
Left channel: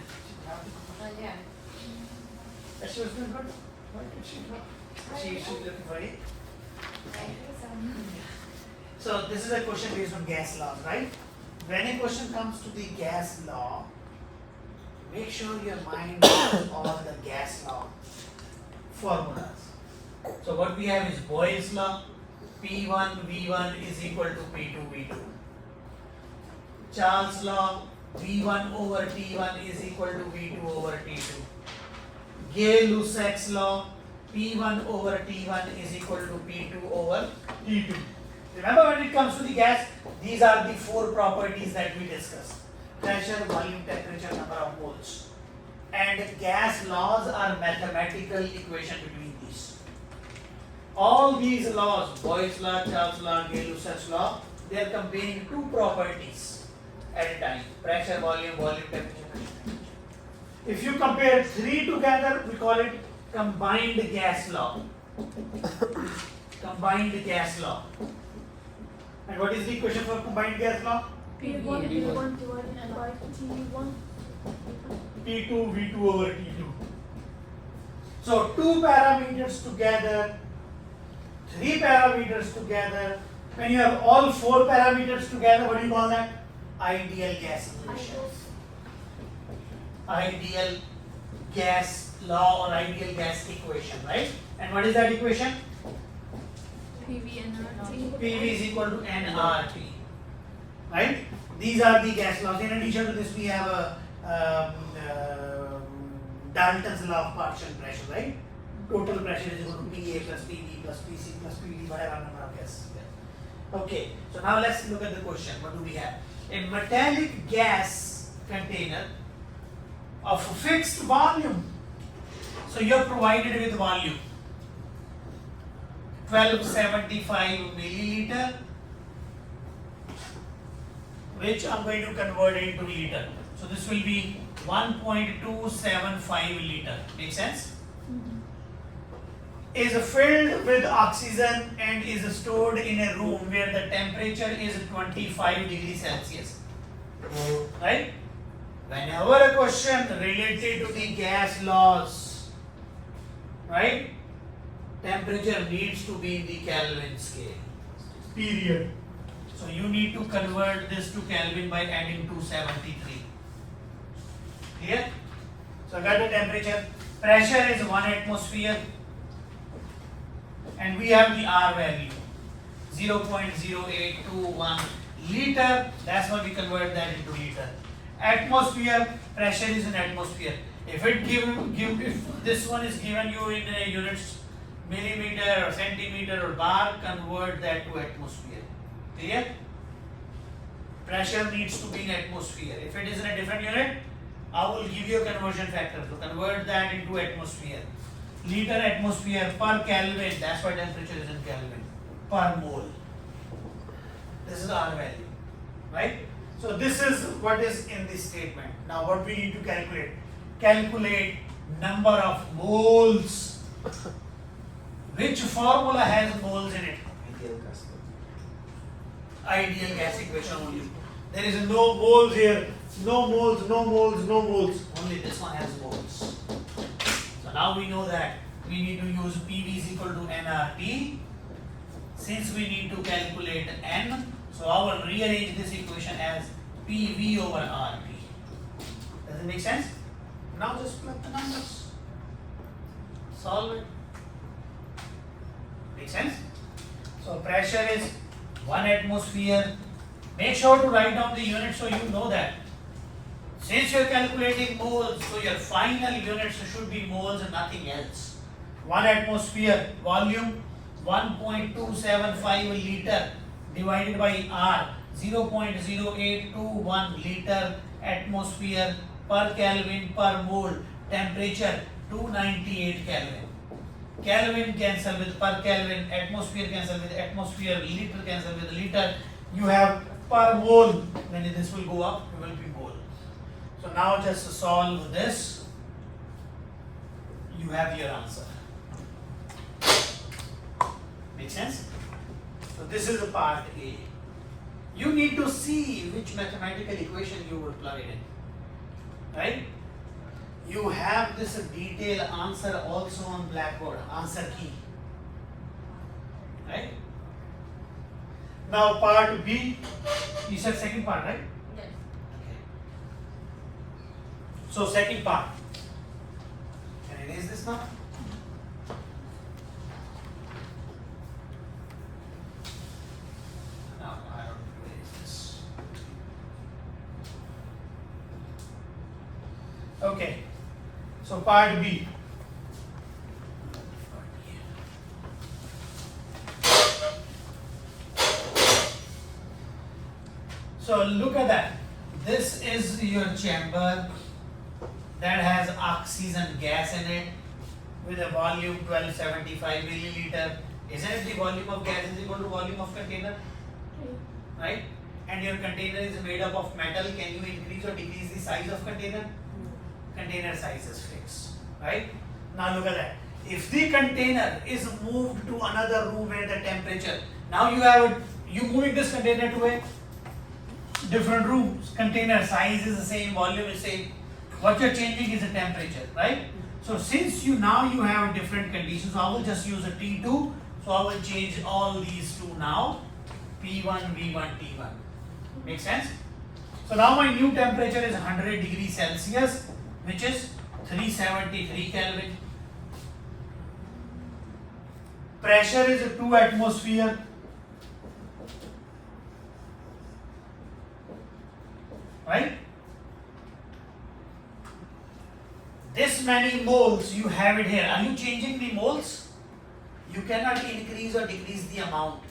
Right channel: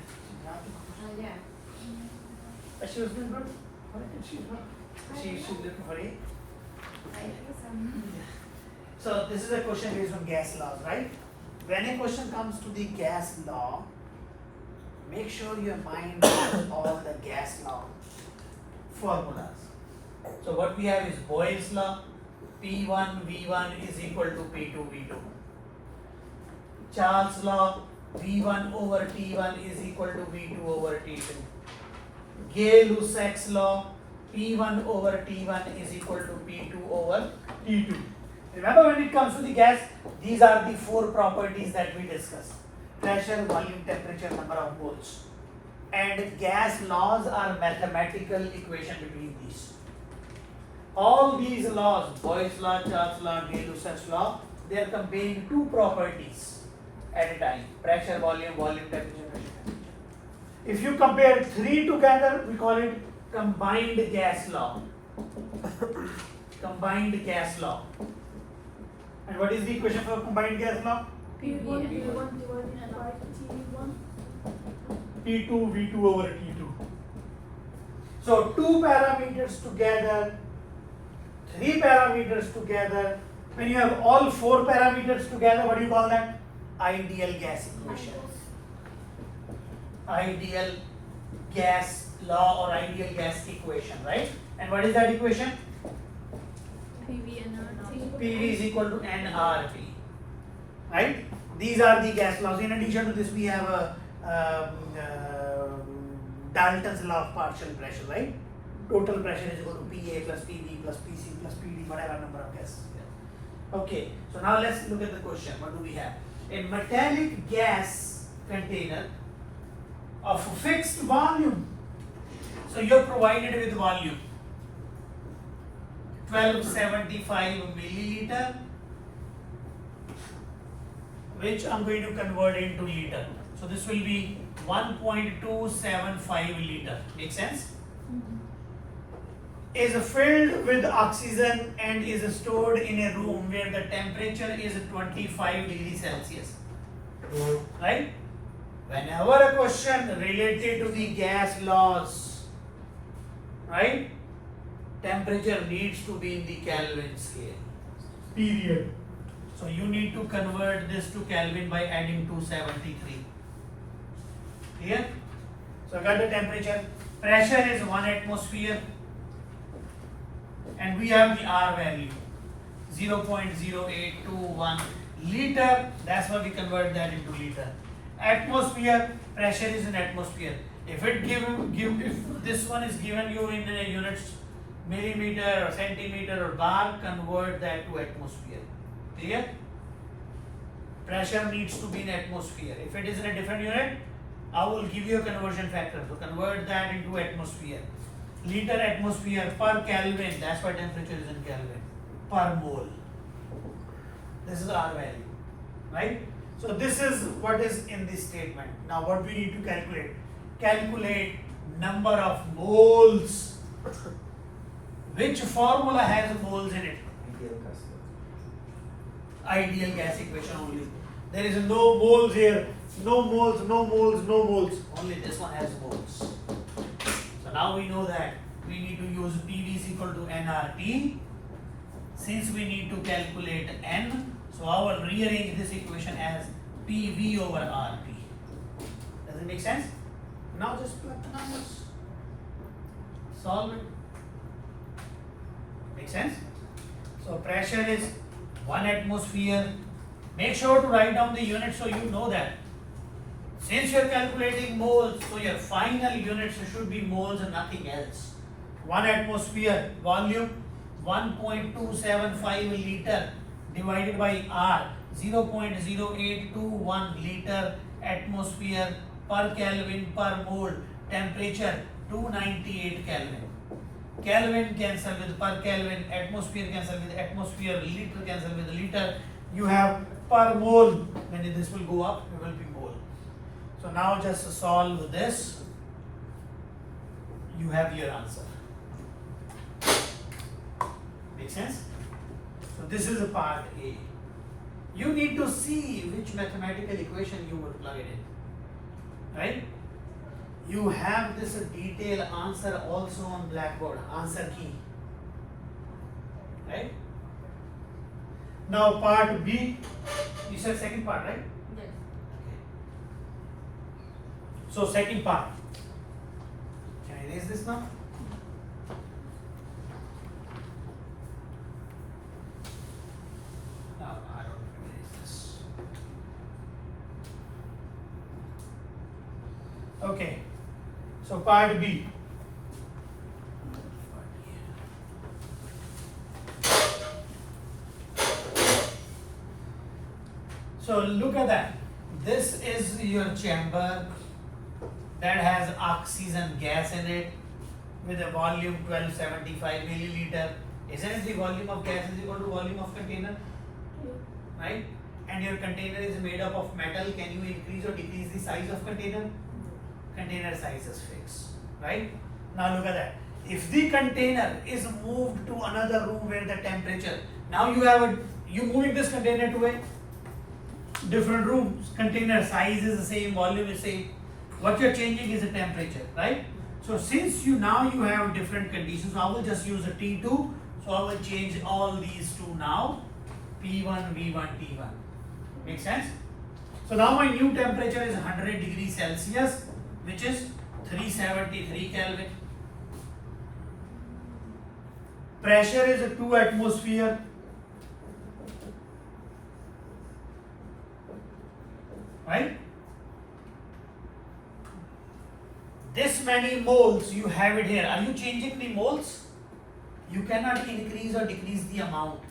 Yeah. She was doing good. Why did she not? She's looking for it. So this is a question based on gas laws, right? When a question comes to the gas law, make sure your mind knows all the gas law formulas. So what we have is Boyle's law, P1 V1 is equal to P2 V2. Charles' law, V1 over T1 is equal to V2 over T2. Gay-Lussac's law, P1 over T1 is equal to P2 over T2. Remember, when it comes to the gas, these are the four properties that we discussed: pressure, volume, temperature, number of moles. And gas laws are mathematical equation between these. All these laws, Boyle's law, Charles' law, Gay-Lussac's law, they are comparing two properties at a time: pressure, volume, temperature, pressure. If you compare three together, we call it combined gas law. Combined gas law. And what is the equation for combined gas law? P1 divided by T1. T2 V2 over T2. So two parameters together, three parameters together. When you have all four parameters together, what do you call that? Ideal gas equation. Ideal gas law or ideal gas equation, right? And what is that equation? PV and RT. PV is equal to nRT, right? These are the gas laws. In addition to this, we have a Dalton's law of partial pressure, right? Total pressure is equal to PA plus PV plus PC plus PD, whatever number of gases there. Okay, so now let's look at the question. What do we have? A metallic gas container of fixed volume. So you're provided with volume 1275 milliliter, which I'm going to convert into liter. So this will be 1.275 liter. Make sense? Is filled with oxygen and is stored in a room where the temperature is 25 degrees Celsius. Right? Whenever a question related to the gas laws, right? Temperature needs to be in the Kelvin scale. Period. So you need to convert this to Kelvin by adding 273. Clear? So got the temperature. Pressure is 1 atmosphere. And we have the R value 0.0821 liter. That's why we convert that into liter. Atmosphere, pressure is in atmosphere. If it if this one is given you in units millimeter or centimeter or bar, convert that to atmosphere. Clear? Pressure needs to be in atmosphere. If it is in a different unit, I will give you a conversion factor. So convert that into atmosphere. Liter atmosphere per Kelvin, that's why temperature is in Kelvin, per mole. This is R value, right? So this is what is in this statement. Now what we need to calculate? Calculate number of moles. Which formula has moles in it? Ideal gas law. Ideal gas equation only. There is no moles here. No moles, no moles, no moles. Only this one has moles. So now we know that we need to use PV is equal to nRT. Since we need to calculate N, so I will rearrange this equation as PV over RT. Does it make sense? Now just plug the numbers. Solve it. Make sense? So pressure is 1 atmosphere. Make sure to write down the unit so you know that. Since you are calculating moles, so your final units should be moles and nothing else. 1 atmosphere volume 1.275 liter divided by R 0.0821 liter atmosphere per Kelvin per mole. Temperature 298 Kelvin. Kelvin cancel with per Kelvin, atmosphere cancel with atmosphere, liter cancel with liter. You have per mole. When this will go up, it will be mole. So now just solve this. You have your answer. Make sense? So this is the part A. You need to see which mathematical equation you would plug it in. Right? You have this detailed answer also on blackboard, answer key. Right? Now part B, you said second part, right? Yes. Okay. So second part. Can I erase this now? No, I don't erase this. So part B. So look at that. This is your chamber that has oxygen gas in it with a volume 1275 milliliter. Isn't it the volume of gas is equal to volume of container? Right? And your container is made up of metal. Can you increase or decrease the size of container? Container size is fixed. Right? Now look at that. If the container is moved to another room where the temperature, now you moving this container to a different room. Container size is the same, volume is same. What you're changing is the temperature, right? So since you have different conditions, I will just use a T2. So I will change all these to now P1, V1, T1. Make sense? So now my new temperature is 100 degrees Celsius, which is 373 Kelvin. Pressure is a 2 atmosphere. Right? This many moles, you have it here. Are you changing the moles? You cannot increase or decrease the amount.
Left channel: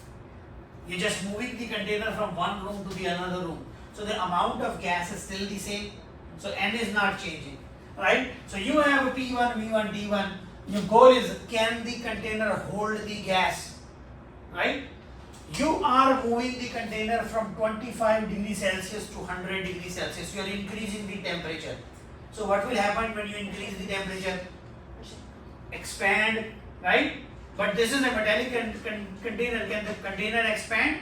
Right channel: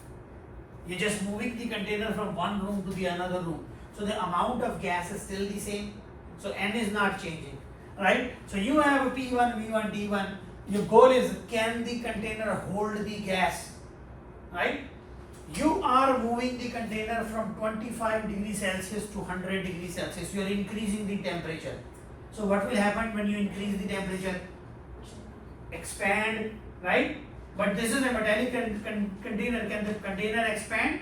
You're just moving the container from one room to the another room. So the amount of gas is still the same. So N is not changing. Right? So you have a P1, V1, T1. Your goal is, can the container hold the gas? Right? You are moving the container from 25 degrees Celsius to 100 degrees Celsius. You are increasing the temperature. So what will happen when you increase the temperature? Expand, right? But this is a metallic container. Can the container expand?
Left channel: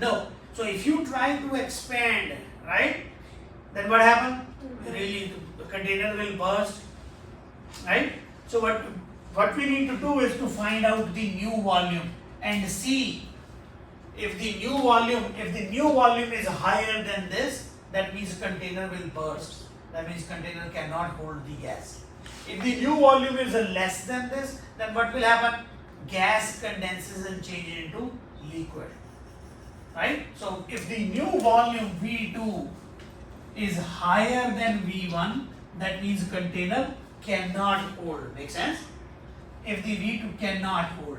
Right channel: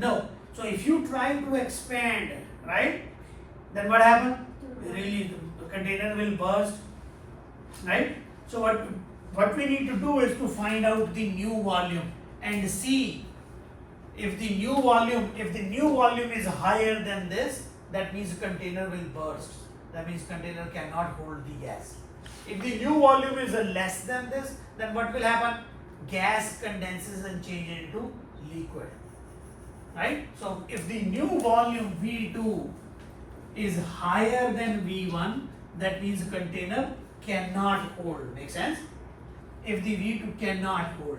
No. So if you try to expand, right, then what happens? Really, the container will burst, right? So what we need to do is to find out the new volume and see if the new volume is higher than this, that means container will burst. That means container cannot hold the gas. If the new volume is less than this, then what will happen? Gas condenses and changes into liquid. Right? So if the new volume V2 is higher than V1, that means container cannot hold. Make sense? If the V2 cannot hold.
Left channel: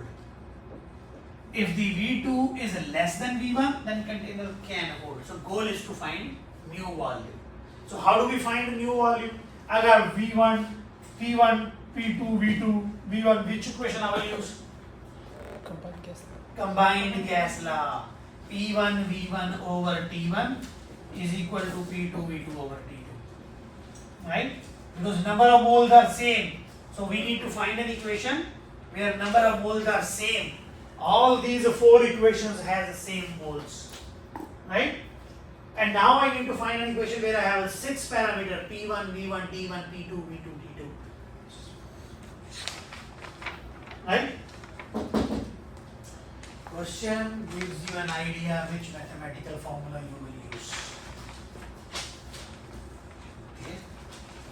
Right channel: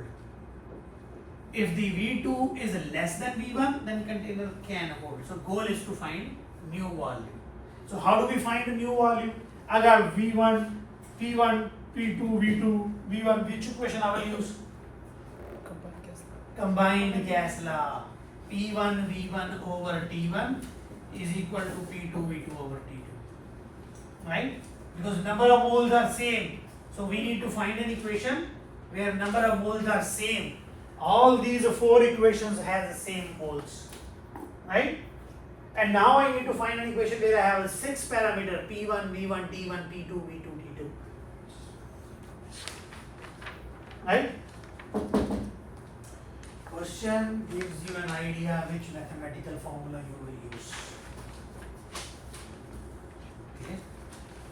If the V2 is less than V1, then container can hold. So goal is to find new volume. So how do we find the new volume? I got V1, P1, P2, V2, V1. Which equation I will use? Combined gas law. P1 V1 over T1 is equal to P2 V2 over T2. Right? Because number of moles are same. So we need to find an equation where number of moles are same. All these four equations have the same moles. Right? And now I need to find an equation where I have a 6 parameter P1, V1, T1, P2, V2, T2. Right? Question gives you an idea which mathematical formula you will use. Okay?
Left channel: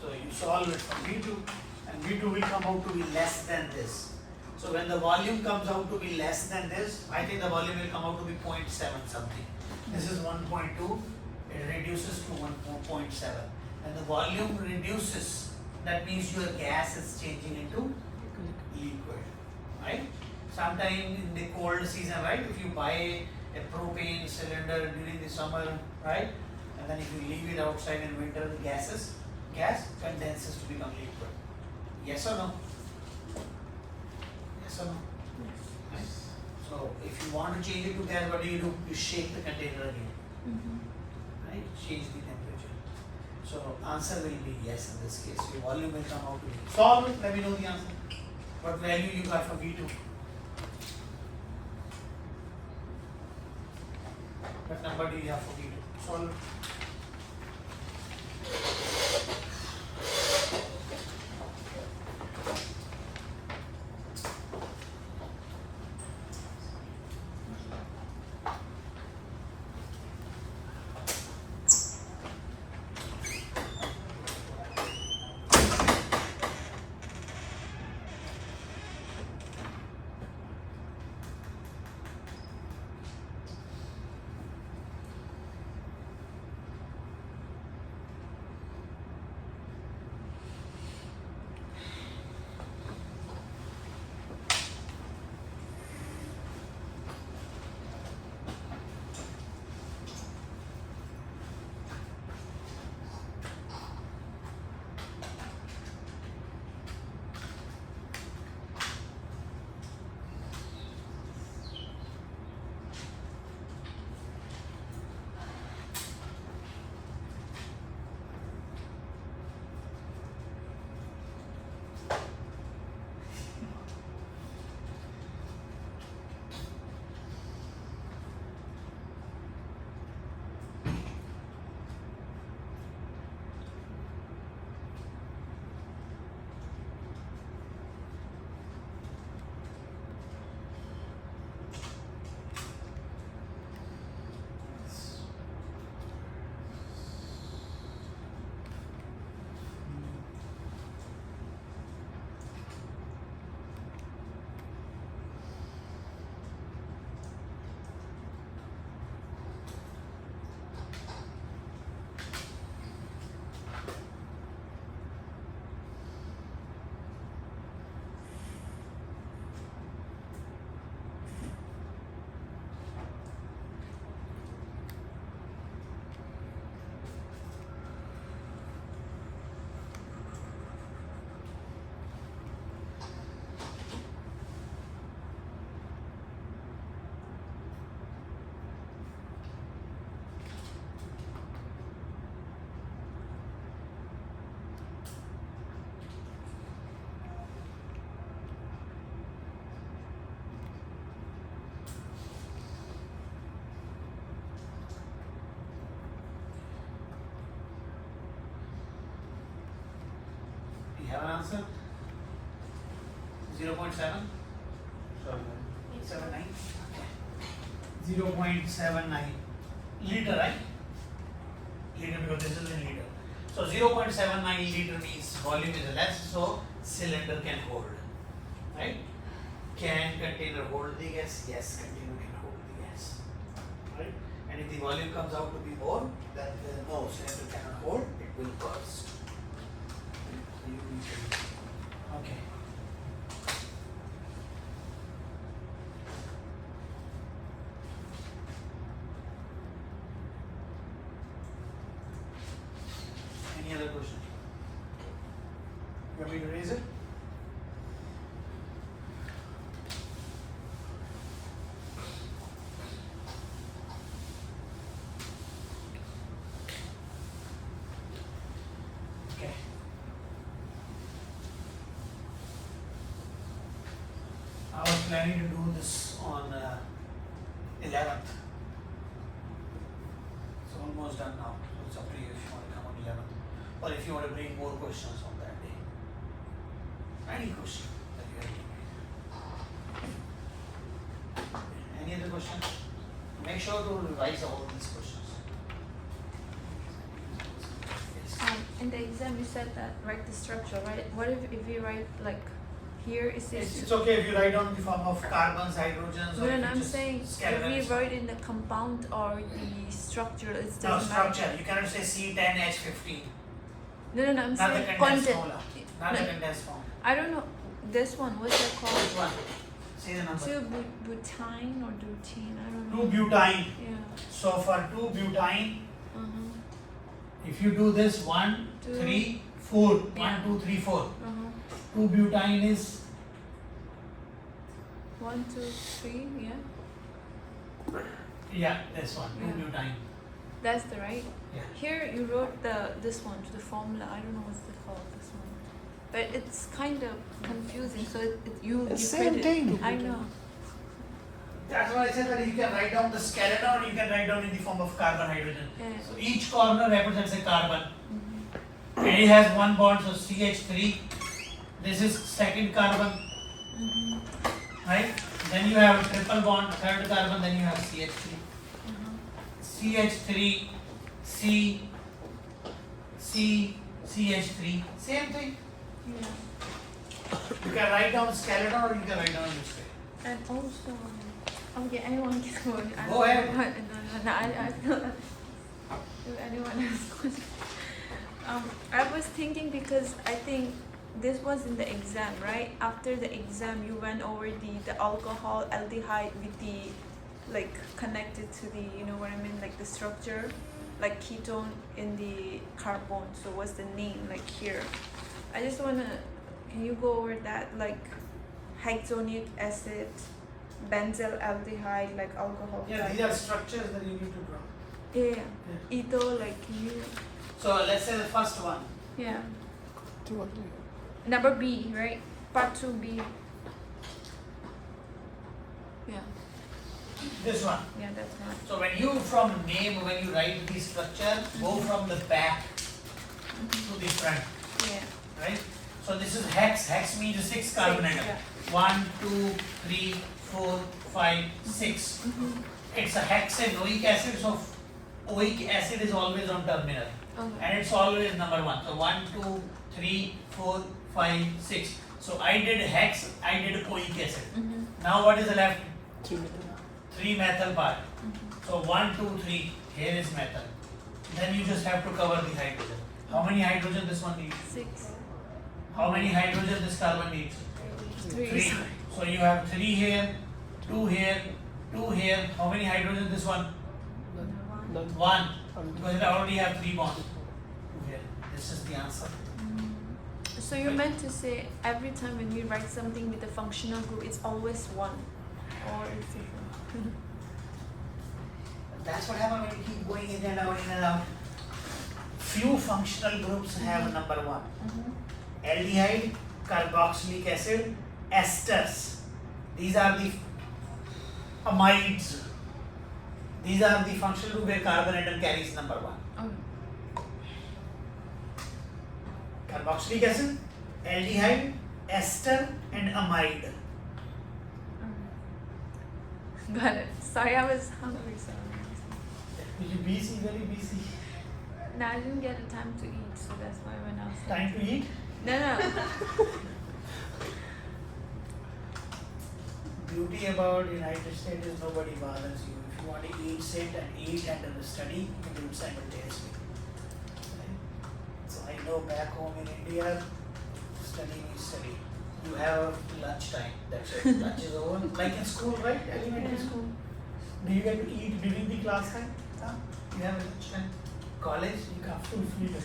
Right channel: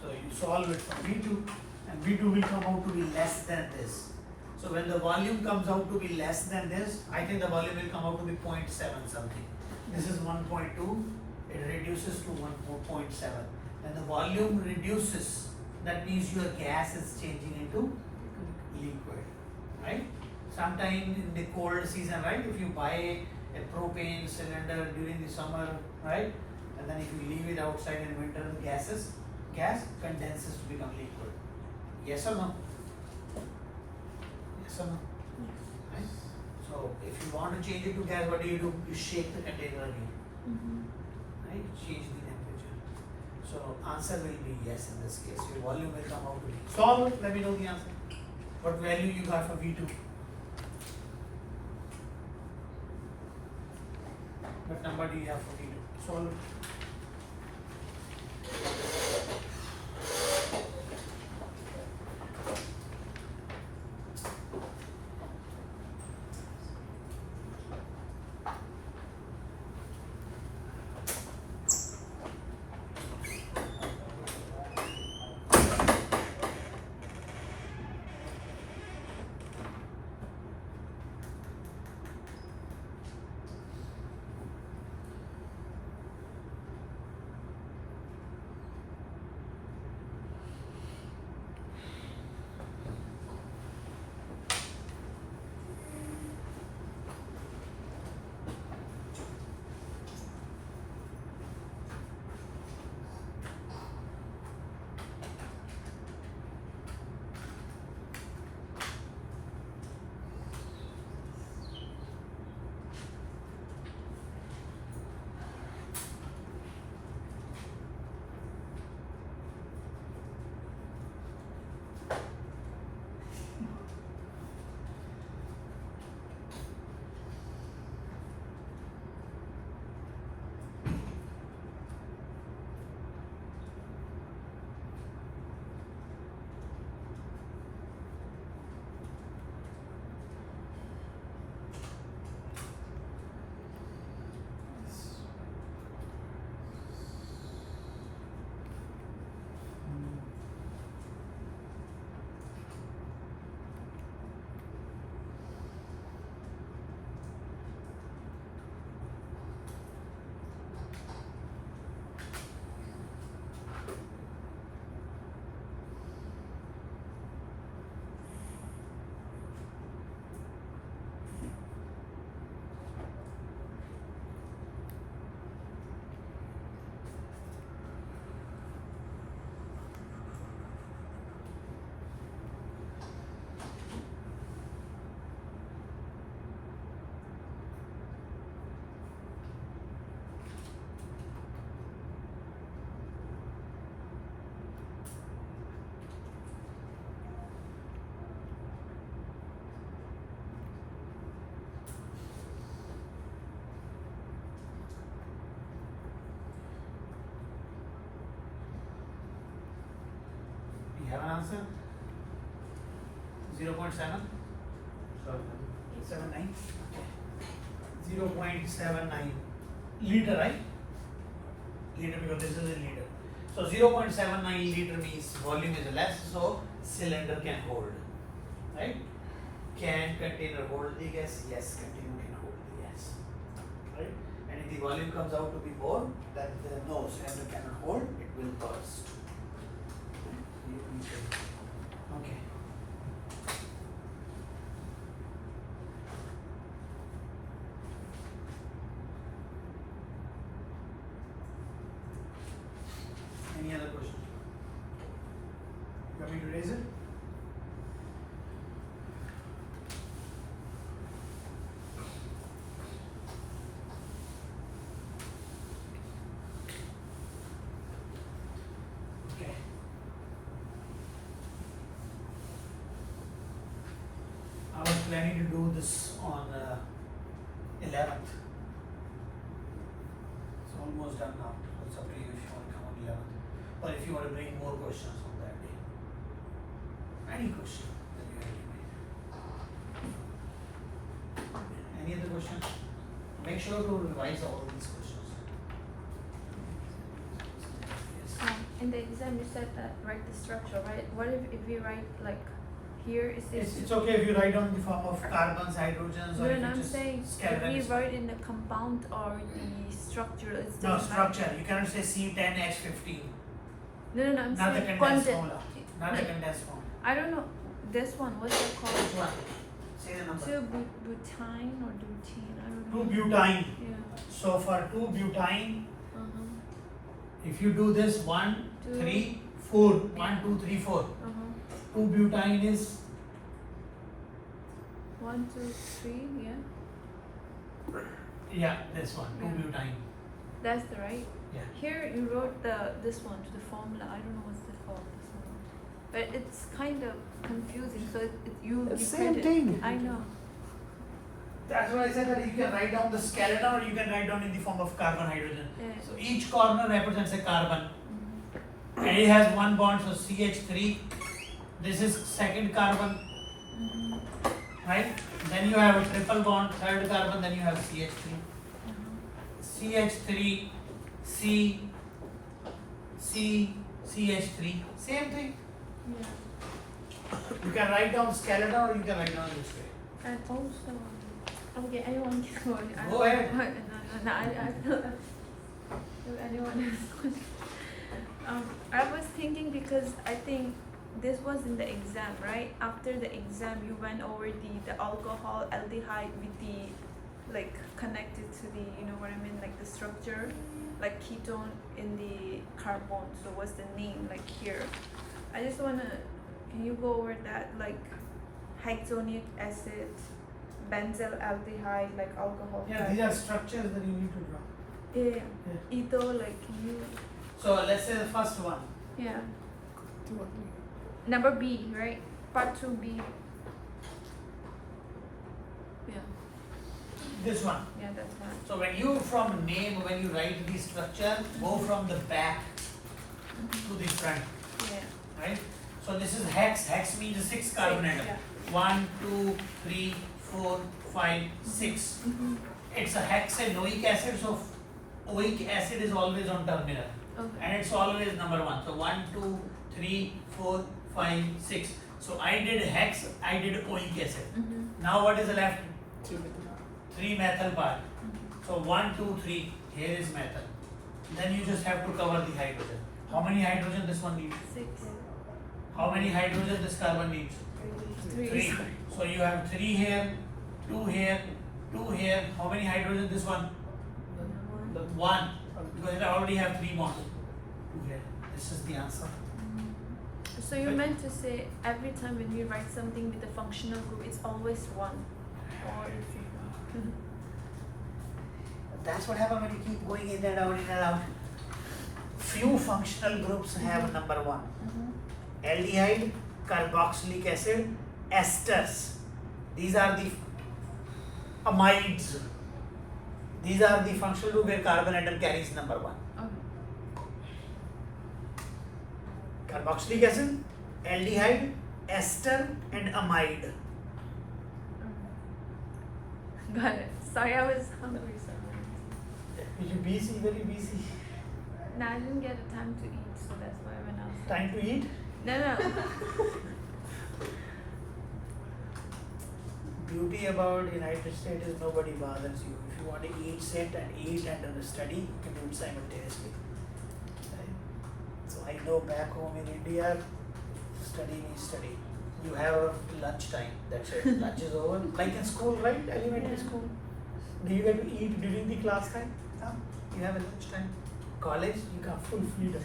So you solve it for V2 and V2 will come out to be less than this. So when the volume comes out to be less than this, I think the volume will come out to be 0.7 something. This is 1.2, it reduces to 1.7. When the volume reduces, that means your gas is changing into liquid, right? Sometime in the cold season, right? If you buy a propane cylinder during the summer, right? And then if you leave it outside in winter, the gas condenses to become liquid. Yes or no? Yes or no? Right? So if you want to change it to gas, what do? You shake the container again. Right? Change the temperature. So answer will be yes in this case. Your volume will come out to be. Solve it, let me know the answer. What value you got for V2? What number do you have for V2? Solve it. answer? 0.7? 79? Okay. 0.79 liter, right? Liter, because this is in liter. So 0.79 liter means volume is less, so cylinder can hold. Right? Can container hold the gas? Yes, container can hold the gas. Right? And if the volume comes out to be more, then no, cylinder cannot hold, it will burst. So you need to- Okay. Any other question? You want me to raise it? Okay. I was planning to do this on 11th. It's almost done now. So it's up to you if you want to come on 11th. Or if you want to bring more questions on that day. Any question that you have. Any other question? Make sure to revise all these questions. Yes. In the exam you said that write the structure, right? What if you write like here is this? It's okay if you write down the form of carbons, hydrogens, or No, if you I'm just saying if scalarize. we write in the compound or the structure, it's No, doesn't matter. structure. You cannot say C10H15. No, I'm Not the saying condensed content. formula. Not No. the condensed form. I don't know this one. What's that Which called? one? Say the number. 2-butene or butene? I don't know. 2-butene. Yeah. So for 2-butene, Uh-huh. if you do this 1, Two. 3, 4, Yeah. 1, 2, 3, 4. Uh-huh. 2-butene is 1, 2, 3. Yeah. this one. Yeah. 2-butene. That's the right. Yeah. Here you wrote this one, the formula. I don't know what's it called. This one, but it's kind of confusing. So you Same print it. thing. I know. That's why I said that you can write down the skeleton or you can write down in the form of carbon hydrogen. Yeah. So each corner represents a carbon. Mhm. And it has one bond, so CH3. This is second carbon, Mhm. right? Then you have a triple bond, third carbon, then you have CH3. Uh-huh. CH3, CH3, same thing. Yeah. You can write down skeleton or you can write down this way. And also, okay, anyone can go. Go ahead. No, if anyone has questions. I was thinking because I think this was in the exam, right? After the exam, you went over the alcohol aldehyde with the like connected to the, you know what I mean, like the structure, like ketone in the carbon. So what's the name like here? I just wanna, can you go over that, like hexonic acid, benzyl aldehyde, like alcohol? Yeah, these are structures that you need to draw. Yeah. Yeah. Etho, like you. So let's say the first one. Yeah. Number B, right? Part 2B. Yeah. This one. Yeah, that's right. So when you from name, when you write the structure, go from the back to the front, Yeah. right? So this is hex. Hex means 6 carbon atom. 1, 2, 3, 4, 5, 6. Mm-hmm. It's a hexanoic acid, so oic acid is always on terminal. Okay. And it's always number 1. So 1, 2, 3, 4, 5, 6. So I did hex, I did oic acid. Mm-hmm. Now what is left? Two. 3 methyl part. So 1, 2, 3, here is methyl. Then you just have to cover the hydrogen. How many hydrogen this one needs? 6. How many hydrogen this carbon needs? 3. So you have 3 here, 2 here, 2 here. How many hydrogen this one? None. 1. Because it already have 3 bonds. 2 here. This is the answer. So you meant to say every time when you write something with a functional group, it's always 1, or it's different. That's what happens when you keep going in and out, in and out. Few functional groups have number 1. Aldehyde, carboxylic acid, esters. These are the amides. These are the functional group where carbon atom carries number 1. Okay. Carboxylic acid, aldehyde, ester, and amide. Got it. Sorry, I was hungry, so. You busy, very busy. No, I didn't get the time to eat, so that's why when I was Time to eat. No. Beauty about United States is nobody bothers you. If you want to eat, sit and eat and study, you do it simultaneously. Okay? So I know back home in India, studying is study. You have lunch time. That's it. Lunch is over. Like in school, right? Elementary school. Do you get to eat during the class time? No. You have a lunch time. College, you got full freedom.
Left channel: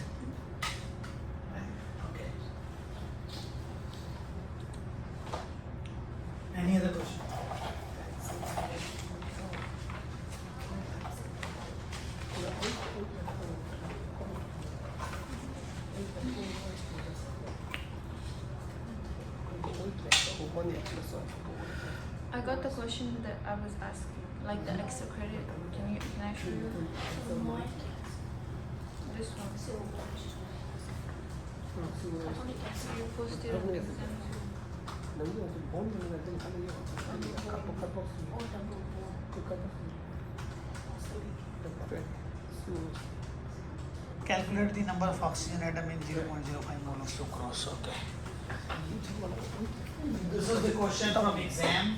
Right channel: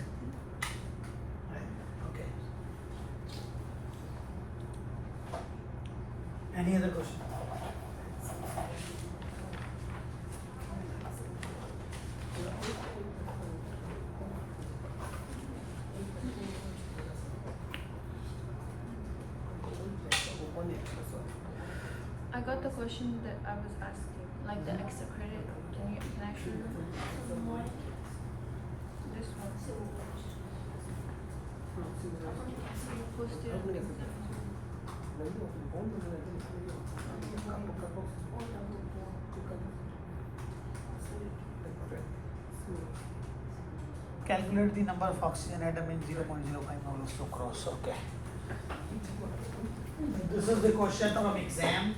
Right? Okay. Any other question? I got the question that I was asking, like the extra credit. Can I show you? This one. You posted on the exam too. Calculate the number of oxygen atom in 0.05 mole of sucrose. Okay. This is the question from exam.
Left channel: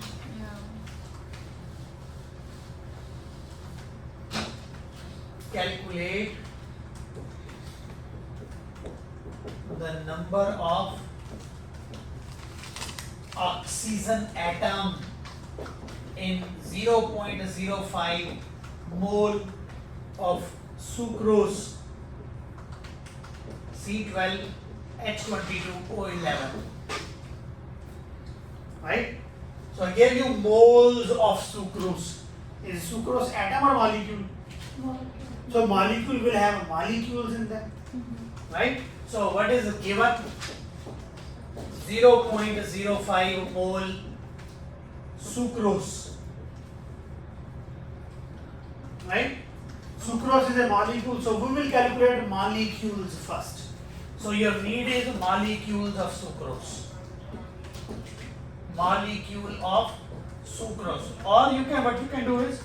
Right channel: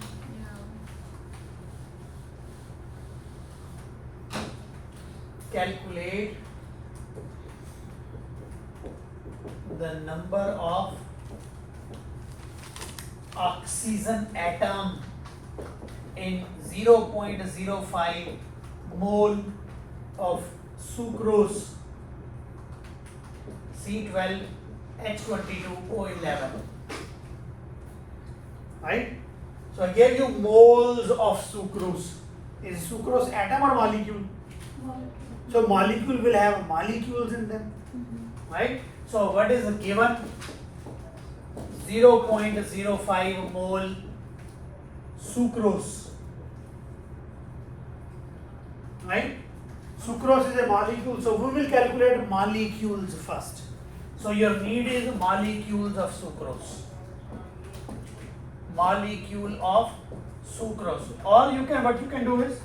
Yeah. Calculate the number of oxygen atom in 0.05 mole of sucrose C12H22O11. Right? So I gave you moles of sucrose. Is sucrose atom or molecule? So molecule will have molecules in them. Right? So what is given? 0.05 mole sucrose. Right? Sucrose is a molecule, so we will calculate molecules first. So your need is molecules of sucrose. Molecule of sucrose. Or you can, what you can do is,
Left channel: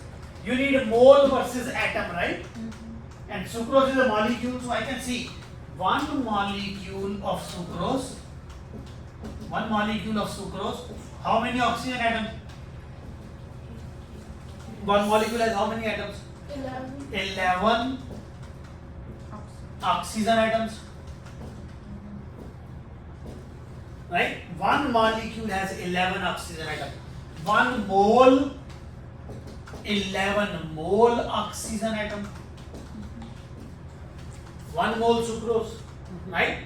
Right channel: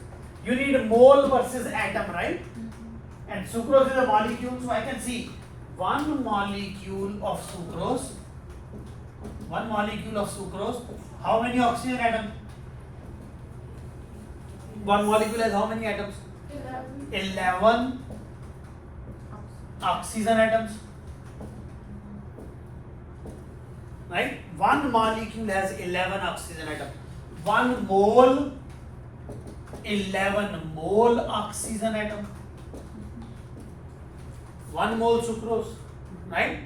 you need a mole versus atom, right? And sucrose is a molecule, so I can see one molecule of sucrose. How many oxygen atoms? One molecule has how many atoms? 11 oxygen atoms. Right? One molecule has 11 oxygen atoms. 1 mole, 11 mole oxygen atom. 1 mole sucrose. Right?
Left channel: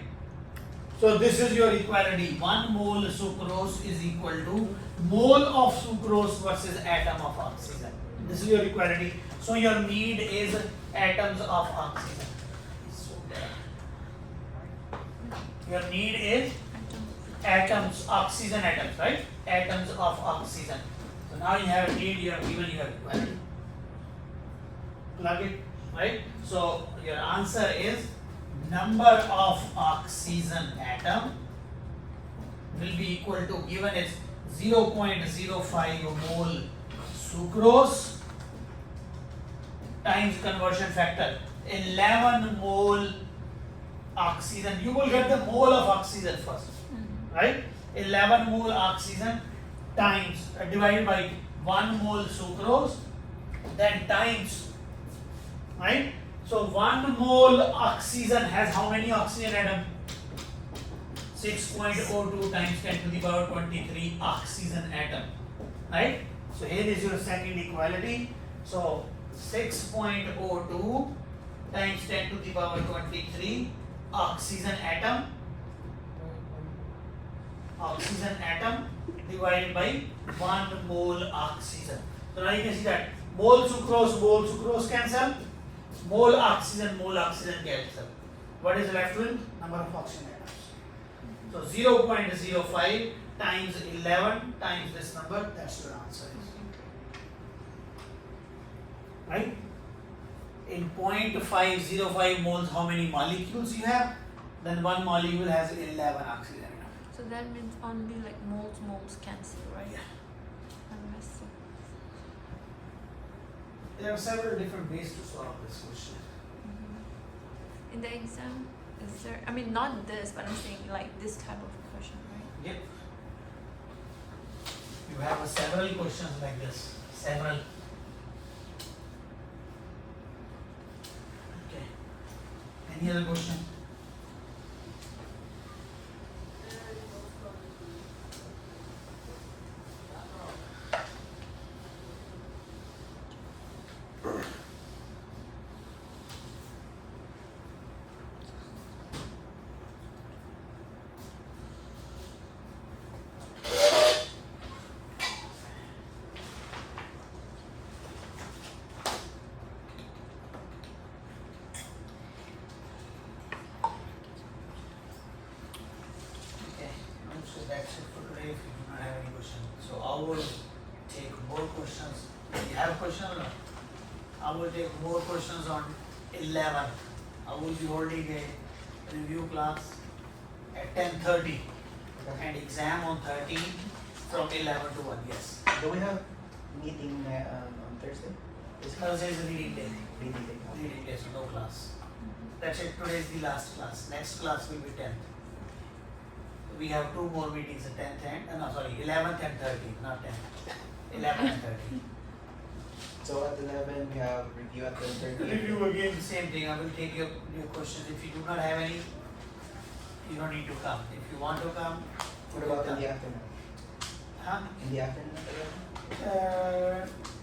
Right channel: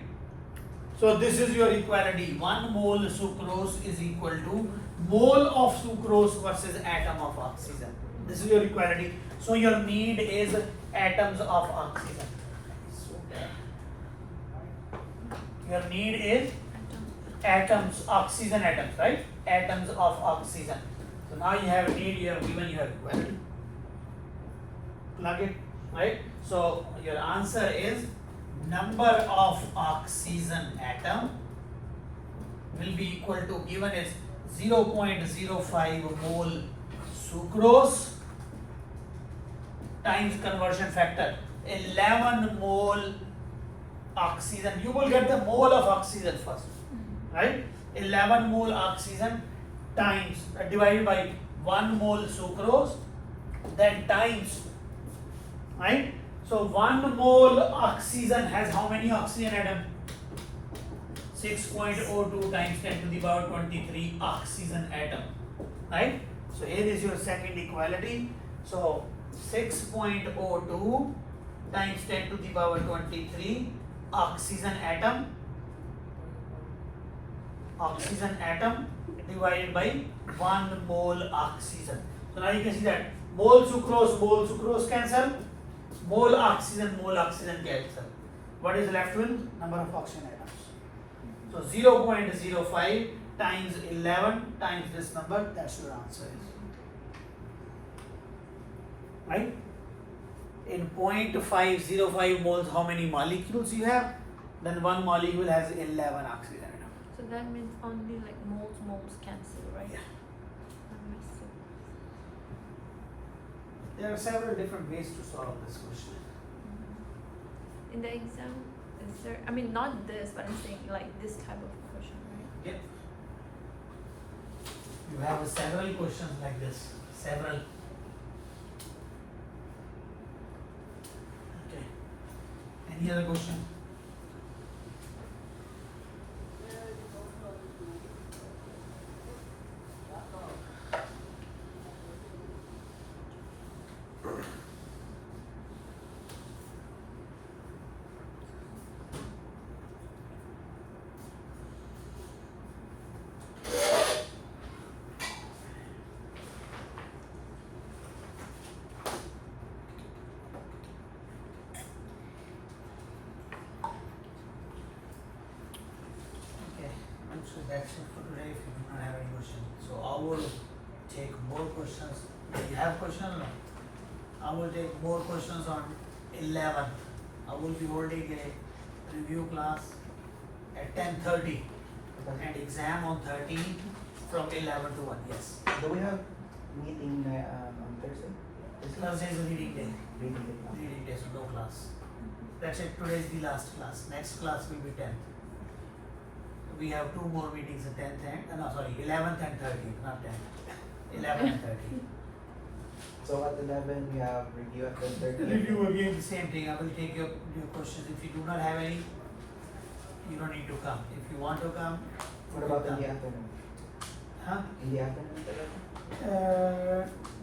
So this is your equality. 1 mole sucrose is equal to mole of sucrose versus atom of oxygen. This is your equality. So your need is atoms of oxygen. Your need is atoms, oxygen atoms, right? Atoms of oxygen. So now you have need, you have given your equality. Plug it, right? So your answer is number of oxygen atom will be equal to, given is 0.05 mole sucrose times conversion factor 11 mole oxygen. You will get the mole of oxygen first, right? 11 mole oxygen times divided by 1 mole sucrose, then times, right? So 1 mole oxygen has how many oxygen atom? 6.02 times 10 to the power 23 oxygen atom, right? So here is your second equality. So 6.02 times 10 to the power 23 oxygen atom divided by 1 mole oxygen. So now you can see that mole sucrose cancel, mole oxygen cancel. What is left with? Number of oxygen atoms. So 0.05 times 11 times this number, that's your answer. Right? In 0.505 moles, how many molecules you have? Then one molecule has 11 oxygen atoms. that means only like moles cancel, right? Yeah. That must be- There are several different ways to solve this question. In the exam, is there? I mean, not this, but I'm saying like this type of question, right? Yep. You have several questions like this. Several. Okay. Any other question? Okay, so that's it for today. If you do not have any questions, so I will take more questions. You have questions now? I will take more questions on 11. I will be holding a review class at 10:30 and exam on 13 from 11 to 1. Yes. Do we have meeting on Thursday? Thursday is a meeting day. Meeting day. Meeting day, so no class. That's it. Today is the last class. Next class will be 10th. We have two more meetings at 10th and, no, sorry, 11th and 13th, not 10th. 11th and 13th. So at 11 we have review at 10:30. Review again, same thing. I will take your questions. If you do not have any, you don't need to come. If you want to come, What about in the afternoon? huh? In the afternoon?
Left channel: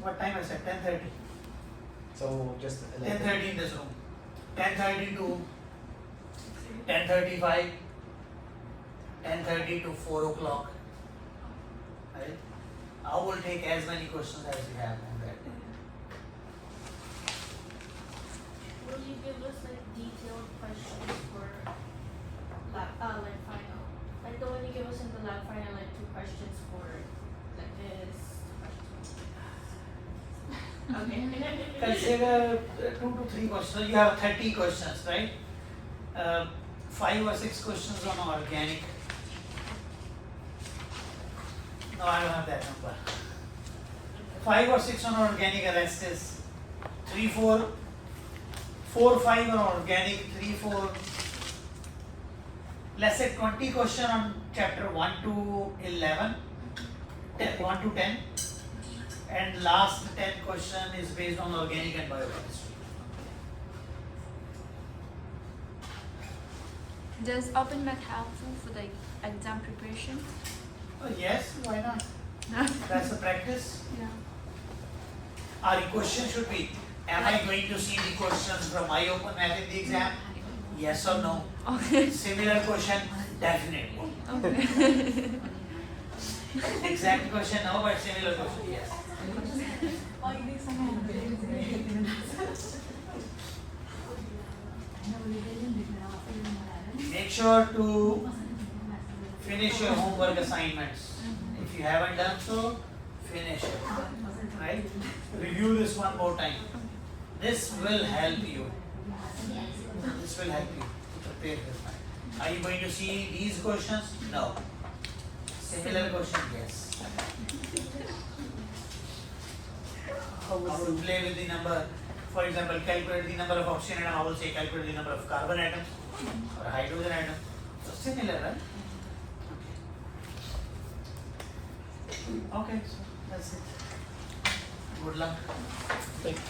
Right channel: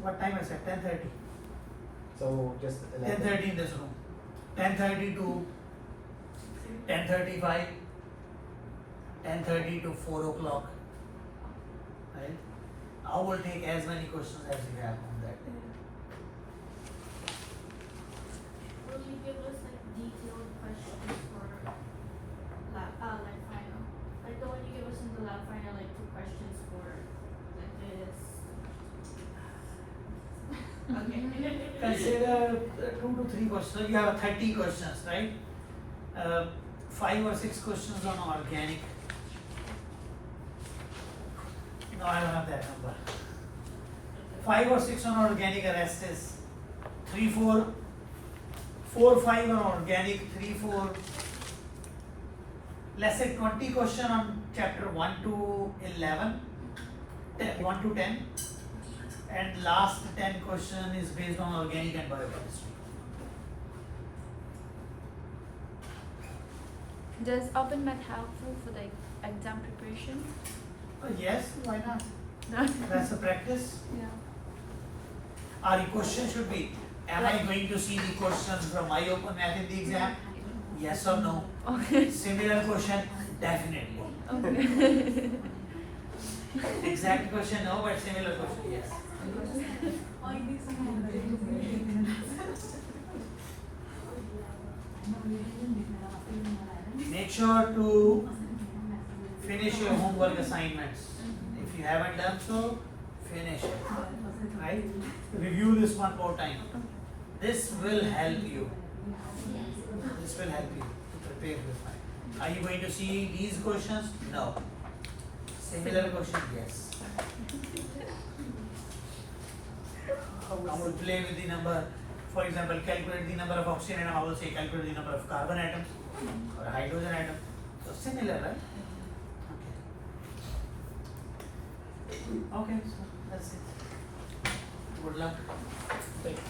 What time I said? 10:30. So just 11. 10:30 in this room. 10:30 to 10:35. 10:30 to 4 o'clock. Right? I will take as many questions as you have on that day. Will you give us like detailed questions for lab final? Like the one you give us in the lab final, like 2 questions for like this. Okay. Consider 2 to 3 questions. You have 30 questions, right? 5 or 6 questions on organic. No, I don't have that number. 5 or 6 on organic arrestes. 3, 4, 4, 5 on organic. 3, 4. Let's say 20 question on chapter 1 to 11. 1 to 10. And last 10 question is based on organic and biochemistry. Does open math helpful for the exam preparation? Yes, why not? No. That's a practice. Yeah. Our question should be, am I going to see the questions from my open math in the exam? Yes or no? Okay. Similar question, definitely. Okay. Exact question, no, but similar question, yes. Make sure to finish your homework assignments. If you haven't done so, finish it. Right? Review this one more time. This will help you. This will help you to prepare this. Are you going to see these questions? No. Similar question, yes. I will play with the number. For example, calculate the number of oxygen atom. I will say calculate the number of carbon atoms or hydrogen atom. So similar, right? Okay, so that's it. Good luck. Thank you.